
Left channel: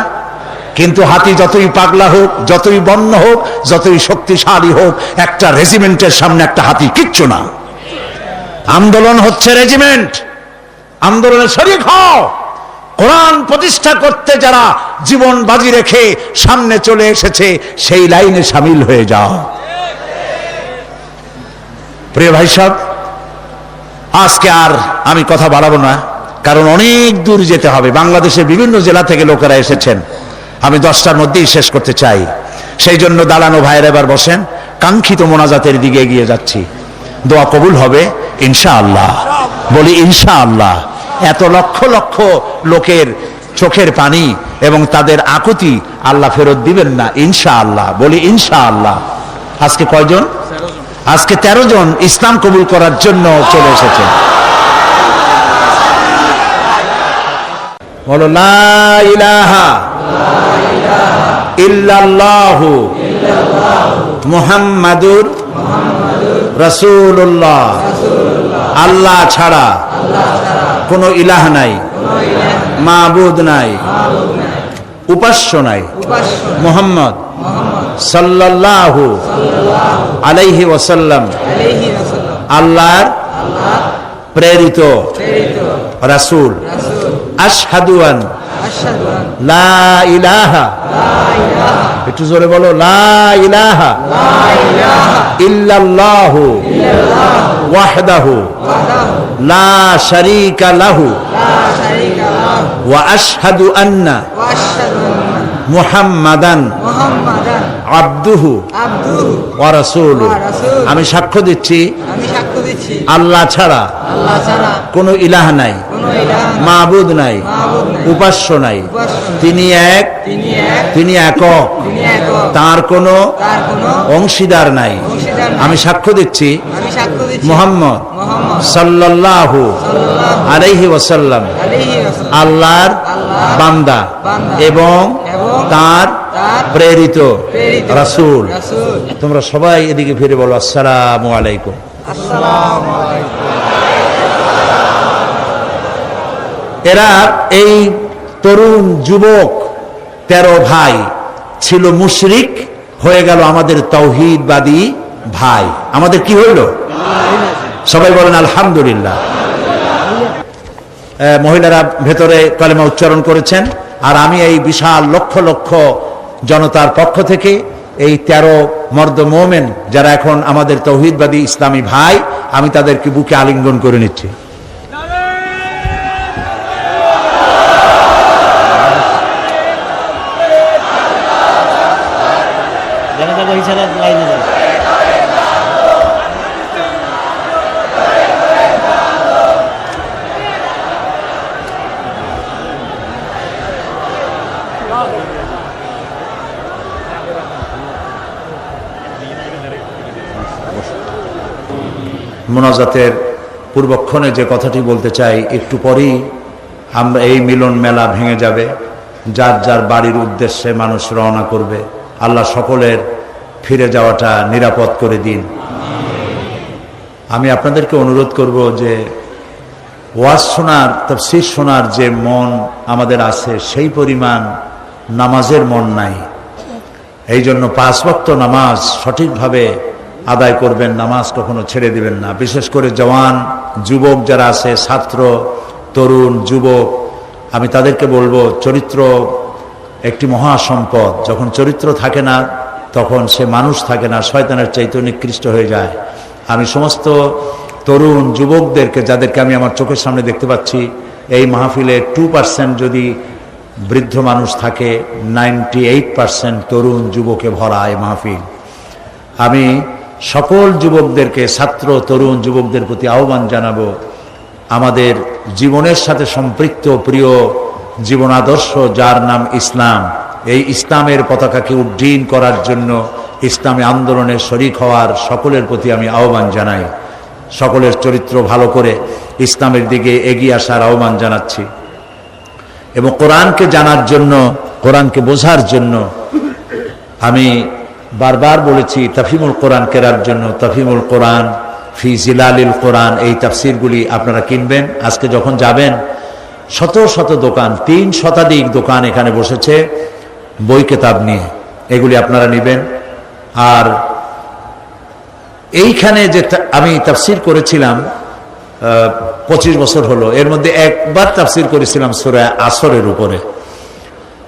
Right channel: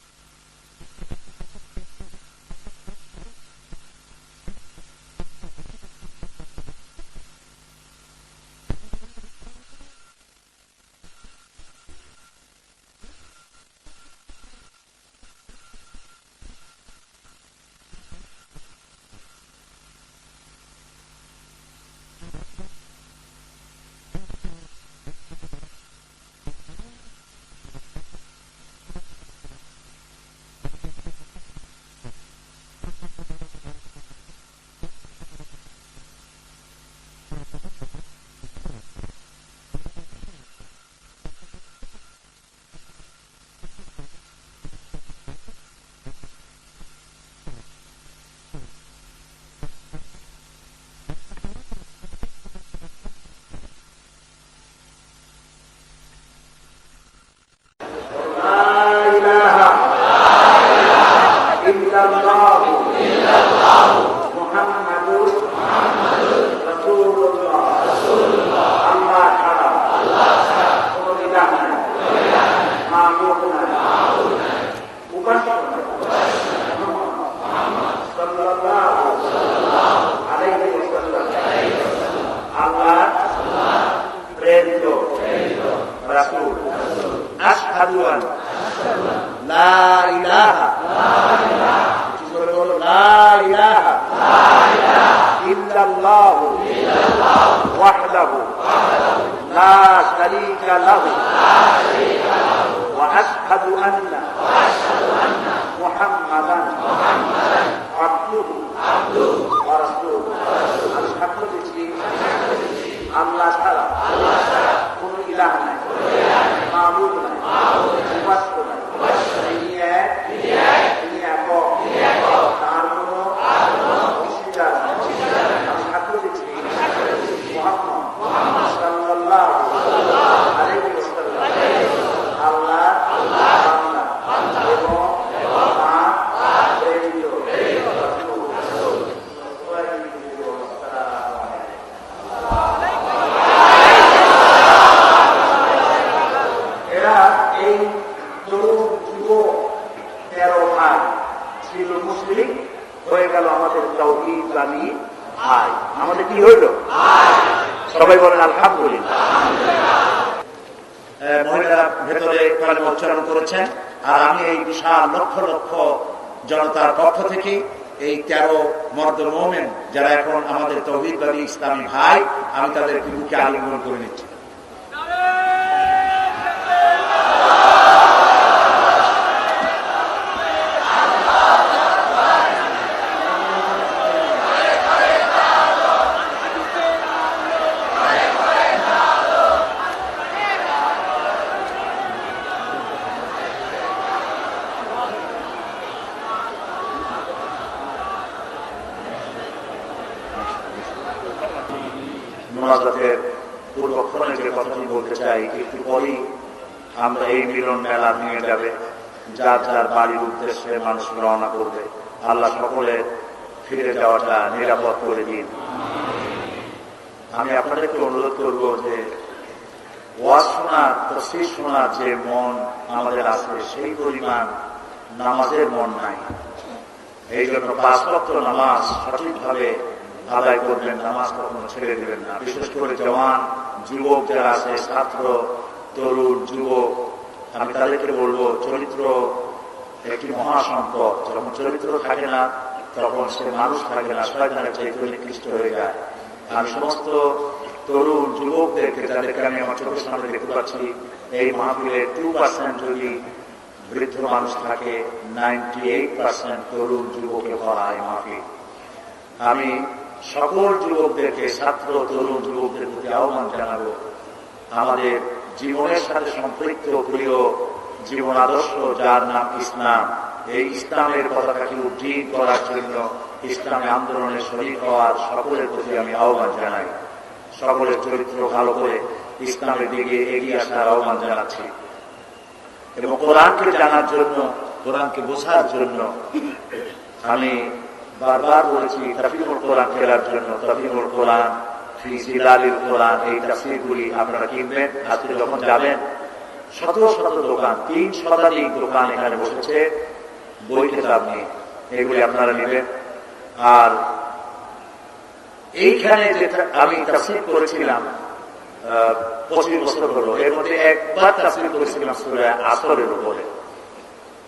কিন্তু হাতি যতই পাগলা হোক, যতই বন্য হোক, যতই শক্তিশালী হোক, একটা রেজিমেন্টের সামনে একটা হাতি কিচ্ছু না। আন্দোলন হচ্ছে রেজিমেন্ট, আন্দোলনে শরীক হও। কোরআন প্রতিষ্ঠা করতে যারা জীবন বাজি রেখে সামনে চলে এসেছে, সেই লাইনে সামিল হয়ে যাও। প্রিয় ভাই সাহেব, আজকে আর আমি কথা বাড়াবো না, কারণ অনেক দূর যেতে হবে। বাংলাদেশের বিভিন্ন জেলা থেকে লোকেরা এসেছেন, আমি 10টার মধ্যেই শেষ করতে চাই। সেই জন্য দালানো ভাইয়ের এবার বসেন, কাঙ্ক্ষিত মোনাজাতের দিকে এগিয়ে যাচ্ছি। দোয়া কবুল হবে ইনশাআল্লাহ, বলি ইনশাআল্লাহ। এত লক্ষ লক্ষ লোকের চোখের পানি এবং তাদের আকুতি আল্লাহ ফেরত দিবেন না ইনশাআল্লাহ, বলি ইনশাআল্লাহ। আজকে কয়জন? আজকে 13 জন ইসলাম কবুল করার জন্য চলে এসেছে। বলো লা ইলাহা ইল্লাল্লাহু মুহাম্মাদুর রাসূলুল্লাহ। আল্লাহ ছাড়া কোনো ইলাহ নাই, মাবুদ নাই, উপাস্য নাই। মুহাম্মদ সাল্লাল্লাহু আলাইহি ওয়াসাল্লাম আল্লাহর প্রেরিত রাসূল। আশহাদু আন লা ইলাহা, একটু জোরে বলো, লা ইলাহা ইল্লাল্লাহু ওয়াহদাহু লা শারীকা লাহু ওয়া আশহাদু আন্না মুহাম্মাদান আবদুহু ওয়া রাসূলুহু। আমি সাক্ষ্য দিচ্ছি আল্লাহ ছাড়া কোনো ইলাহ নাই, মাবুদ নাই, উপাস্য নাই। তিনি এক, তিনি একক, তার কোনো অংশীদার নাই। আমি সাক্ষ্য দিচ্ছি মুহাম্মদ সাল্লাল্লাহু আলাইহি ওয়াসাল্লাম আল্লাহর বান্দা এবং তার প্রেরিত রাসূল। তোমরা সবাই এদিকে ফিরে বলো আসসালামু আলাইকুম। এরা এই তরুণ যুবক 13 ভাই ছিল মুশরিক, হয়ে গেল আমাদের তাওহীদবাদী ভাই। আমাদের কি হইল? সবাই বলেন আলহামদুলিল্লাহ। মহিলারা ভেতরে কালেমা উচ্চারণ করেছেন, আর আমি এই বিশাল লক্ষ লক্ষ জনতার পক্ষ থেকে এই 13 মর্দ মোমেন যারা এখন আমাদের তাওহীদবাদী ইসলামী ভাই, আমি তাদেরকে বুকে আলিঙ্গন করে নিচ্ছি। মোনাজাতের পূর্বক্ষণে যে কথাটি বলতে চাই, একটু পরেই আমরা এই মিলন মেলা ভেঙে যাবে, যার যার বাড়ির উদ্দেশ্যে মানুষ রওনা করবে। আল্লাহ সকলের ফিরে যাওয়াটা নিরাপদ করে দিন। আমি আপনাদেরকে অনুরোধ করব যে ওয়াজ শোনার, তাফসীর শোনার যে মন আমাদের আছে, সেই পরিমাণ নামাজের মন নাই। এই জন্য 5 ওয়াক্ত নামাজ সঠিকভাবে আদায় করবেন, নামাজ কখনো ছেড়ে দিবেন না। বিশেষ করে জওয়ান যুবক যারা আছে, ছাত্র, তরুণ, যুবক, আমি তাদেরকে বলবো, চরিত্র একটি মহা সম্পদ। যখন চরিত্র থাকে না, তখন সে মানুষ থাকে না, শয়তানের চাইতে নিকৃষ্ট হয়ে যায়। আমি সমস্ত তরুণ যুবকদেরকে, যাদেরকে আমি আমার চোখের সামনে দেখতে পাচ্ছি, এই মাহফিলে 2% যদি বৃদ্ধ মানুষ থাকে, 98% তরুণ যুবকে ভরা এই মাহফিল। আমি সকল যুবকদেরকে, ছাত্র তরুণ যুবকদের প্রতি আহ্বান জানাবো, আমাদের জীবনের সাথে সম্পৃক্ত প্রিয় জীবন আদর্শ যার নাম ইসলাম, এই ইসলামের পতাকাকে উড্ডীন করার জন্য ইসলামী আন্দোলনে শরিক হওয়ার সকলের প্রতি আমি আহ্বান জানাই। সকলের চরিত্র ভালো করে ইসলামের দিকে এগিয়ে আসার আহ্বান জানাচ্ছি এবং কোরআনকে জানার জন্য, কোরআনকে বোঝার জন্য আমি বারবার বলেছি তাফহিমুল কোরআন কেরার জন্য তাফহিমুল কোরআন ফি জিলালিল কোরআন, এই তাফসিরগুলি আপনারা কিনবেন। আজকে যখন যাবেন শত শত দোকান, 3 শতাধিক দোকান এখানে বসেছে বই কেতাব নিয়ে, এগুলি আপনারা নেবেন। আর এইখানে যে আমি তাফসির করেছিলাম 25 বছর হলো, এর মধ্যে একবার তাফসির করেছিলাম সূরা আসরের উপরে।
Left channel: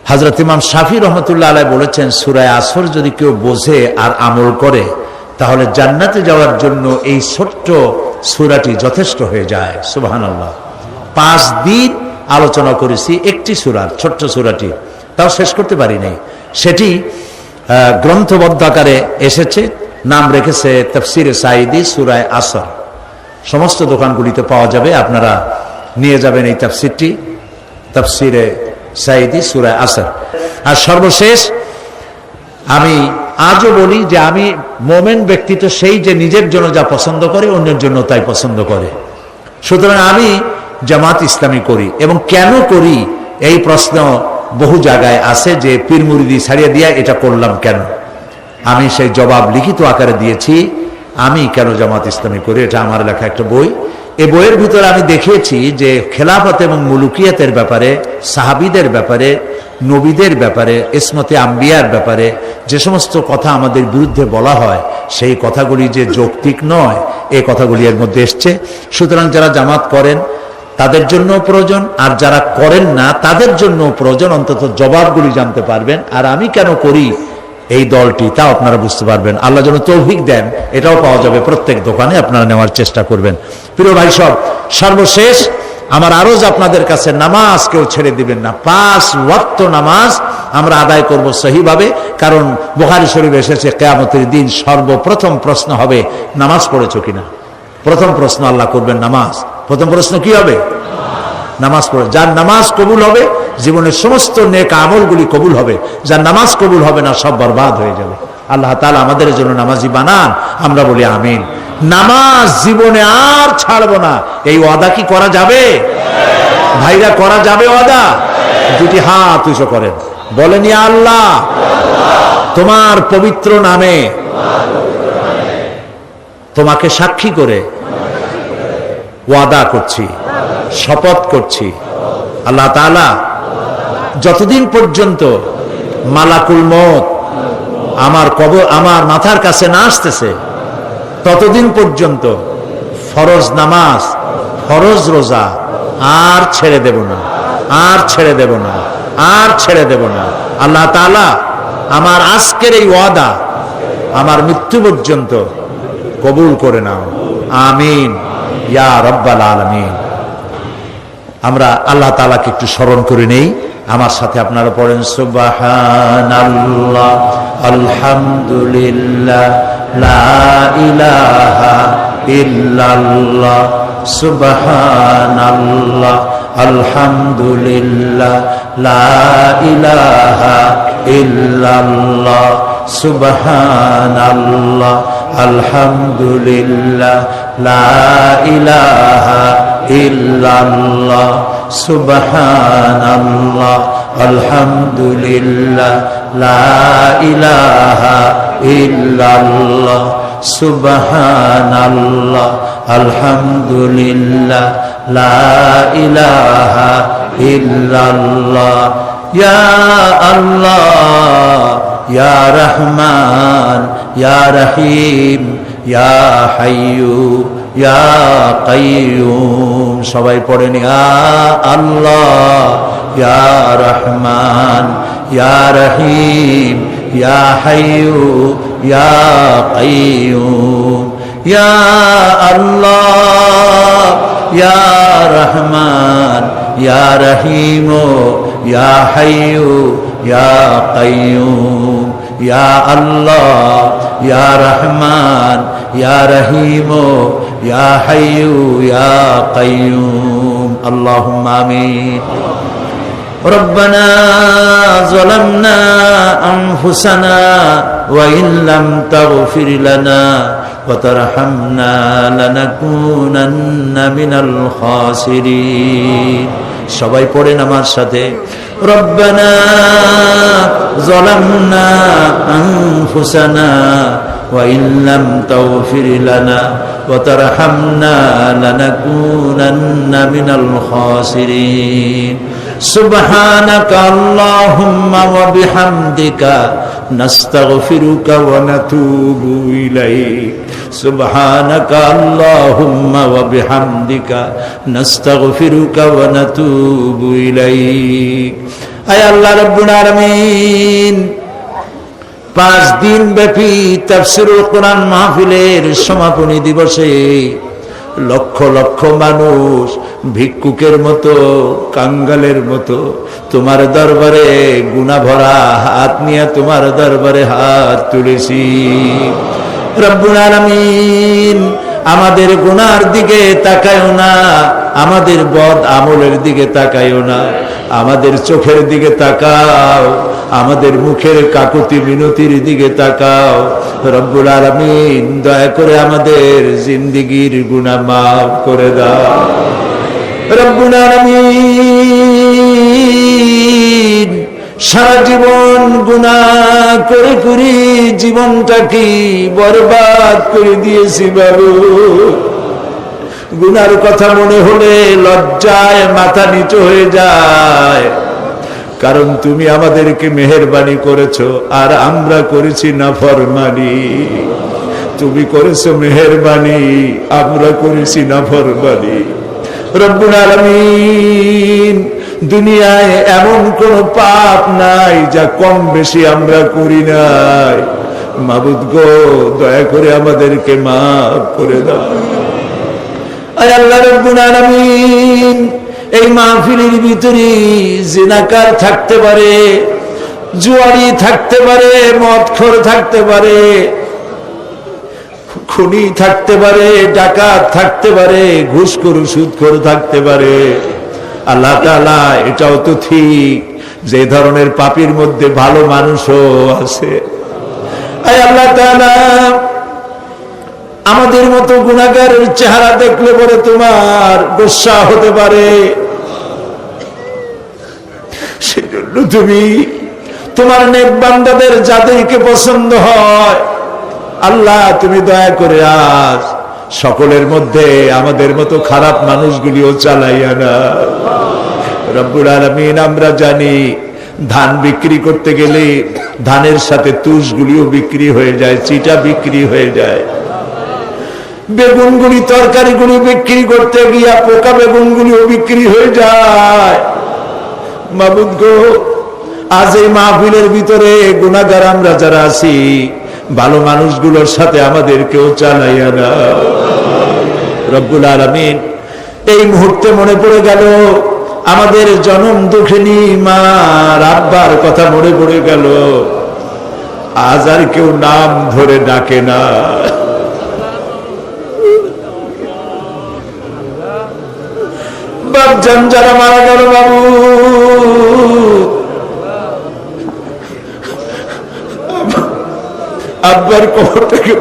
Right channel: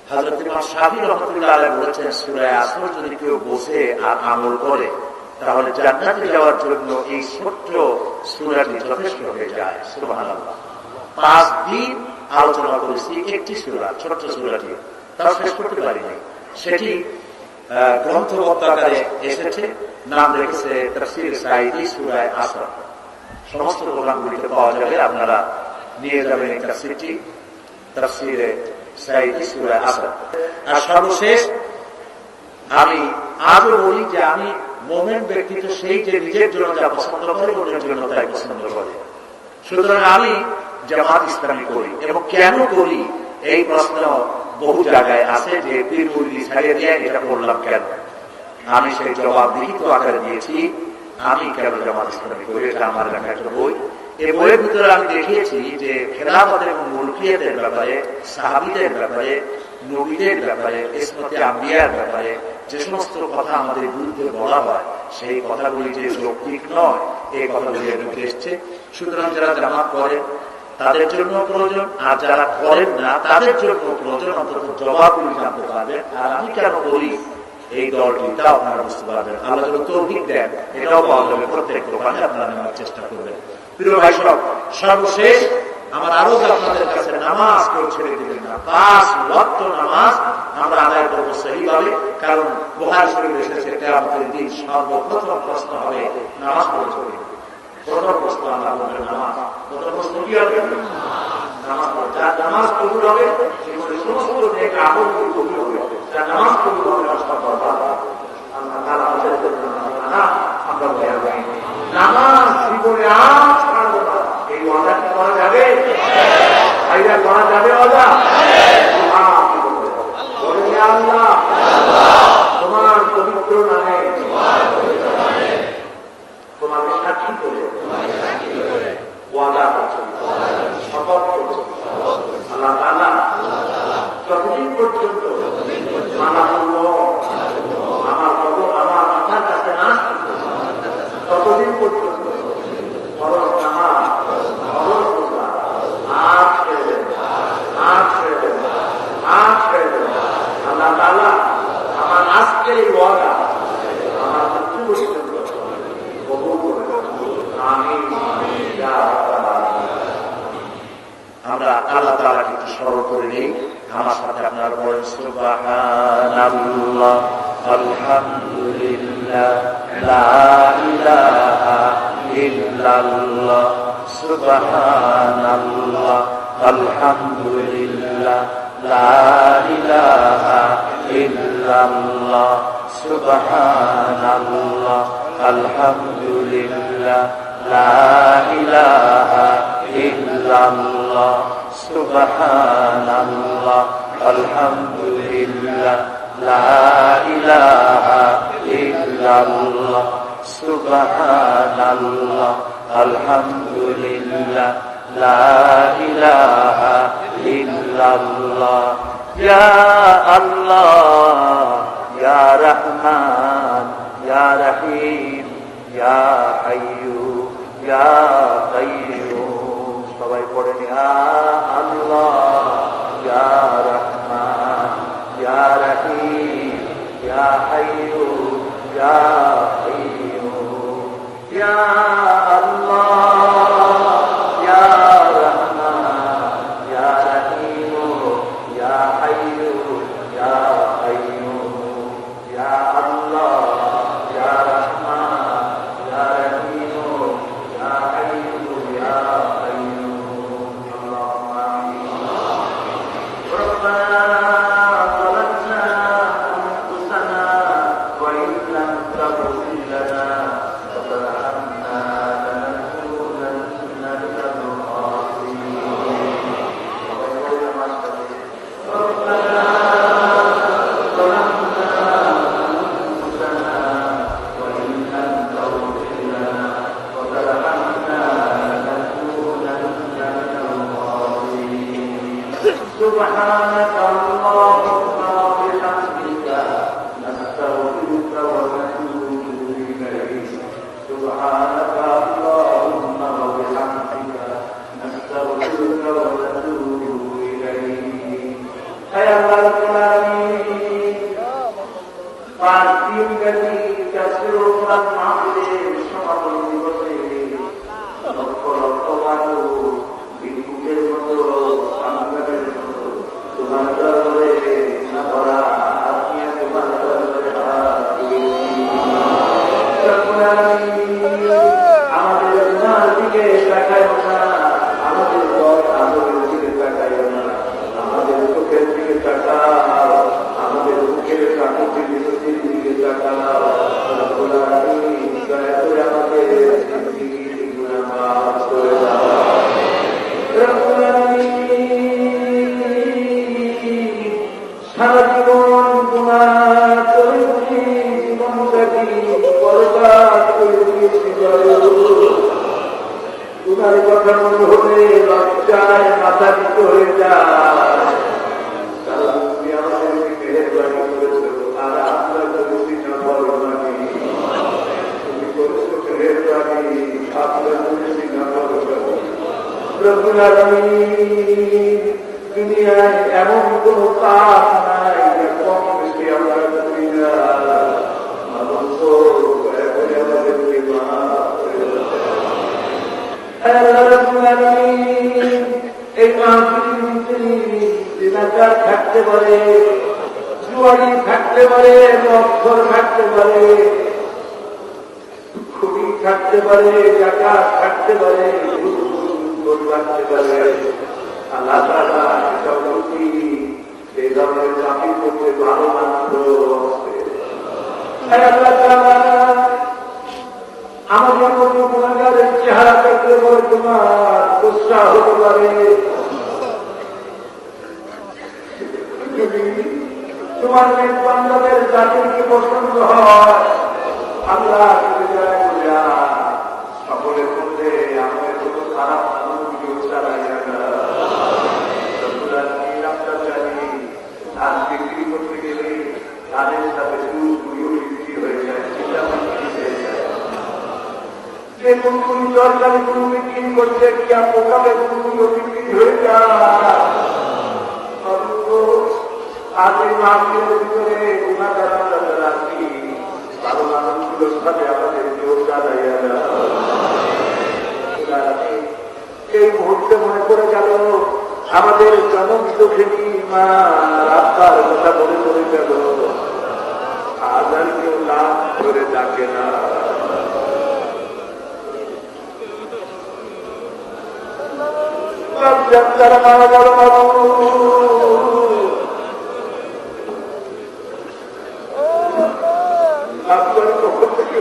হযরত ইমাম শাফি রহমতুল্লাহ আলাইহি বলেছেন, সূরা আসর যদি কেউ বোঝে আর আমল করে তাহলে জান্নাতে যাওয়ার জন্য এই ছোট্ট সূরাটি যথেষ্ট হয়ে যায়। সুবহানাল্লাহ। 5 দিন আলোচনা করেছি একটি সূরার, ছোট্ট সূরাটি, তাও শেষ করতে পারি নাই। সেটি গ্রন্থবদ্ধ আকারে এসেছে, নাম রেখেছে তাফসিরে সাঈদী সূরা আসর। সমস্ত দোকানগুলিতে পাওয়া যাবে, আপনারা নিয়ে যাবেন এই তাফসিরটি, তাফসিরে সাঈদী সূরা আসর। আর সর্বশেষ আমি আজও বলি যে আমি মোমেন ব্যক্তি তো সেই যে নিজের জন্য যা পছন্দ করে অন্যের জন্য তাই পছন্দ করে। সুতরাং আমি জামাত ইসলামী করি, এবং কেন করি এই প্রশ্ন বহু জায়গায় আছে যে পীর মুরিদি ছাড়িয়ে দিয়া এটা করলাম কেন। আমি সেই জবাব লিখিত আকারে দিয়েছি, আমি কেন জামাত ইসলামী করি। এটা আমার লেখা একটা বই। এই বইয়ের ভিতরে আমি দেখিয়েছি যে খেলাফত এবং মুলুকিয়াতের ব্যাপারে, সাহাবীদের ব্যাপারে, নবীদের ব্যাপারে, ইসমতে আম্বিয়ার ব্যাপারে যে সমস্ত কথা আমাদের বিরুদ্ধে বলা হয় সেই কথাগুলি যে যৌক্তিক নয়, এই কথাগুলি এর মধ্যে এসছে। সুতরাং যারা জামাত করেন তাদের জন্য প্রয়োজন, আর যারা করেন না তাদের জন্য প্রয়োজন, অন্তত জবাবগুলি জানতে পারবেন। আর আমি কেন করি এই দলটি তাও আপনারা বুঝতে পারবেন। আল্লাহ যেন তৌফিক দেন, এটাও পাওয়া যাবে প্রত্যেক দোকানে, আপনারা নেওয়ার চেষ্টা করবেন। প্রিয় ভাই সব, সর্বশেষ আমার আরজ আপনাদের কাছে, নামাজ কেউ ছেড়ে দিবেন না। 5 ওয়াক্ত নামাজ আমরা আদায় করব সহিভাবে, কারণ বুখারী শরীফে এসেছে কিয়ামতের দিন সর্বপ্রথম প্রশ্ন হবে নামাজ পড়েছো কিনা। প্রথম প্রশ্ন আল্লাহ করবেন নামাজ। প্রথম প্রশ্ন কি হবে? নামাজ পড়ে। যার নামাজ কবুল হবে জীবনের সমস্ত নেক আমলগুলি কবুল হবে, যার নামাজ কবুল হবে না সব বরবাদ হয়ে যাবে। আল্লাহ তাআলা আমাদের জন্য নামাজি বানান, আমরা বলি আমিন। নামাজ জীবনে আর ছাড়বো না, এই ওয়াদা কি করা যাবে ভাইরা? করা যাবে ওয়াদা? যদি হাত উঁচু করেন, বলেন ইয়া আল্লাহ, তোমার পবিত্র নামে তোমাকে সাক্ষী করে ওয়াদা করছি, শপথ করছি, আল্লাহ তাআলা যতদিন পর্যন্ত মালাকুল মউত আমার মাথার কাছে না আসতেছে ততদিন পর্যন্ত ফরজ নামাজ, ফরজ রোজা আর ছেড়ে দেব না, আর ছেড়ে দেব না, আর ছেড়ে দেব না। আল্লাহ তাআলা আমার আজকের এই ওয়াদা আমার মৃত্যু পর্যন্ত কবুল করে নাও, আমিন ইয়া রাব্বাল আলামিন। আমরা আল্লাহ তাআলাকে একটু স্মরণ করে নেই, আমার সাথে আপনারা পড়েন সুবহানাল্লাহ, আলহামদুলিল্লাহ, লা ইলাহা ইল্লাল্লাহ, সুবহানাল্লাহ, আলহামদুলিল্লাহ, লা ইলাহা ইল্লাল্লাহ, সুবহানাল্লাহ, আলহামদুলিল্লাহ, লা ইলাহা ইল্লাল্লাহ, সুবহানাল্লাহ, আলহামদুলিল্লাহ, লা ইলাহা ইল্লাল্লাহ, সুবহানাল্লাহ, আলহামদুলিল্লাহ, লা ইলাহা ইল্লাল্লাহ। ইয়া আল্লাহ, ইয়া রহমান, ইয়া রহিম, ইয়া হাইয়্যু, ইয়া কাইয়্যুম। সবাই পড়েন ইয়া আল্লাহ, ইয়া রহমান, ইয়া রহিম, ইয়া হাইয়্যু, ইয়া কাইয়্যুম। ইয়া আল্লাহ, ইয়া রহমান, ইয়া রহিম ইয়া হাইয়্যু ইয়া কাইয়্যুম ইয়া আল্লাহ ইয়া রহমান ইয়া রহিম ইয়া হাইয়্যু ইয়া কাইয়্যুম আল্লাহুম্মা আমিন ربنا ظلمنا أنفسنا وإن لم تغفر لنا وترحمنا لنكونن من الخاسرين সবাই পড়েন আমার সাথে ربنا ظلمنا أنفسنا وإن لم تغفر لنا وترحمنا لنكونن من الخاسرين سبحانك اللهم وبحمدك نستغفرك ونتوب إليك سبحانك اللهم وبحمدك نستغفرك ونتوب إليك أي الله رب العالمين 5 দিন ব্যাপী তাফসীরুল কোরআন মাহফিলের সমাপনী দিবসে লক্ষ লক্ষ মানুষ ভিক্ষুকের মতো কাঙ্গালের মতো তোমার দরবারে গুনাহ ভরা হাত নিয়ে তোমার দরবারে হাত তুলেছি রব্বুল আলামিন আমাদের গুনার দিকে তাকায়ও না আমাদের বদ আমলের দিকে তাকায়ও না আমাদের চোখের দিকে তাকাও আমাদের মুখের কাকুতি মিনতির দিকে তাকাও রব্বুল আলামিন দয়া করে আমাদের জিন্দেগীর গুনাহ মাফ করে দাও রব্বুল আলামিন সারা জীবন গুনাহ করে করে জীবনটাকে বরবাদ করে দিয়েছি বাবু গুনার কথা মনে হলে লজ্জায় মাথা নিচু হয়ে যায় কারণ তুমি আমাদেরকে মেহেরবানি করেছো আর আমরা করেছি নাফরমানি তুমি করেছো মেহেরবানি আমরা করেছি নাফরমানি রব্বুল আলামিন দুনিয়ায় এমন কোন পাপ নাই যা কম বেশি আমরা করি নাই মাবুদ গো দয়া করে আমাদেরকে মাফ করে দাও আয় আল্লাহ রব্বুল আলামিন এই মাহফিলের ভিতরে জিনাকার থাকতে পারে জুয়ারি থাকতে পারে মদখোর থাকতে পারে খুনি থাকতে পারে ডাকাত থাকতে পারে ঘুষখোর সুদখোর থাকতে পারে আল্লাহ তাআলা এটাও তো ঠিক যে ধরনের পাপীর মধ্যে ভালো মানুষও আছে আয় আল্লাহ তাআলা আমাদের মতো গুনাহগারের চেহারা দেখলে পরে তোমার গোসা হতে পারে সেজন্য তুমি তোমার নেক বান্দাদের যাদেরকে পছন্দ হয় আল্লাহ তুমি দয়া করে আজ সকলের মধ্যে আমাদের মতো খারাপ মানুষগুলিও চালাইয়া না রব্বুল আলামিন আমরা জানি ধান বিক্রি করতে গেলে ধানের সাথে তুষগুলিও বিক্রি হয়ে যায় চিটা বিক্রি হয়ে যায় বেগুনগুলি তরকারিগুলি বিক্রি করতে গিয়া পোকা বেগুনগুলিও বিক্রি হয়ে যায় মাবুদ গো আজ এই মাহফিলের ভিতরে গুনাহগার আমরা যারা আছি ভালো মানুষগুলোর সাথে আমাদেরকেও চালাইয়া না রব্বুল আলামিন এই মুহূর্তে মনে পড়ে গেল আমাদের জনম দুঃখিনী মা আব্বার কথা মনে পড়ে গেল আজ আর কেউ নাম ধরে ডাকে না বাপজান যারা মারা গেল বাবু আব্বার কবর থেকে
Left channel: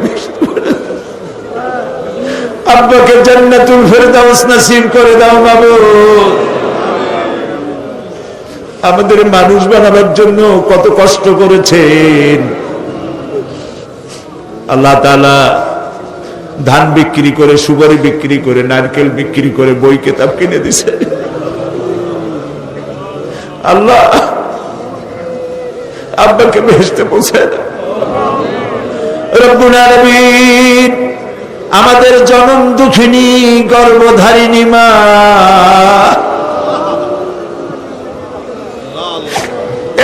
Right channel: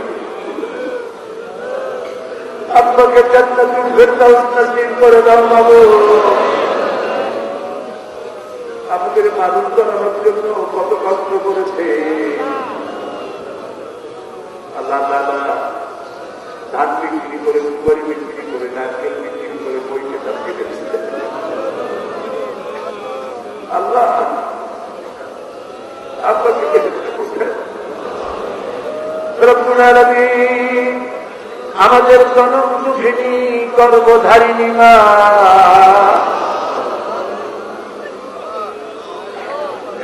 আব্বাকে জান্নাতুল ফেরদাউস নসিব করে দাও বাবু আমাদের মানুষ বানাবার জন্য কত কষ্ট করেছেন আল্লাহ তাআলা ধান বিক্রি করে সুপারি বিক্রি করে নারকেল বিক্রি করে বই কিতাব কিনে দিছে আল্লাহ আব্বাকে বেহেশতে পৌঁছায় দাও রব্বুল আলামিন আমাদের জনম দুঃখিনী গর্ভধারিণী মা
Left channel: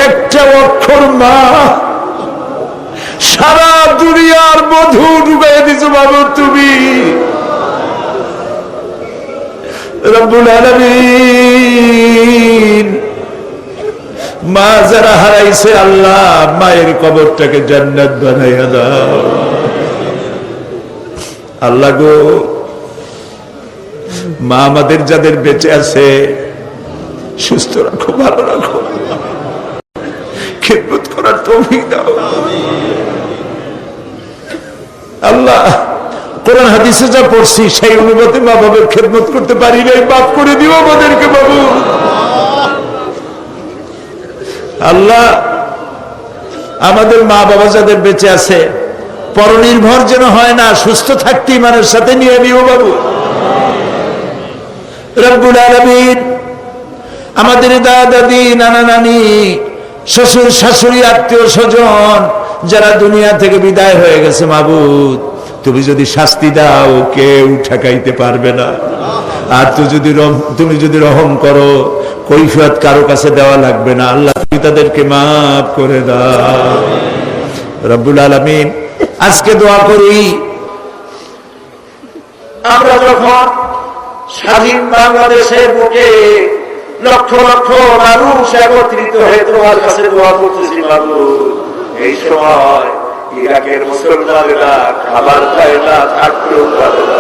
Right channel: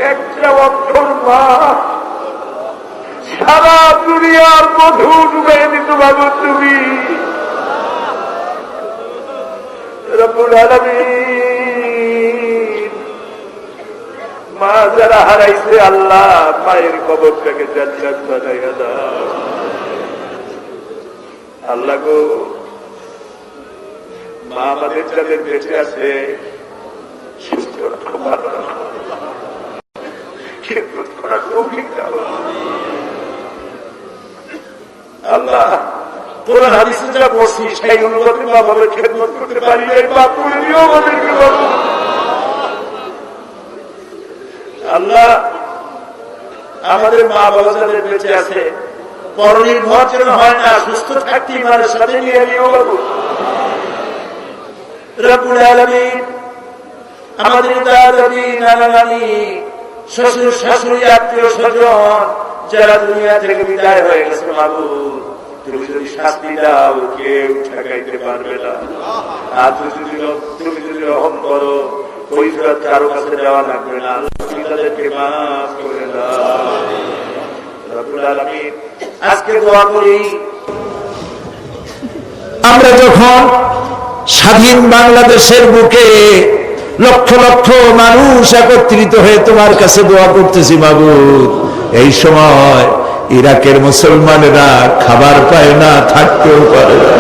একটা অক্ষর মা সারা দুনিয়ার মধু ডুবাই দিছো বাবা তুমি রব্বুল আলামিন আলামিন মা যারা হারাইছে আল্লাহ মায়ের কবরটাকে জান্নাত বানাইয়া দাও আল্লাহ গো। মা আমাদের যাদের বেঁচে আছে সুস্থ রাখো, ভালো রাখো, খেদমত করার তৌফিক দাও আল্লাহ। কোরআন হাদিসে যা পড়ছি সেই অনুপাতে মা বাবার খেদমত করতে পারি নাই, মাফ করে দিও আমাদেরকে বাবু আল্লাহ। আমাদের মা বাবা যাদের বেঁচে আছে পরনির্ভর যেন হয় না, সুস্থ থাকতে ইমানের সাথে নিয়ে নিও বাবু রব্বুল আলামিন। আমাদের দাদা দাদি নানা নানি শ্বশুর শাশুড়ি আত্মীয় স্বজন যারা দুনিয়া থেকে বিদায় হয়ে গেছে মাবুদ, তুমি যদি শাস্তি দাও কেউ ঠেকাইতে পারবে না, আর তুমি যদি রহম করো কৈফিয়ত কারো কাছে দেওয়া লাগবে না আল্লাহ, তুমি তাদেরকে মাফ করে দাও রব্বুল আলামিন। আজকে দোয়া করি আমরা যখন স্বাধীন বাংলাদেশের বুকে লক্ষ লক্ষ মানুষ একত্রিত হয়ে তোমার কাছে দোয়া করতেছি মাবুদ, এই সময় ইরাকের মুসলমানেরা খাবার পায় না, থাকতেও পারে না।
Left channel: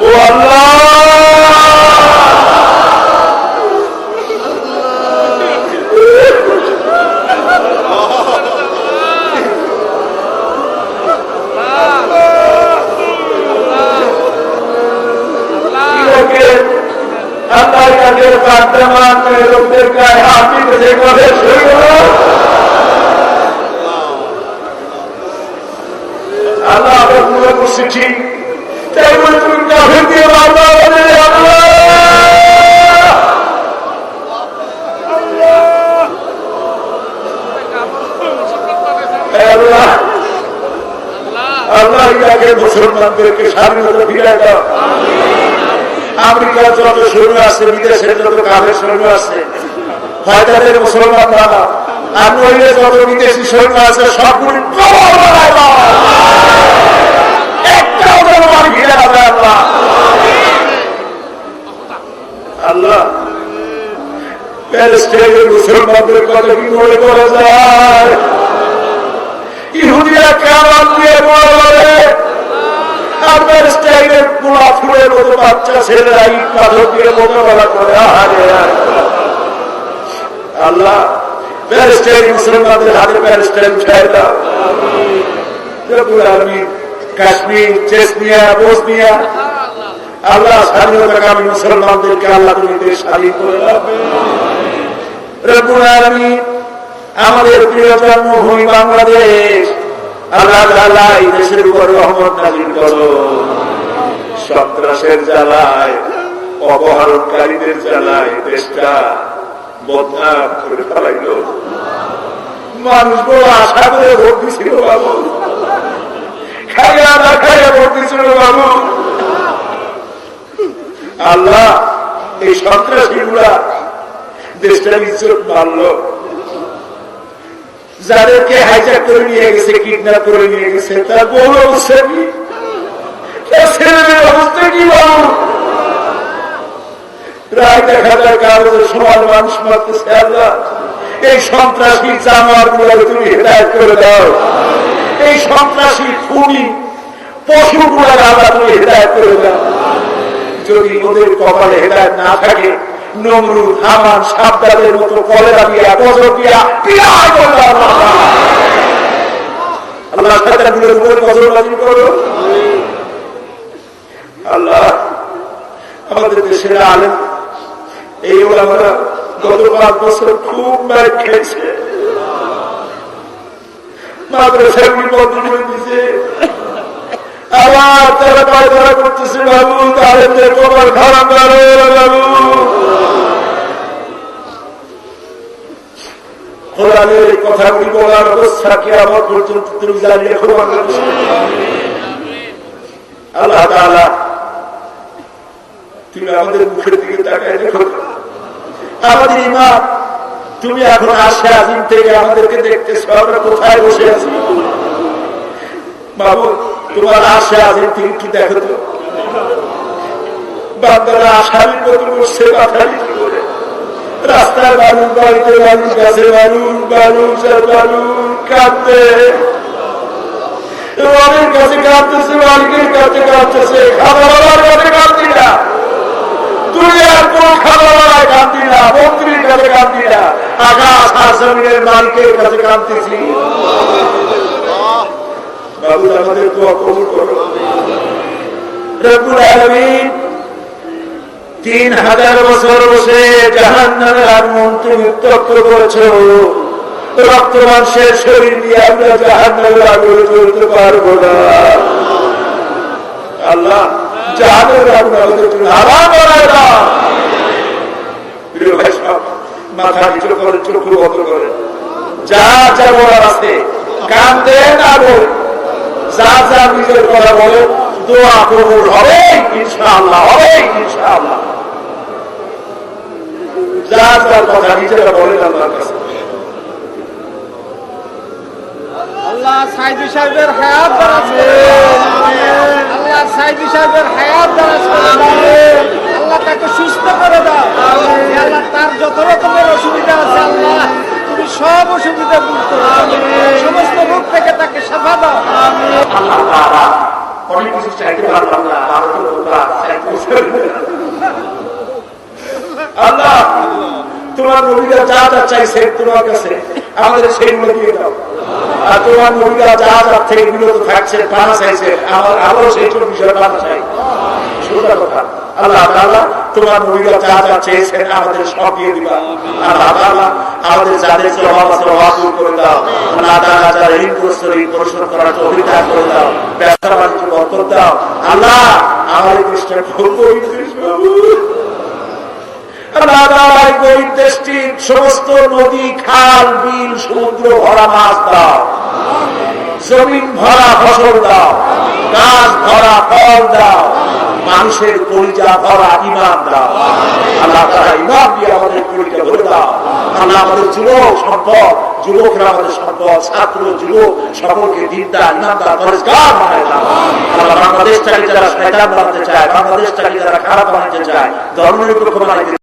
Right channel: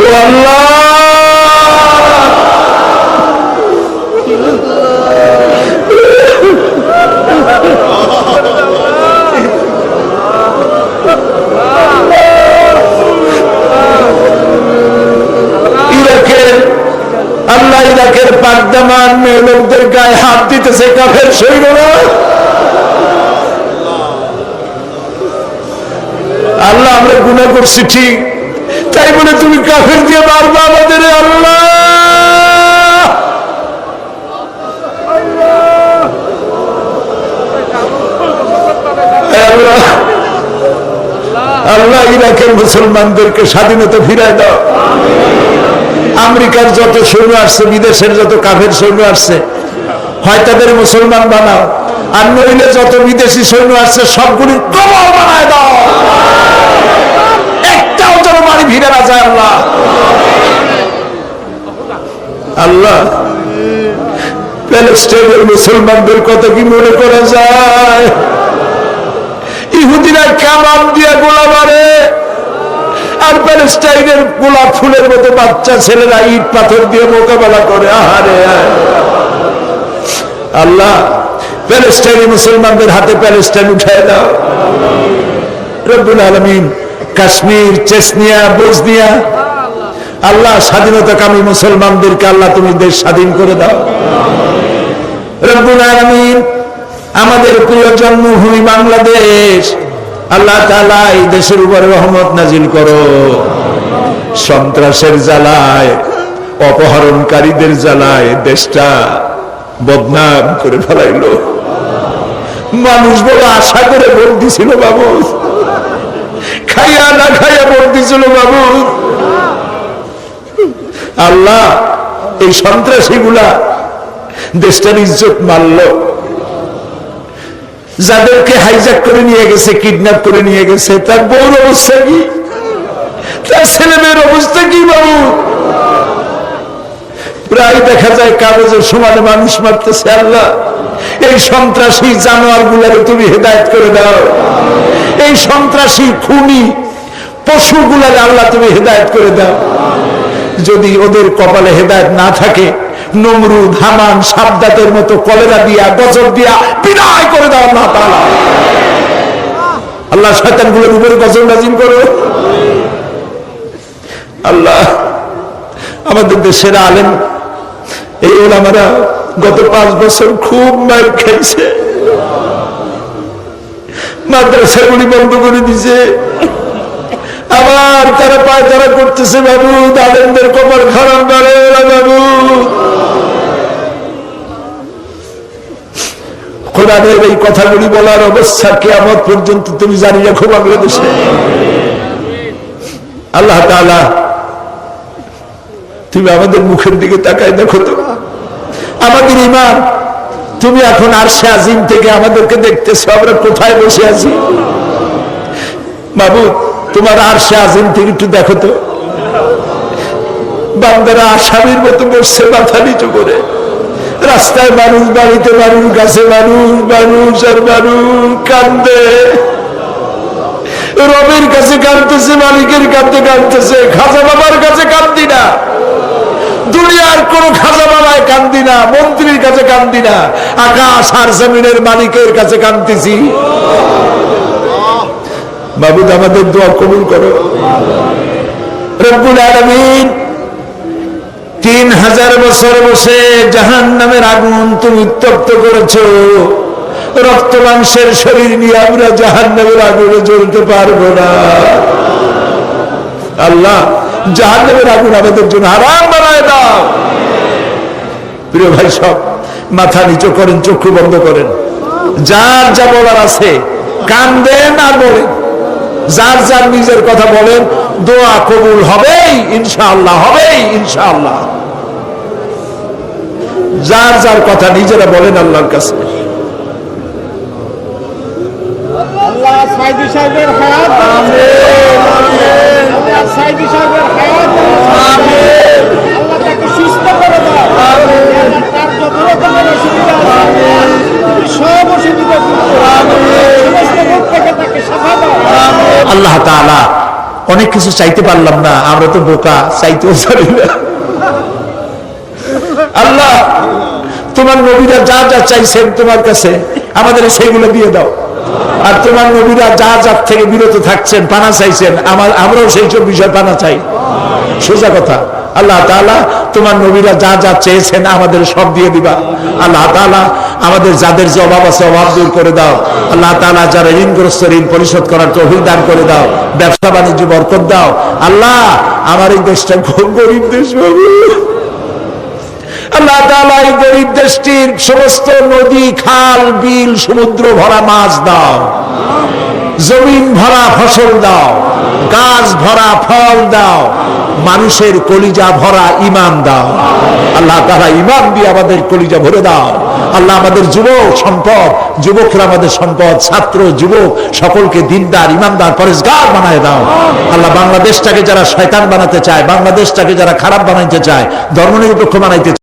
ও আল্লাহ, ইরাকের পাকদামান লোকদের গায়ে হাত দিতেছে কাফের সৈন্যরা। আল্লাহ আমরা গুনাহ করছি ঠিক, তাই বলে তুমি কাফের দিয়ে মারবা আমাদের আল্লাহ। আল্লাহ ইরাকের মুসলমানদেরকে স্বাধীনতা ফিরায় দাও। আমেরিকার যত সৈন্য আসছে, বিদেশের যত কাফের সৈন্য আসছে, হয় তাদের মুসলমান বানাও, আর নইলে যত বিদেশি সৈন্য আসছে সবগুলি একটাও যেন মারি ফিরে আসে আল্লাহ। আল্লাহ প্যালেস্টাইনের মুসলমানদের কথা কি মনে করা যায়? ইহুদিরা কামান দিয়ে গোলা মারে, আর প্যালেস্টাইনের গোলাপ ফুলের মতো বাচ্চা ছেলেরা ইট পাথর দিয়ে মোকাবেলা করে। আহারে আল্লাহ, প্যালেস্টাইন মুসলমানদের হাতে প্যালেস্টাইন উঠায় দাও রব্বুল আলামিন। কাশ্মীর, চেচনিয়া, বসনিয়া আল্লাহ স্বাধীনতাকামী মুসলমানদেরকে আল্লাহ তুমি দেশ স্বাধীন করে দাও রব্বুল আলামিন। আমাদের প্রিয় জন্মভূমি বাংলাদেশ আল্লাহ তাআলা এই দেশের উপর রহমত নাজিল করো। সন্ত্রাসের জ্বালায়, অপহরণকারীদের জ্বালায় দেশটা বদনাম করে ফেলাইলো। মানুষ বড় আশা করে ভোট দিছিল বাবু, খাইয়া না খাইয়া ভোট দিছিল বাবু। আল্লাহ এই সন্ত্রাসী গুলা দেশটার ইজ্জত মারল। যাদেরকে হাইজ্যাক করে নিয়ে গেছে, কিডন্যাপ করে নিয়ে গেছে, তার বউর অবস্থা কি, তার ছেলেমেয়ের অবস্থা কি বাবু? প্রায় দেখা যায় কাগজের সমান মানুষ মারতেছে। আল্লাহ এই সন্ত্রাসী জানোয়ার গুলাকে তুমি হেদায়েত করে দাও। এই সন্ত্রাসী খুনি পশু গুলাকে আল্লাহ তুমি হেদায়েত করে দাও। যদি ওদের কপালে হেদায়েত না থাকে, নমরুদ, হামান, সাদ্দাতের মতো কলেরা দিয়া, গজব দিয়া বিদায় করে দাও না আল্লাহ। শয়তানগুলোর উপরে গজব নাজিল করো আল্লাহ। আমাদের দেশের আলেম এই ওলামারা গত 5 বছর খুব মার খেয়েছে, মাদ্রাসাগুলি বন্ধ করে দিছে, আবার তারা পায়তারা করতেছে বাবু। আলেমদের কবর খারাপ বাবু। খোদাদের এই কথাগুলি বলার অবস্থা কিয়ামত পর্যন্ত তুমি জানি রাখো বাংলাদেশে। আল্লাহ তাআলা তুমি আমাদের মুখের দিকে তাকায় দেখো তো, আমাদের ইমান তুমি এখন আরশে আজিম থেকে আমাদেরকে দেখতেছো, আমরা কোথায় বসে আছি বাবু? তোমার আরশে আজিম থেকে একটু দেখো তো, বান্দারা আসামির মতো বসছে মাথা নিচু করে। রাস্তায় মানুষ, বাড়িতে মানুষ, গাছে মানুষ, মানুষ আর মানুষ কান্দে। রবের কাছে কাঁদতেছে, মালিকের কাছে কাঁদতেছে, খাজা বাবার কাছে কান্দি না, দুনিয়ার কোন খাজা বাবায় কান্দি না, মন্ত্রীর কাছে কান্দি না, আকাশ আর জমিনের মালিকের কাছে কাঁদতেছি। মাবুদ আমাদের দোয়া কবুল করো। রব্বুল আলামিন 3000 বছর বসে জাহান্নামের আগুন তুমি উত্তপ্ত করেছো। রক্ত মাংসের শরীর নিয়ে আমরা জাহান্নামের আগুনে জ্বলতে পারবো না। আল্লাহ, জাহান্নামের আগুন আমাদের জন্য হারাম বানায় দাও। প্রিয় ভাই, সব মাথা নিচু করেন, চক্ষু বন্ধ করেন। যার যা বলার আছে কান্দেন আর বলেন, যার যার নিজের কথা বলেন, দোয়া কবুল হবেই ইনশাআল্লাহ, হবেই ইনশাআল্লাহ। যার যার কথা নিজেরা বলেন আল্লাহর কাছে। আল্লাহ সাইদি সাহেবের হায়াত আমিন, আল্লাহ সাইদি সাহেবের হায়াত আমিন, আল্লাহ তাকে সুস্থ করে দাও আল্লাহ, তার যত রকমের অসুবিধা আছে আল্লাহ তুমি সব অসুবিধা দূর করো আমিন, সমস্ত রোগ থেকে তাকে শাফা দাও আমিন। আল্লাহ তাআলা, অনেক কিছু চাইতে পারলাম না, আমরা তো বোকা, চাইতেও জানি না। আল্লাহ, তোমার নবীরা যা যা চাইছেন তোমার কাছে আমাদের সেগুলো দিয়ে দাও। আর তোমার নবীরা যা যার থেকে বিরত থাকছেন, পানা চাইছেন, আমরাও সেই সব বিষয় পানা চাই। সোজা কথা। আল্লাহ তাআলা, তোমার নবীরা যা যা চেয়েছেন আমাদের সব দিয়ে দিবা। আল্লাহ তাআলা, আমাদের যাদের যে অভাব আছে অভাব দূর করে দাও। আল্লাহ তাআলা, যারা ঋণগ্রস্ত ঋণ পরিশোধ করার তৌফিক দান করে দাও। ব্যবসা বাণিজ্য বরকত দাও। আল্লাহ, আমার এই দেশটা খুব গরিব দেশ বাবু। আল্লাহ তাআলা, এই গরিব দেশটির সমস্ত নদী, খাল, বিল, সমুদ্র ভরা মাছ দাও, জমিন ভরা ফসল দাও, গাছ ভরা ফল দাও, মানুষের কলিজা ভরা ঈমান দাও। আল্লাহ তাআলা, ঈমান দিয়ে আমাদের কলিজা ভরে দাও। আল্লাহ, আমাদের যুবক সম্পদ, যুবকরা আমাদের সম্পদ, ছাত্র যুবক সকলকে দিনদার, ঈমানদার, পরেশগার বানায় দাও। আল্লাহ, বাংলাদেশটাকে যারা শয়তান বানাতে চায়, বাংলাদেশটাকে যারা খারাপ বানাইতে চায়, ধর্মনিরপেক্ষ বানাইতে